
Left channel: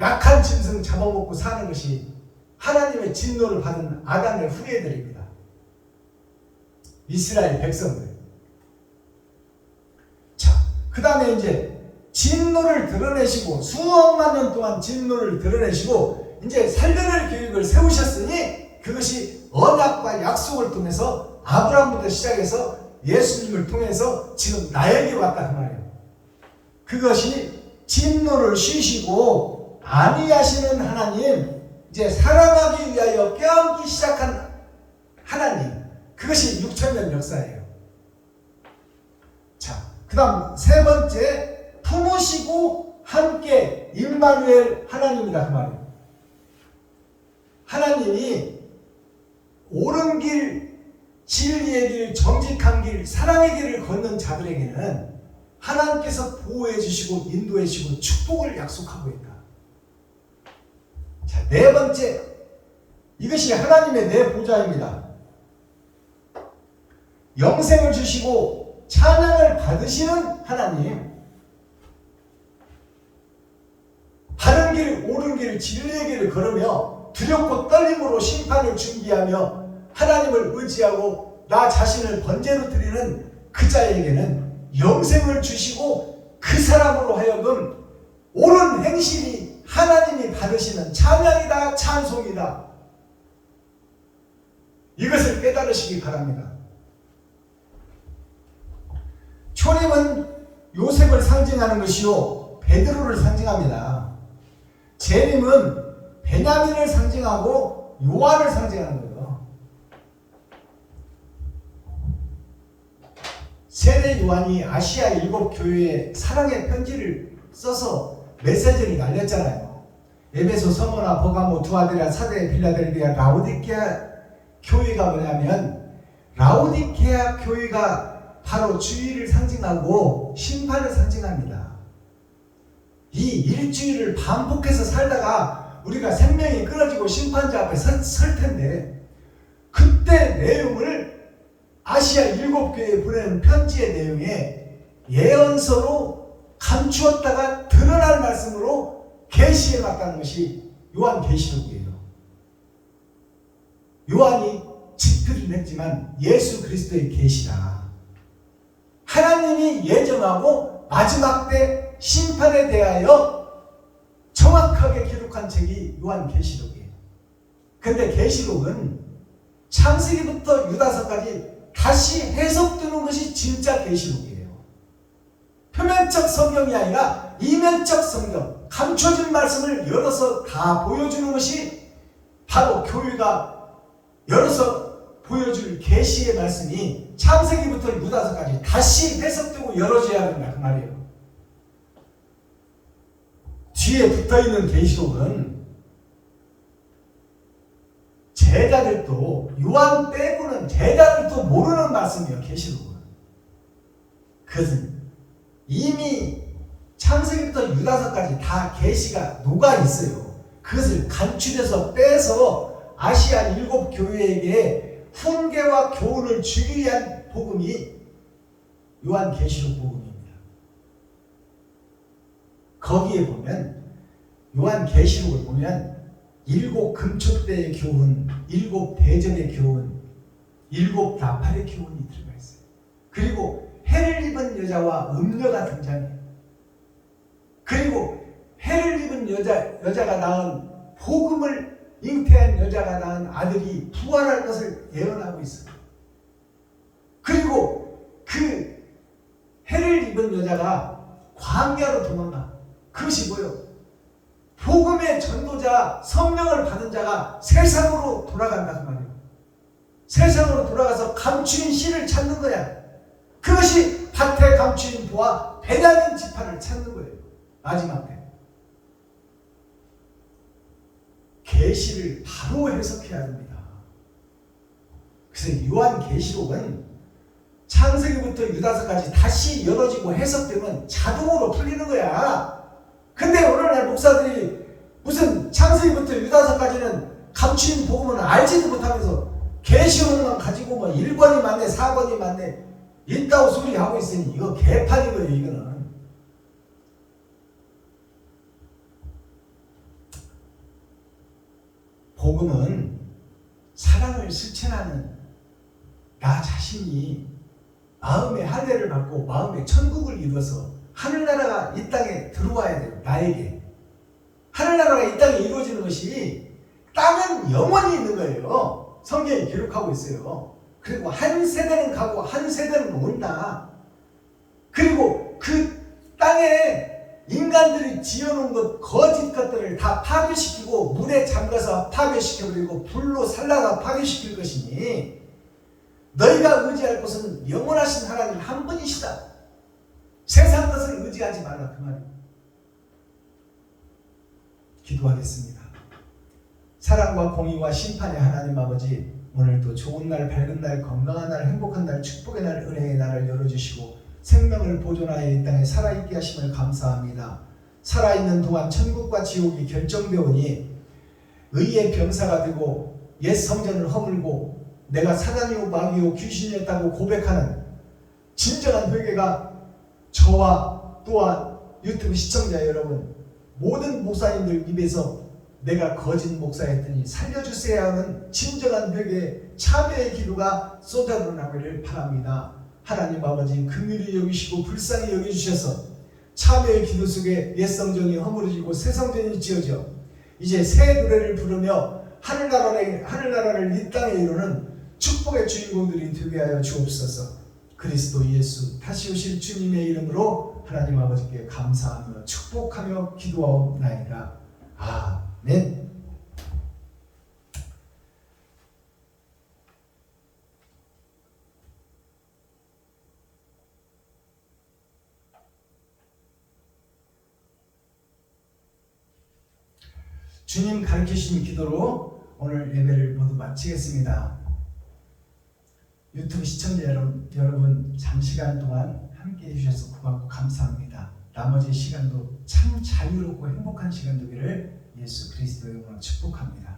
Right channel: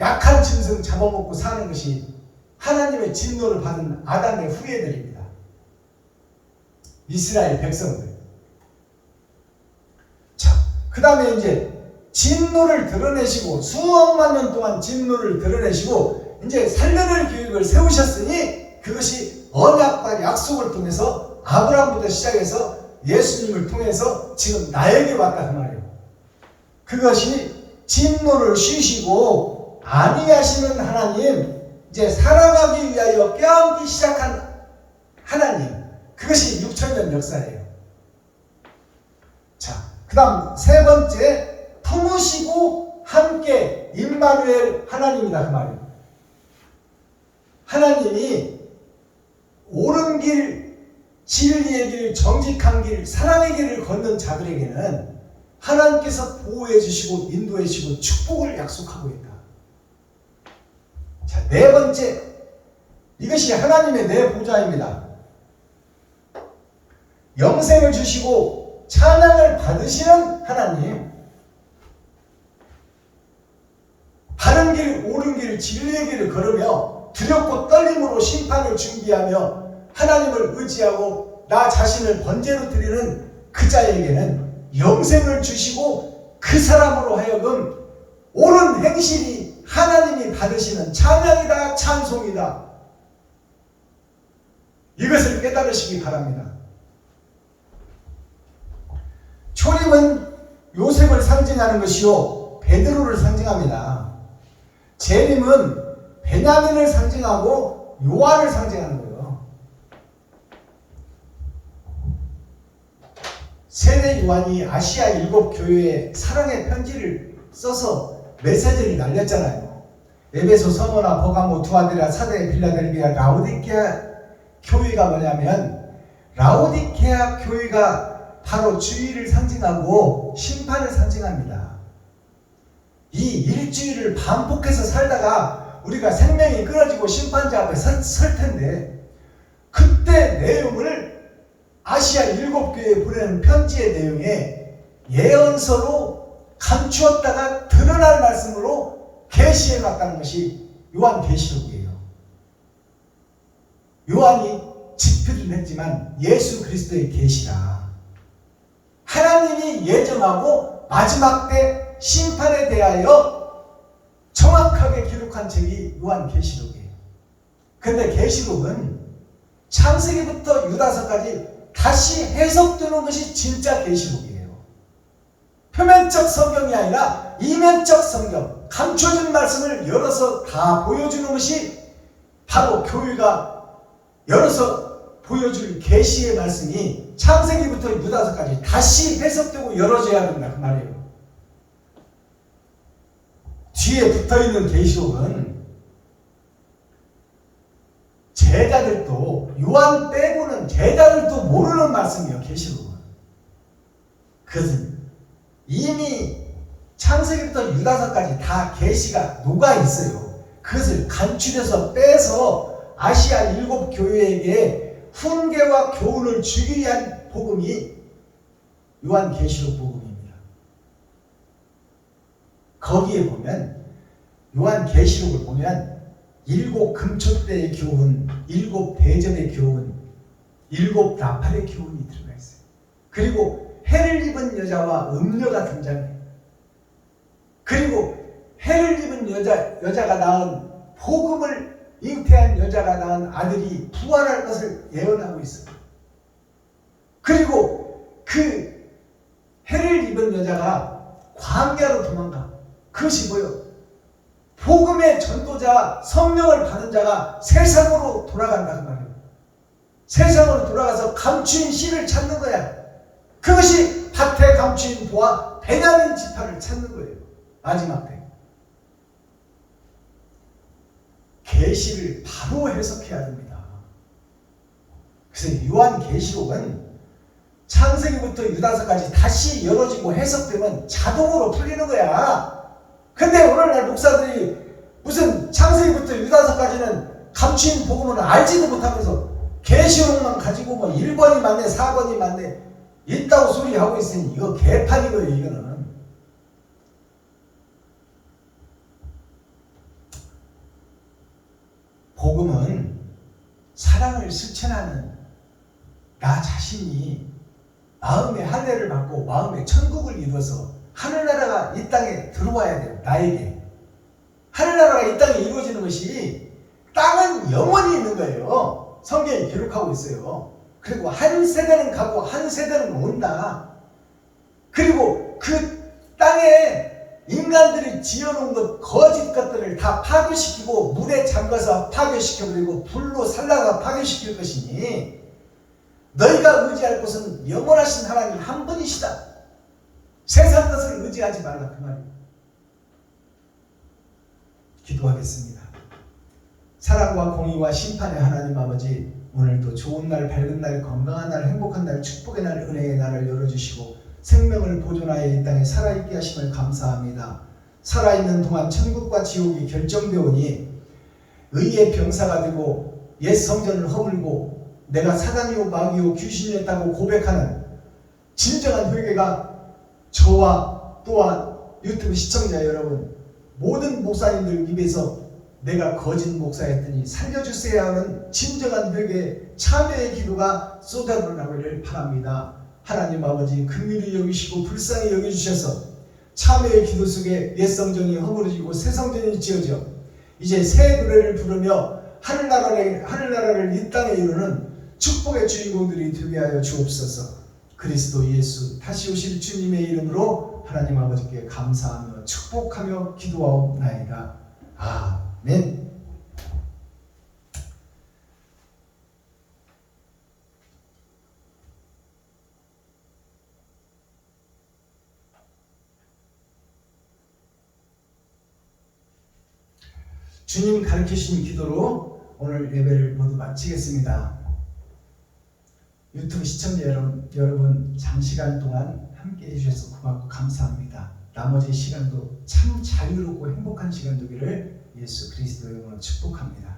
약한 짐승 잡아먹고 사는 것이 하나님의 진노를 받은 아담의 후예들입니다. 이스라엘 백성들. 자, 그 다음에 이제 진노를 드러내시고 수억만 년 동안 진노를 드러내시고 이제 살려낼 계획을 세우셨으니 그것이 언약과 약속을 통해서 아브라함부터 시작해서 예수님을 통해서 지금 나에게 왔다 그 말이에요. 그것이 진노를 쉬시고 안위하시는 하나님, 이제 사랑하기 위하여 껴안기 시작한 하나님, 그것이 6천년 역사예요. 자, 그 다음 세 번째, 품으시고 함께 임마누엘 하나님이다 그 말이에요. 하나님이 옳은 길, 진리의 길, 정직한 길, 사랑의 길을 걷는 자들에게는 하나님께서 보호해 주시고 인도해 주시고 축복을 약속하고 있다. 자, 네 번째, 이것이 하나님의 내 보좌입니다. 영생을 주시고 찬양을 받으시는 하나님, 바른 길, 옳은 길, 진리의 길을 걸으며 두렵고 떨림으로 심판을 준비하며 하나님을 의지하고 나 자신을 번제로 드리는 그 자에게는 영생을 주시고 그 사람으로 하여금 옳은 행실이 하나님이 받으시는 찬양이다, 찬송이다. 이것을 깨달으시기 바랍니다. 초림은 요셉을 상징하는 것이요 베드로를 상징합니다. 재림은 베냐민을 상징하고 요한을 상징하는 거예요. 세례 요한이 아시아 7교회에 사랑의 편지를 써서 메시지를 날렸잖아요. 에베소, 서머나, 버가모, 두아디라, 사대, 빌라델비아, 라오디케아 교회가 뭐냐면 라오디케아 교회가 바로 주의를 상징하고 심판을 상징합니다. 이 일주일을 반복해서 살다가 우리가 생명이 끊어지고 심판자 앞에 설 텐데 그때 내용을 아시아 7교회에 보내는 편지의 내용에 예언서로 감추었다가 드러날 말씀으로 계시해 놨다는 것이 요한계시록이에요. 요한이 집필은 했지만 예수 그리스도의 계시라. 하나님이 예정하고 마지막 때 심판에 대하여 정확하게 기록한 책이 요한계시록이에요. 근데 계시록은 창세기부터 유다서까지 다시 해석되는 것이 진짜 계시록이에요. 표면적 성경이 아니라 이면적 성경, 감춰진 말씀을 열어서 다 보여주는 것이 바로 교회가 열어서 보여줄 계시의 말씀이 창세기부터 유다서까지 다시 해석되고 열어져야 된다 그 말이에요. 뒤에 붙어있는 계시록은 제자들도 요한 빼고는 제자들도 모르는 말씀이에요. 계시록은. 그것은 이미 창세기부터 유다서까지 다 계시가 녹아 있어요. 그것을 간추려서 빼서 아시아 7교회에게 훈계와 교훈을 주기 위한 복음이 요한계시록 복음입니다. 거기에 보면 요한계시록을 보면 7 금초대의 교훈, 7 대접의 교훈, 7 나팔의 교훈이 들어가 있어요. 그리고 해를 입은 여자와 음녀가 등장해요. 그리고 해를 입은 여자가 낳은 복음을 잉태한 여자가 낳은 아들이 부활할 것을 예언하고 있어요. 그리고 그 해를 입은 여자가 광야로 도망가. 그것이 뭐예요? 복음의 전도자, 성령을 받은 자가 세상으로 돌아간다는 말이에요. 세상으로 돌아가서 감추인 씨를 찾는 거야. 그것이 밭에 감추인 보아 베냐민 지파를 찾는 거예요. 마지막 때. 계시를 바로 해석해야 됩니다. 그래서 요한계시록은 창세기부터 유다서까지 다시 열어지고 해석되면 자동으로 풀리는 거야. 근데 오늘날 목사들이 무슨 창세기부터 유다서까지는 감추인 복음은 알지도 못하면서 계시록만 가지고 뭐 1번이 맞네 4번이 맞네 있다고 소리하고 있으니 이거 개판이고요. 이거는 복음은 사랑을 실천하는 나 자신이 마음의 할례를 받고 마음의 천국을 이루어서 하늘나라가 이 땅에 들어와야 돼요. 나에게. 하늘나라가 이 땅에 이루어지는 것이 땅은 영원히 있는 거예요. 성경이 기록하고 있어요. 그리고 한 세대는 가고 한 세대는 온다. 그리고 그 땅에 인간들이 지어놓은 것, 거짓 것들을 다 파괴시키고 물에 잠가서 파괴시켜버리고 불로 살라가 파괴시킬 것이니 너희가 의지할 곳은 영원하신 하나님 한 분이시다. 세상 것을 의지하지 말라 그 말이에요. 기도하겠습니다. 사랑과 공의와 심판의 하나님 아버지, 오늘도 좋은 날, 밝은 날, 건강한 날, 행복한 날, 축복의 날, 은혜의 날을 열어주시고 생명을 보존하여 이 땅에 살아있게 하심을 감사합니다. 살아있는 동안 천국과 지옥이 결정되오니 의의 병사가 되고 옛 성전을 허물고 내가 사단이요 마귀요 귀신이었다고 고백하는 진정한 회개가 저와 또한 유튜브 시청자 여러분 모든 목사님들 입에서 내가 거짓 목사였더니 살려주세요 하는 진정한 회개 참회의 기도가 쏟아져나오기를 바랍니다. 하나님 아버지 긍휼히 여기시고 불쌍히 여겨주셔서 참회의 기도 속에 옛 성전이 허물어지고 새 성전이 지어져 이제 새 노래를 부르며 하늘나라를 이 땅에 이루는 축복의 주인공들이 되게 하여 주옵소서. 그리스도 예수 다시 오실 주님의 이름으로 하나님 아버지께 감사하며 축복하며 기도하옵나이다. 아멘. 주님 가르치신 기도로 오늘 예배를 모두 마치겠습니다. 유튜브 시청자 여러분 장시간 동안 함께 해주셔서 고맙고 감사합니다. 나머지 시간도 참 자유롭고 행복한 시간 되기를 예수 그리스도의 이름으로 축복합니다.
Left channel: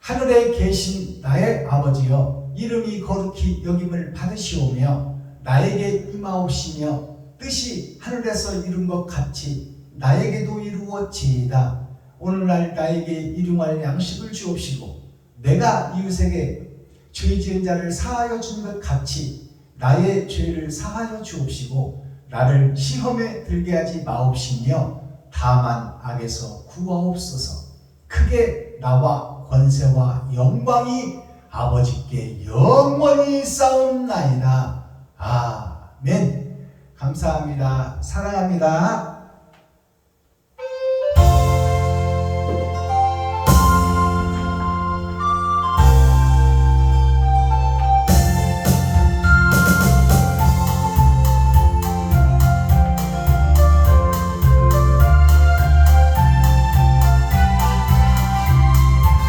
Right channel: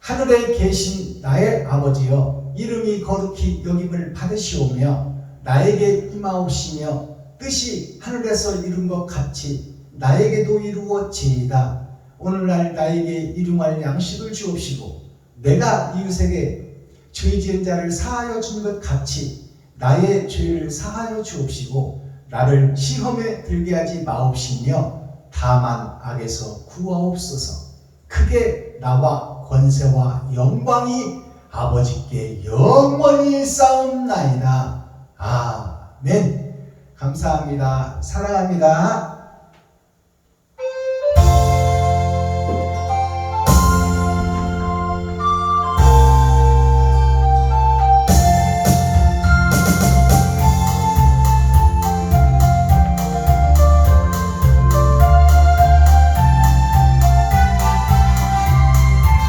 하늘에 계신 나의 아버지여, 이름이 거룩히 여김을 받으시오며 나에게 임하옵시며 뜻이 하늘에서 이룬 것 같이 나에게도 이루어지이다. 오늘날 나에게 일용할 양식을 주옵시고 내가 이웃에게 죄 지은 자를 사하여 준 것 같이 나의 죄를 사하여 주옵시고 나를 시험에 들게 하지 마옵시며 다만 악에서 구하옵소서. 크게 나와 권세와 영광이 아버지께 영원히 싸움나이다. 아멘. 감사합니다. 사랑합니다.